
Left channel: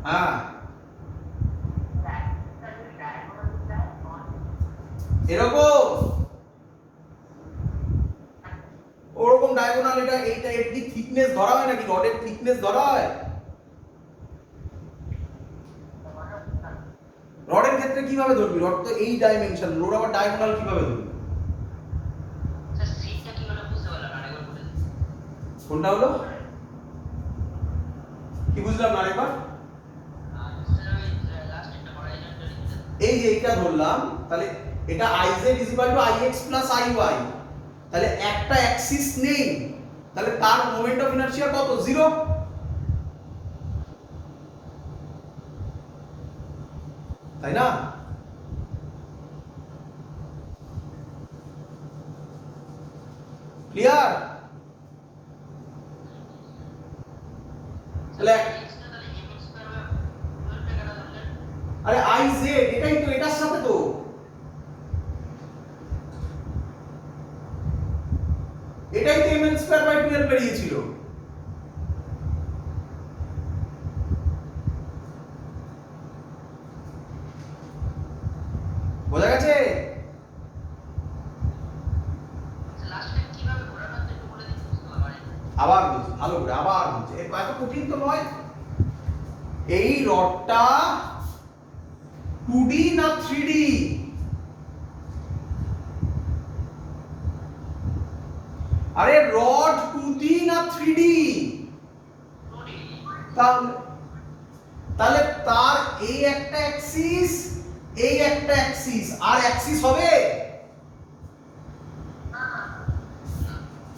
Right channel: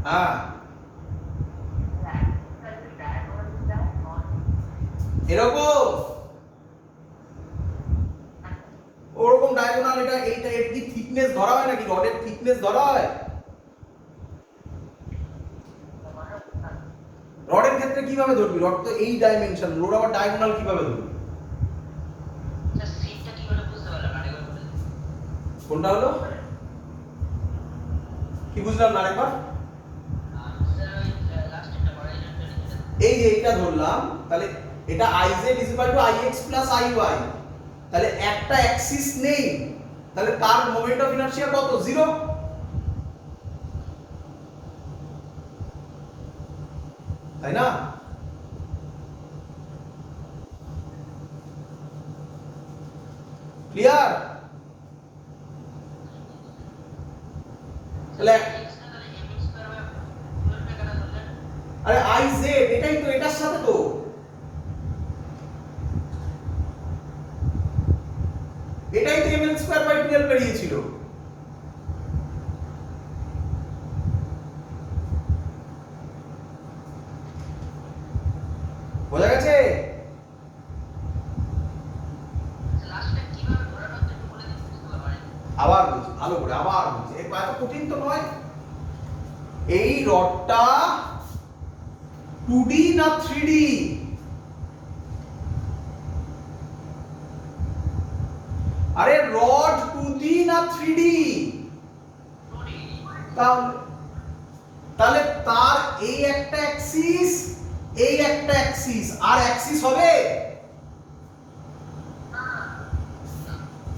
হ্যাঁ এরকম ওরকম ডায়াগোনাল। এইটা এর কি থিকনেস ধরা হয় নাকি? রডের থিকনেস ধরা হয়? রডের ক্ষেত্রে কিভাবে ধরবি? রড তো এই ডাইমেনশন, রড আবার ডায়াগোনাল কিভাবে ধরবি? স্যার সিটটা কি হলো বুঝতে পারলাম না, আরেকবার বলে দিন। কোনটা হলো কি বুঝলাম না, আরেকবার? স্যার এইটা ধরলাম, তাহলে এটা iz = ix + iy, তাহলে একটা অ্যাক্সিস নেই, তাহলে তার মোমেন্ট অফ ইনারশিয়া কত? 0। তাই না? ক্লিয়ার? তাহলে আরে iz এটাই তো, এটার সাথে তো এটাই তো ml²/12 বেরিয়েছিল। বোঝা গেছে? আবার বলছি ভালো করে, আবার বলছি, এত কঠিন তো নয়। এই রডটা 2D না 3D? আরে রড 2D না 3D? তাহলে তার এই একটা অ্যাক্সিস, এই একটা অ্যাক্সিস, আর অ্যাক্সিস হবে?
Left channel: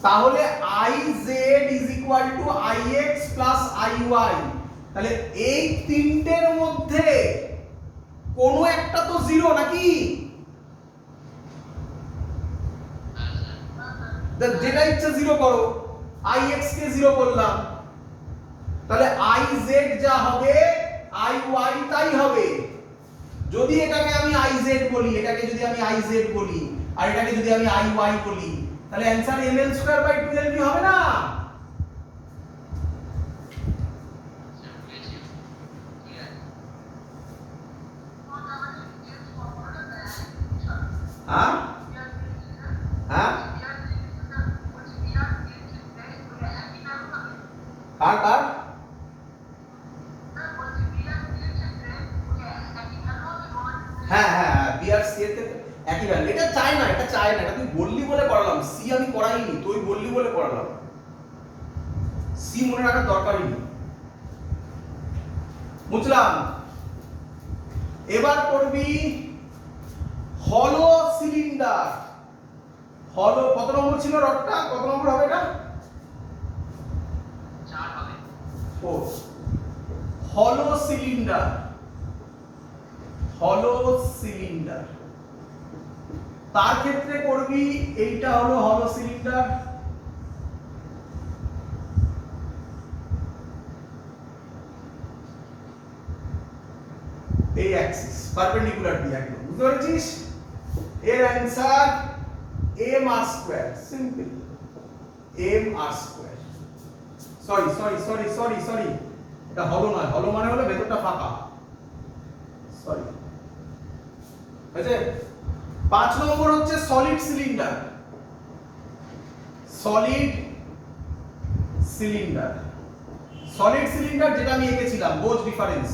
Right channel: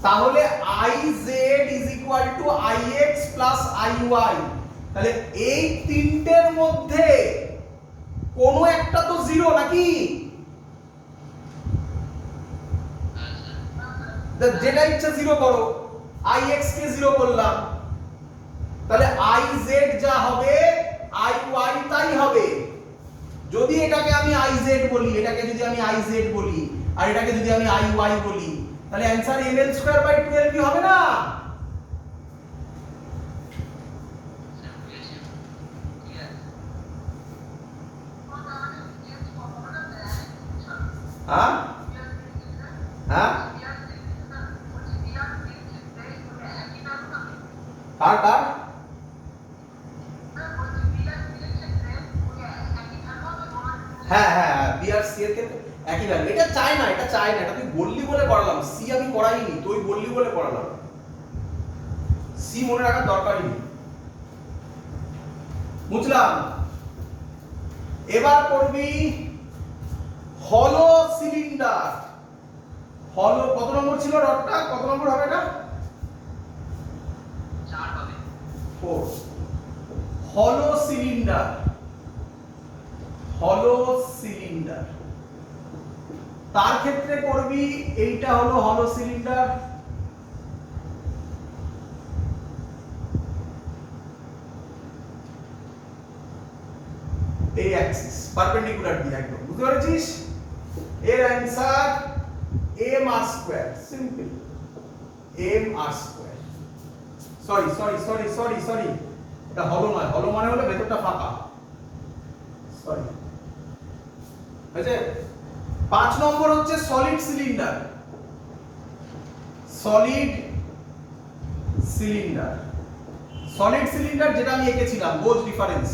তাহলে iz = ix + iy, তাহলে এই তিনটের মধ্যে কোন একটা তো 0 নাকি? যেটা ইচ্ছা 0 করো, ix কে 0 করলাম, তাহলে iz যা হবে iy তাই হবে। যদি এটাকে আমি iz বলি, এটাকে যদি আমি iz বলি, আর এটাকে যদি আমি iy বলি, তাহলে অ্যানসার ml²/12 হবে না? হ্যাঁ হ্যাঁ, কার কার? হ্যাঁ হ্যাঁ, বি আর সি এর ক্ষেত্রে একই ভ্যালু। এটা চাই না, এটা চাই না, এটা তুই বললি বলে করালাম। সি আমি করাইনি, তুই বললি বলে করালাম। সি মনে রাখার দরকারই নেই, বুঝলাম? এবার করবি হলো সিলিন্ডার। হলো কত নম্বর ছিল রডটা? কত নম্বর হবে এটা? 4 হবে। 4। হলো সিলিন্ডার, হলো সিলিন্ডার, তার ক্ষেত্রে করবি এইটা হলো হলো সিলিন্ডার, এই অ্যাক্সিস পারপেন্ডিকুলার দিয়ে একদম, বুঝতে পেরেছিস? এর answer mr², simple mr²। Sorry sorry sorry sorry sorry, এটা হলো নয়, হলো মানে হলো ভেতরটা ফাঁকা, সরি। আছে 5 নম্বর হচ্ছে solid cylinder. Solid cylinder, solid cylinder যেটা আমি এঁকেছিলাম বোঝ ডিফারেন্স,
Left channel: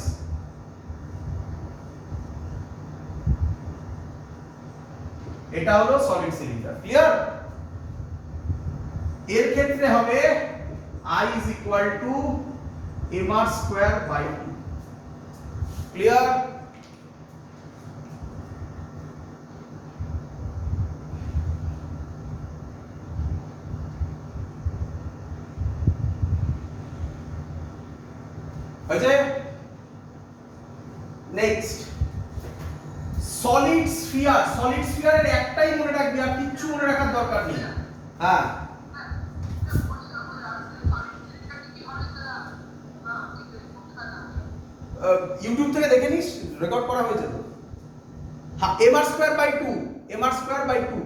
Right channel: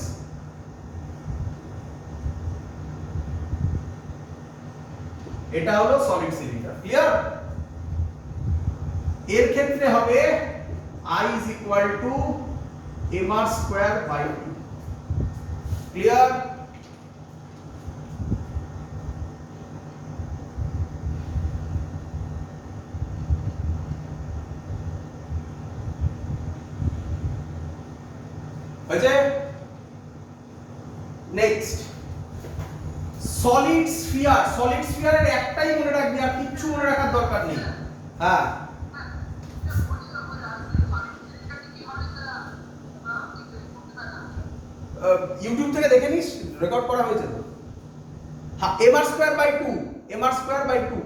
এটা হলো সলিড সিলিন্ডার। ক্লিয়ার? এর ক্ষেত্রে হবে I = mr²/2। ক্লিয়ার? হয়েছে? Next solid sphere. সলিড স্ফিয়ারের একটাই মনে রাখবি, আর কিচ্ছু মনে রাখার দরকার নেই। হ্যাঁ, ইউটিউব থেকে দেখে নিস, রেকর্ড করা হয়েছে তো। হ্যাঁ, mr²/2, mr²/2।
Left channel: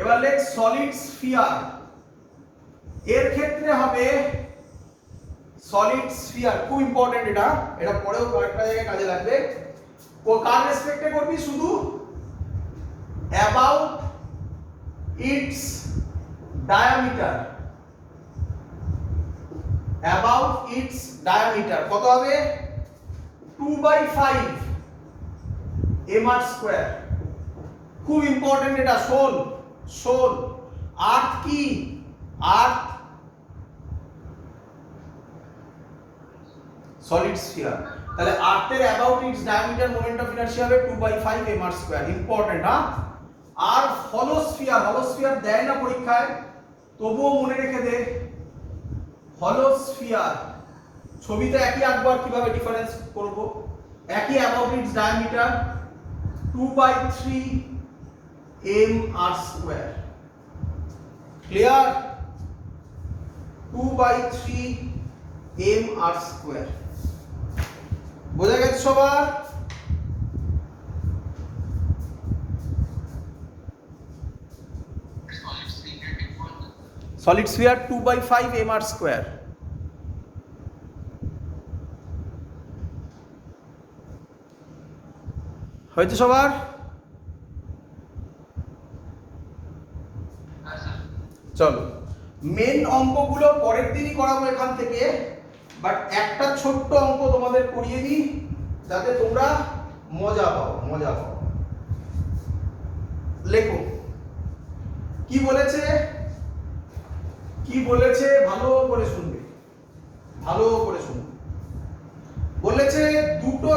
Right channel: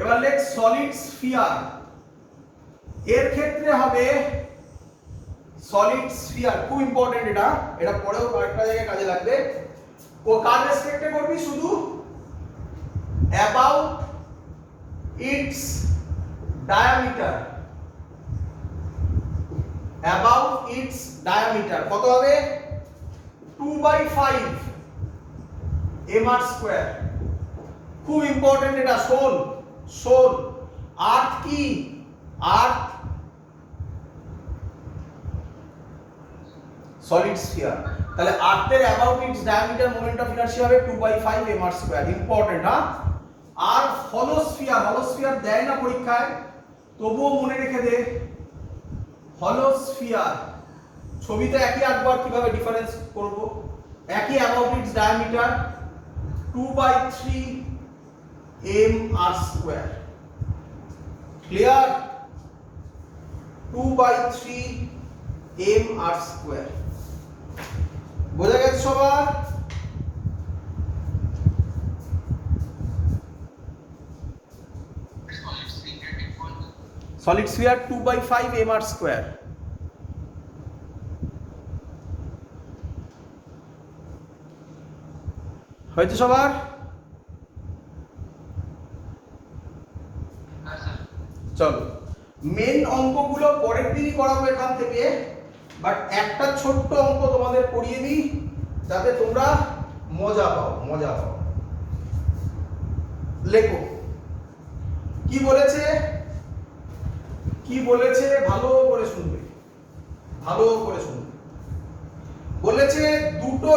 এবার লেখ সলিড স্ফিয়ার। এর ক্ষেত্রে হবে সলিড স্ফিয়ার, খুব ইম্পর্টেন্ট এটা, এটা পরেও কয়েকটা জায়গায় কাজে লাগবে। ও কার রেসপেক্টে করবি? শুধু about its diameter, about its diameter কত হবে? 2/5 mr²। খুব ইম্পর্টেন্ট এটা, শোন শোন। আর্থ কি? Earth solid sphere. তাহলে আর্থের about its diameter moment of inertia হবে 2/5 mr²। ইম্পর্টেন্ট, হ্যাঁ। আর হলো স্ফিয়ার দেয় না পরীক্ষায়, তবুও মনে রেখে দে, হলো স্ফিয়ার ছবিতে একই আঁকবো, আর কিভাবে ডিফারেন্স করব, একই about its diameter 2/3 mr²। Clear? 2/3 mr²। বোঝা গেছে সবার? Solid sphere 2/5 mr²। হয়েছে সবার? চলো, মেন অঙ্কগুলো পরের দিনই করাবো এখান থেকে, বাট একটা ছোট্ট অঙ্ক তোমাদের করিয়ে দিই যাতে তোমরা মজা পাও। লেখো কি বলেছে, ভালো করে শুনবে। বলেছে দুটো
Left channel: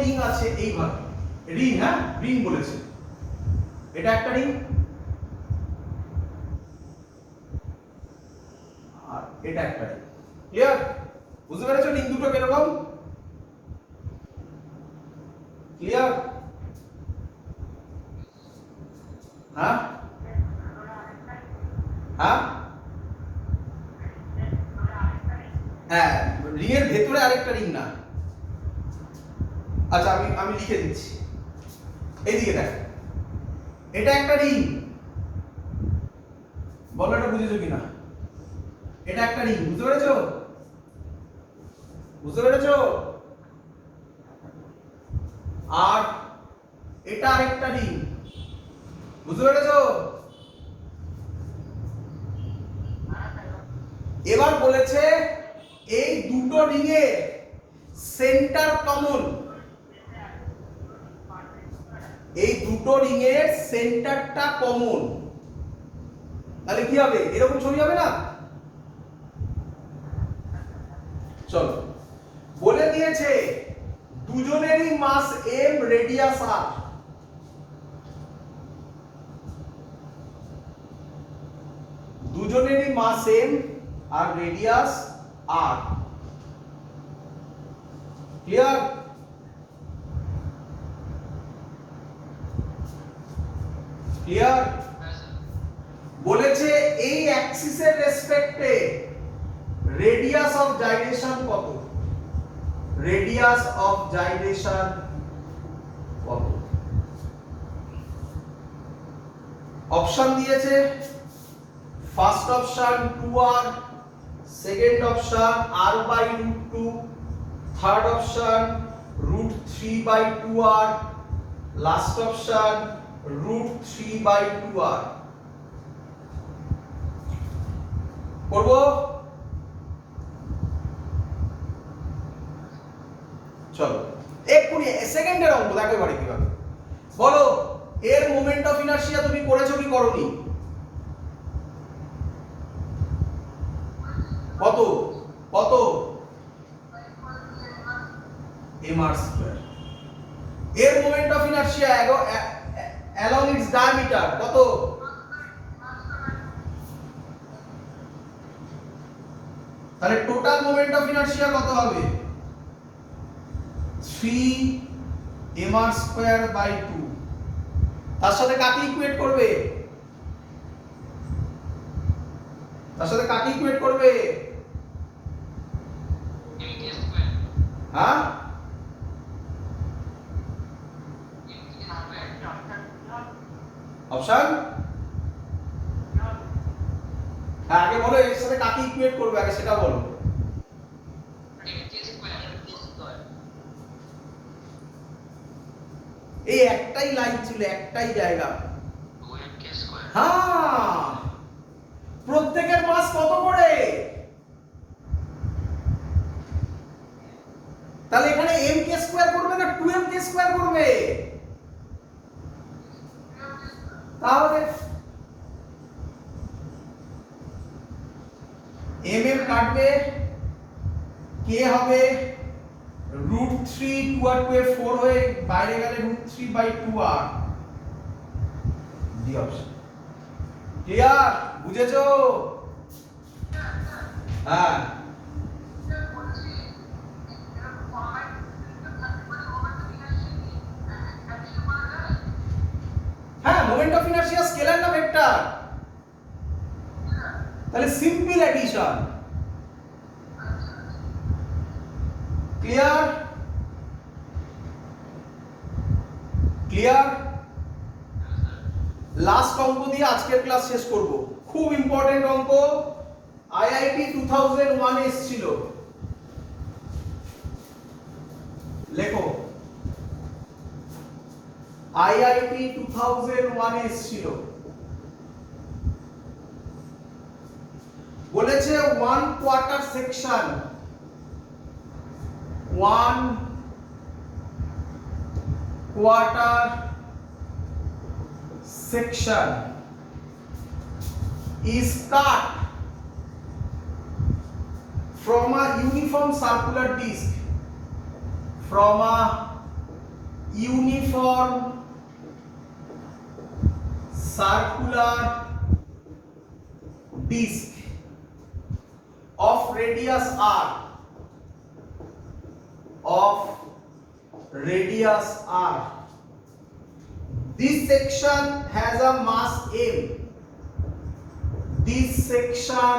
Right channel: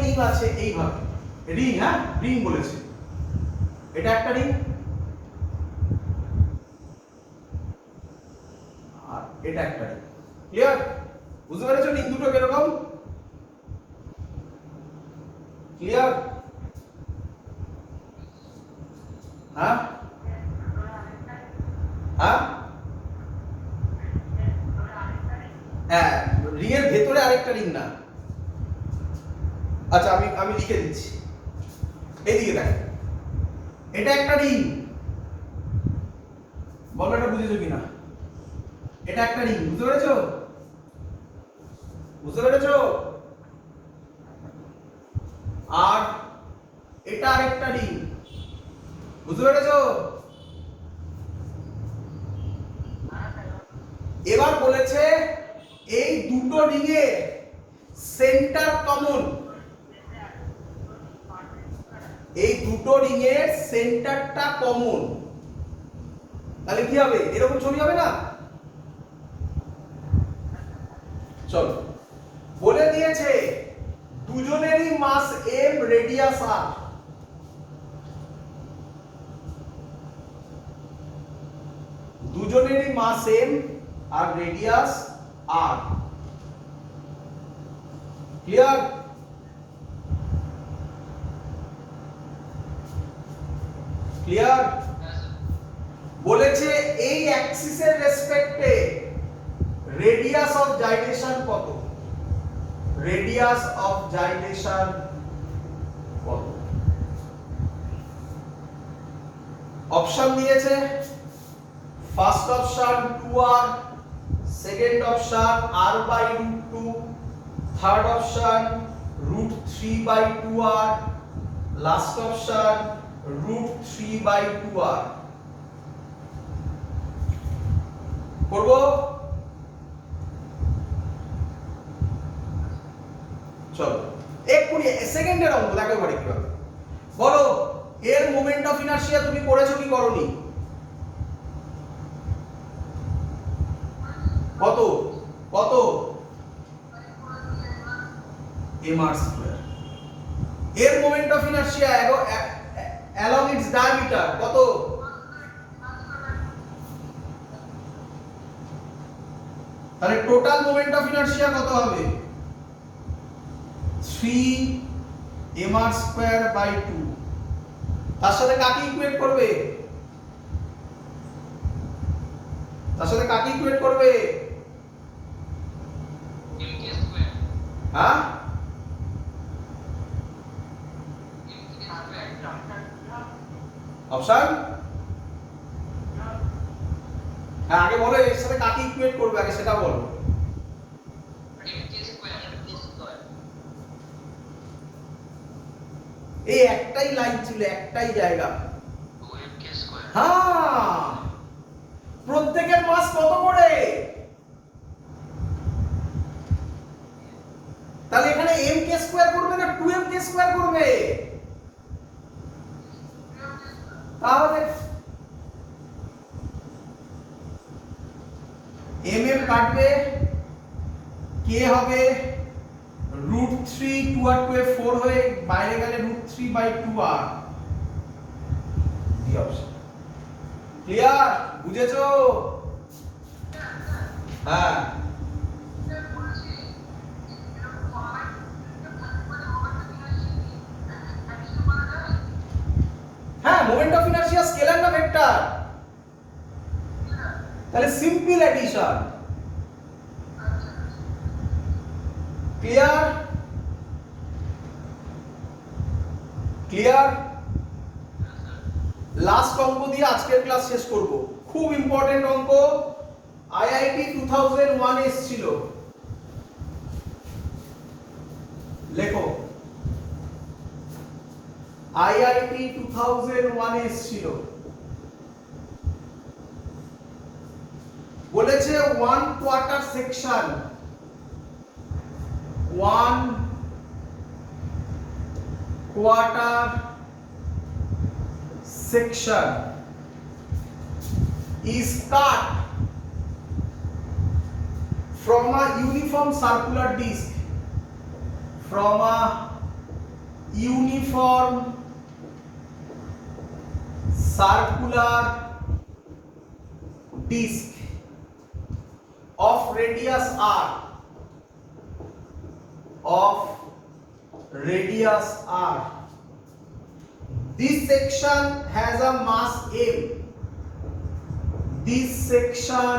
রিং আছে এইভাবে, রিং, হ্যাঁ রিং বলেছে, এটা একটা রিং আর এটা একটা রিং। ক্লিয়ার? বুঝতে পেরেছো রিং দুটো কিরকম? ক্লিয়ার? হ্যাঁ হ্যাঁ, রিং এর ভেতরে আরেকটা রিং না। আচ্ছা, আমি লিখে দিচ্ছি, এইদিকে দেখ, এটা একটা রিং, বলো এটা বুঝেছো কিনা? এটা একটা রিং, বুঝতে পেরেছো? আর এটা আরেকটা রিং, বুঝতে পেরেছো? এবার বলেছে এই দুটো রিং এর সেন্টার কমন, এই দুটো রিং এর সেন্টারটা কমন। তাহলে কি হবে? এরকম ছবি হবে না? চলো, বলে দিয়েছে দুজনেরই মাস m, রেডিয়াস r। দুজনেরই মাস m আর রেডিয়াস r। ক্লিয়ার? বলেছে এই অ্যাক্সিসের রেসপেক্টে রেডিয়াস অফ জাইরেশন কত? অপশন দিয়েছে, first option 2r, second option r/√2, third option √3/2r, last option √3/2r। করব? চলো, এক্ষুনি সেকেন্ডের অঙ্ক দেখো এবারে কিভাবে। বলো এর মোমেন্ট অফ ইনার্শিয়া তুমি করেছো কি করোনি? কত mr²। এর moment of inertia along its diameter কত? তাহলে টোটাল মোমেন্ট অফ ইনার্শিয়া কত হবে? 3 mr²/2। তার সাথে কাকে ইকুয়েট করবে? হ্যাঁ, অপশন, হ্যাঁ আগে বলো এর সাথে কাকে ইকুয়েট করবে, আগে সেটা বলো। এই একটাই লাইন ছিল, একটাই জায়গা। হ্যাঁ, প্রত্যেকের মাস কত করে? তাহলে এখানে m² করবে না 2m² করবে? তাহলে mm কাটবে, কে হবে √3 2 আর 2 এ 4 হয়ে বাইরে গেলে √3/2r ডি অপশন। ক্লিয়ার? বুঝেছো? হ্যাঁ হ্যাঁ, মোমেন্ট অফ ইনারশিয়া স্কেলার না ভেক্টর? তাহলে simple addition. Clear? Clear? Last অঙ্ক দিয়ে আজকের ক্লাস শেষ করব। খুব ইম্পর্টেন্ট অঙ্ক, আইআইটি 2001 এসেছিল। লেখো, আইআইটি 2001 এসেছিল। বলেছে 1 quarter section, 1 quarter section is cut from a uniform circular disc, from a uniform circular disc of radius r, of radius r. This section has a mass m. This section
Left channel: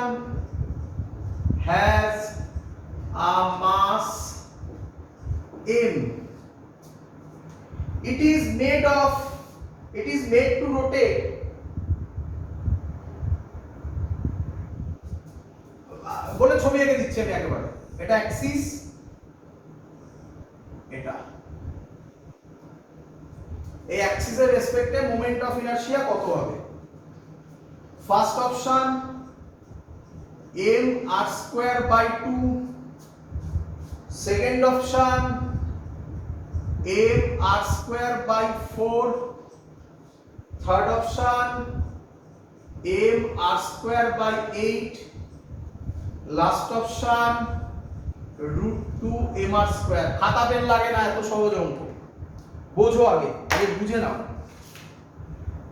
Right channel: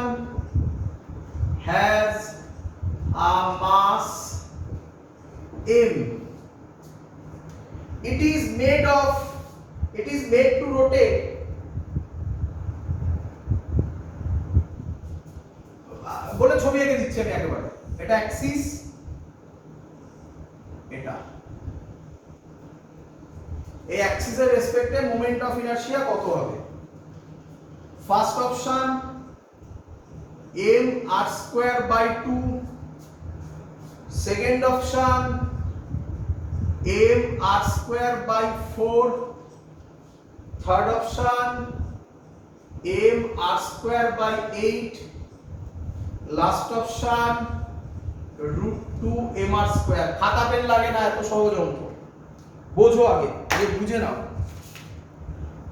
has a mass m. It is made to rotate. বলে ছবি এঁকে দিচ্ছি আমি একেবারে। এটা Axis, এটা এই অ্যাক্সিসের রেসপেক্টে মোমেন্ট অফ ইনারশিয়া কত হবে? First option m r²/2, second option m r²/4, third option m r²/8, last option √2 mr²। খাতা পেন লাগে না, এত সহজ অঙ্ক। বোঝো, আগে বুঝে নাও।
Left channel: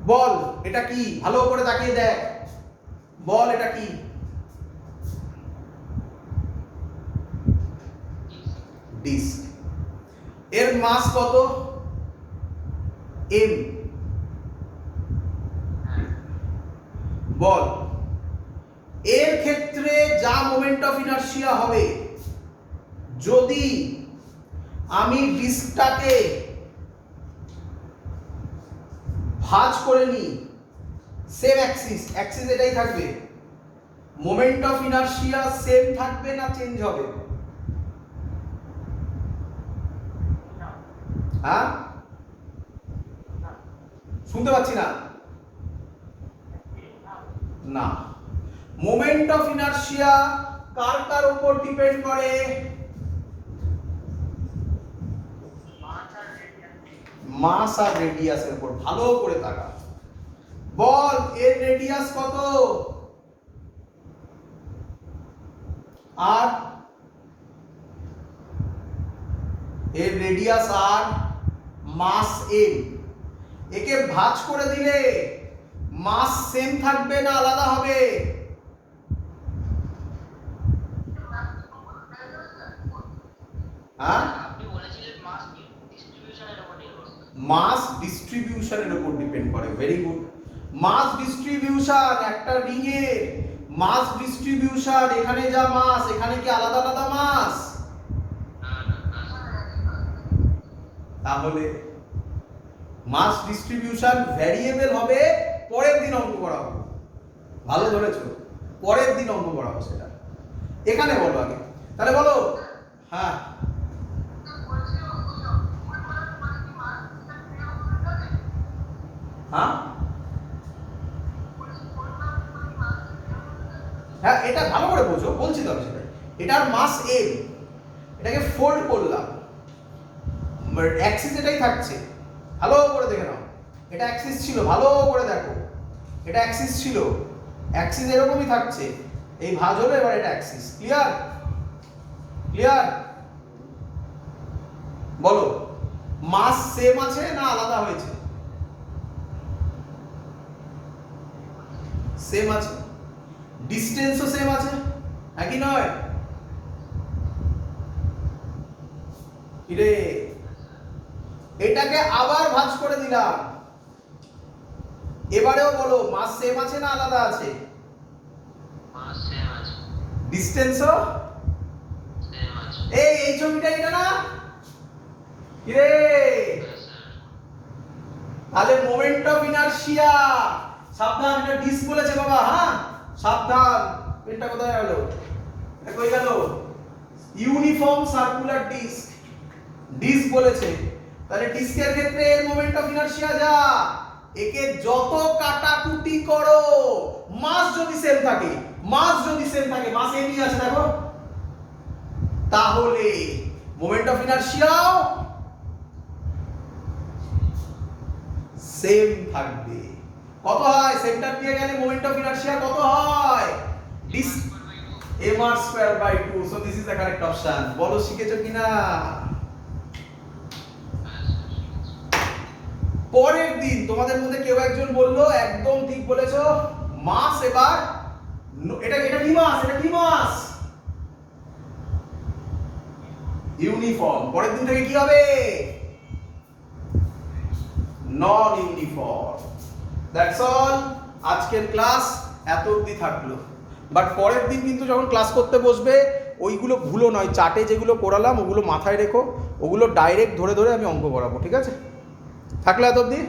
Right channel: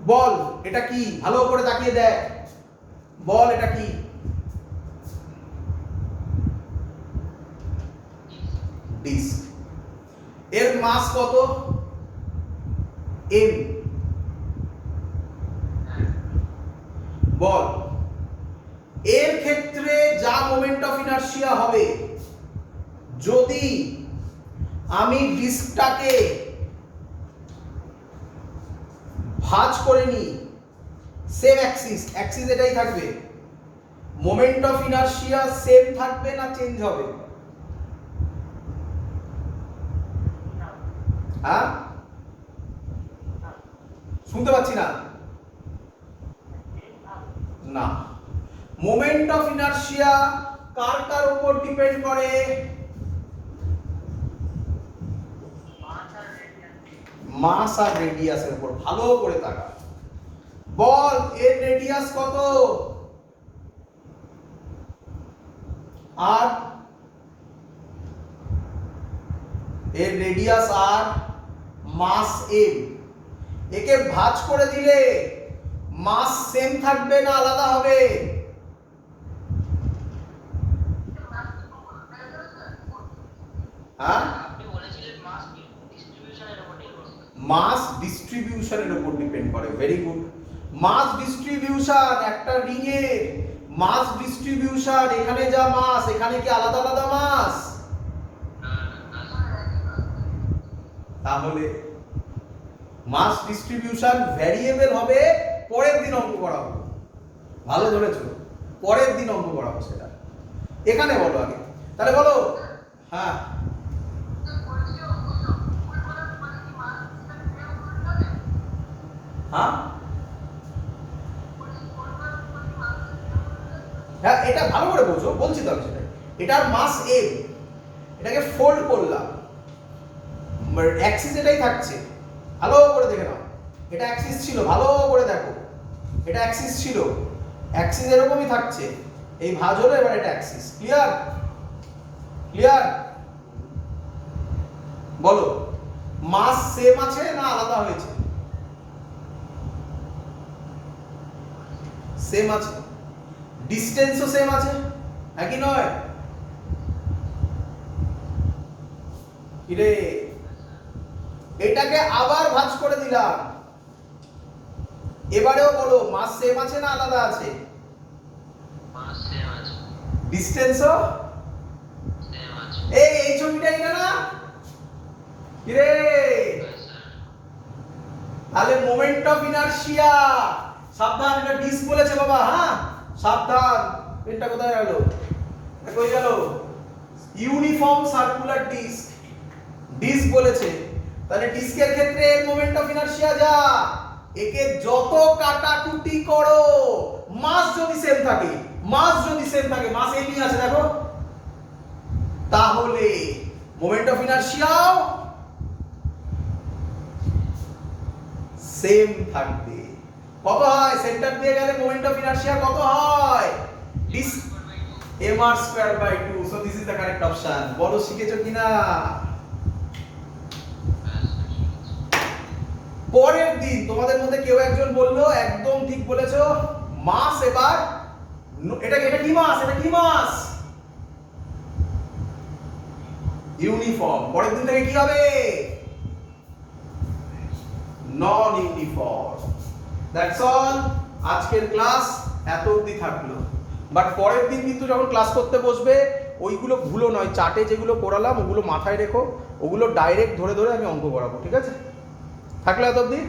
বল এটা কি? ভালো করে তাকিয়ে দেখ, বল এটা কি? ডিস্ক। এর মাস কত? m। বল এর ক্ষেত্রে যা মোমেন্ট অফ ইনারশিয়া হবে, যদি আমি ডিস্কটাকে ভাঁজ করে নি, সেম অ্যাক্সিস এটাই থাকবে, মোমেন্ট অফ ইনারশিয়া সেম থাকবে না চেঞ্জ হবে? হ্যাঁ, শুনতে পাচ্ছি না। না, মোমেন্ট অফ ইনারশিয়া কার উপর ডিপেন্ড করে? মাস আর রেডিয়াসের উপর। ভালো করে তাকা। বল এর রেডিয়াস কত? আর এর রেডিয়াস আর, মাস m। একে ভাঁজ করে দিলে মাস সেম থাকবে না আলাদা হবে? হ্যাঁ, আপনি বলেছিলেন মাস ডিস্ট্রিবিউশনের উপর নির্ভর করে। মাস ডিস্ট্রিবিউশনের উপর ডিপেন্ড করে। Very good. মাস ডিস্ট্রিবিউশন, একটা রিং এ মাস ডিস্ট্রিবিউশন, এখানে যা মাস এখানে কি আলাদা আলাদা মাস? তাহলে মাস ডিস্ট্রিবিউশন ভ্যারিয়েবল হবে। পরের দিন অঙ্ক করাবো। ভালো ধরেছো, পরের দিন অঙ্ক করাবো সেটা। এখানে বলো আগে, তাহলে বলো। হ্যাঁ, হ্যাঁ হ্যাঁ, এটা ভালো করে বোঝো, বলছি তো আমি সেটা। এটার মাস m, এটাকে ফোল্ড করলাম, অ্যাক্সিস এটাই থাকছে। ভালো করে দেখে নাও, এটা অ্যাক্সিস ছিল, ভালো করে দেখো, এটা অ্যাক্সিস ছিল, অ্যাক্সিস এরকমই থাকছে। এই ভাঁজ হলো, এবার এটা অ্যাক্সিস। ক্লিয়ার? ক্লিয়ার? বলো, মাস সেম আছে না আলাদা হয়েছে? সেম আছে। ডিসটেন্সও সেম আছে, একই নয়? রে এটাকে আবার ভাঁজ করে দিলাম। এবারেও বলো, মাস সেম আছে না আলাদা আছে? মাস সেম আছে। ডিসটেন্সও সেম আছে। এই ছবিটা এটা না? রে হ্যাঁ স্যার। তাহলে মোমেন্ট অফ ইনারশিয়া, সাবধান, এটা ডিস্ক বলেছে বাবা, হ্যাঁ সাবধান। পেনটা কোথায় গেল? এটা কই গেল? ইউনিফর্ম সার্কুলার ডিস্ক, ডিস্ক বলেছে। তাহলে ডিস্কের ক্ষেত্রে মোমেন্ট অফ ইনারশিয়া যা, একে যত কাটাকুটি করো, মাস যদি সেম থাকে, মাস যদি সেম থাকে, মাস এমই আছে দেখো, তাহলে মোমেন্ট অফ ইনারশিয়াও সেম থাকবে। কত হয়? সেন্টার দিয়ে গেলে মোমেন্ট অফ ইনারশিয়া কত হয়? This mr²/2। So this is the correct option. বলো শিখেছো কিনা? পরের দিন তোমাদের মধ্যে কেউ একজন বললো, একদম ঠিক বলেছো, মাস এবার এটা এটা কি মাস? এটা কি মাস? ইউনিফর্ম। পরের দিন থেকে কি হবে? নন ইউনিফর্ম। That's all. আজকের ক্লাস এত অবধি থাকলো। বাট পরের দিন কিন্তু যখন ক্লাস করতে বসবে, ওইগুলো ভুলো নয়, চার্টে যেগুলো করালাম ওগুলো মাথায় রেখো, ওগুলো ডাইরেক্ট ধরে ধরে আমি অঙ্ক করাবো, ঠিক আছে? থাকলো এত অবধি?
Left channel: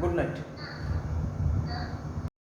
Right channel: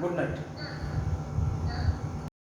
Good night.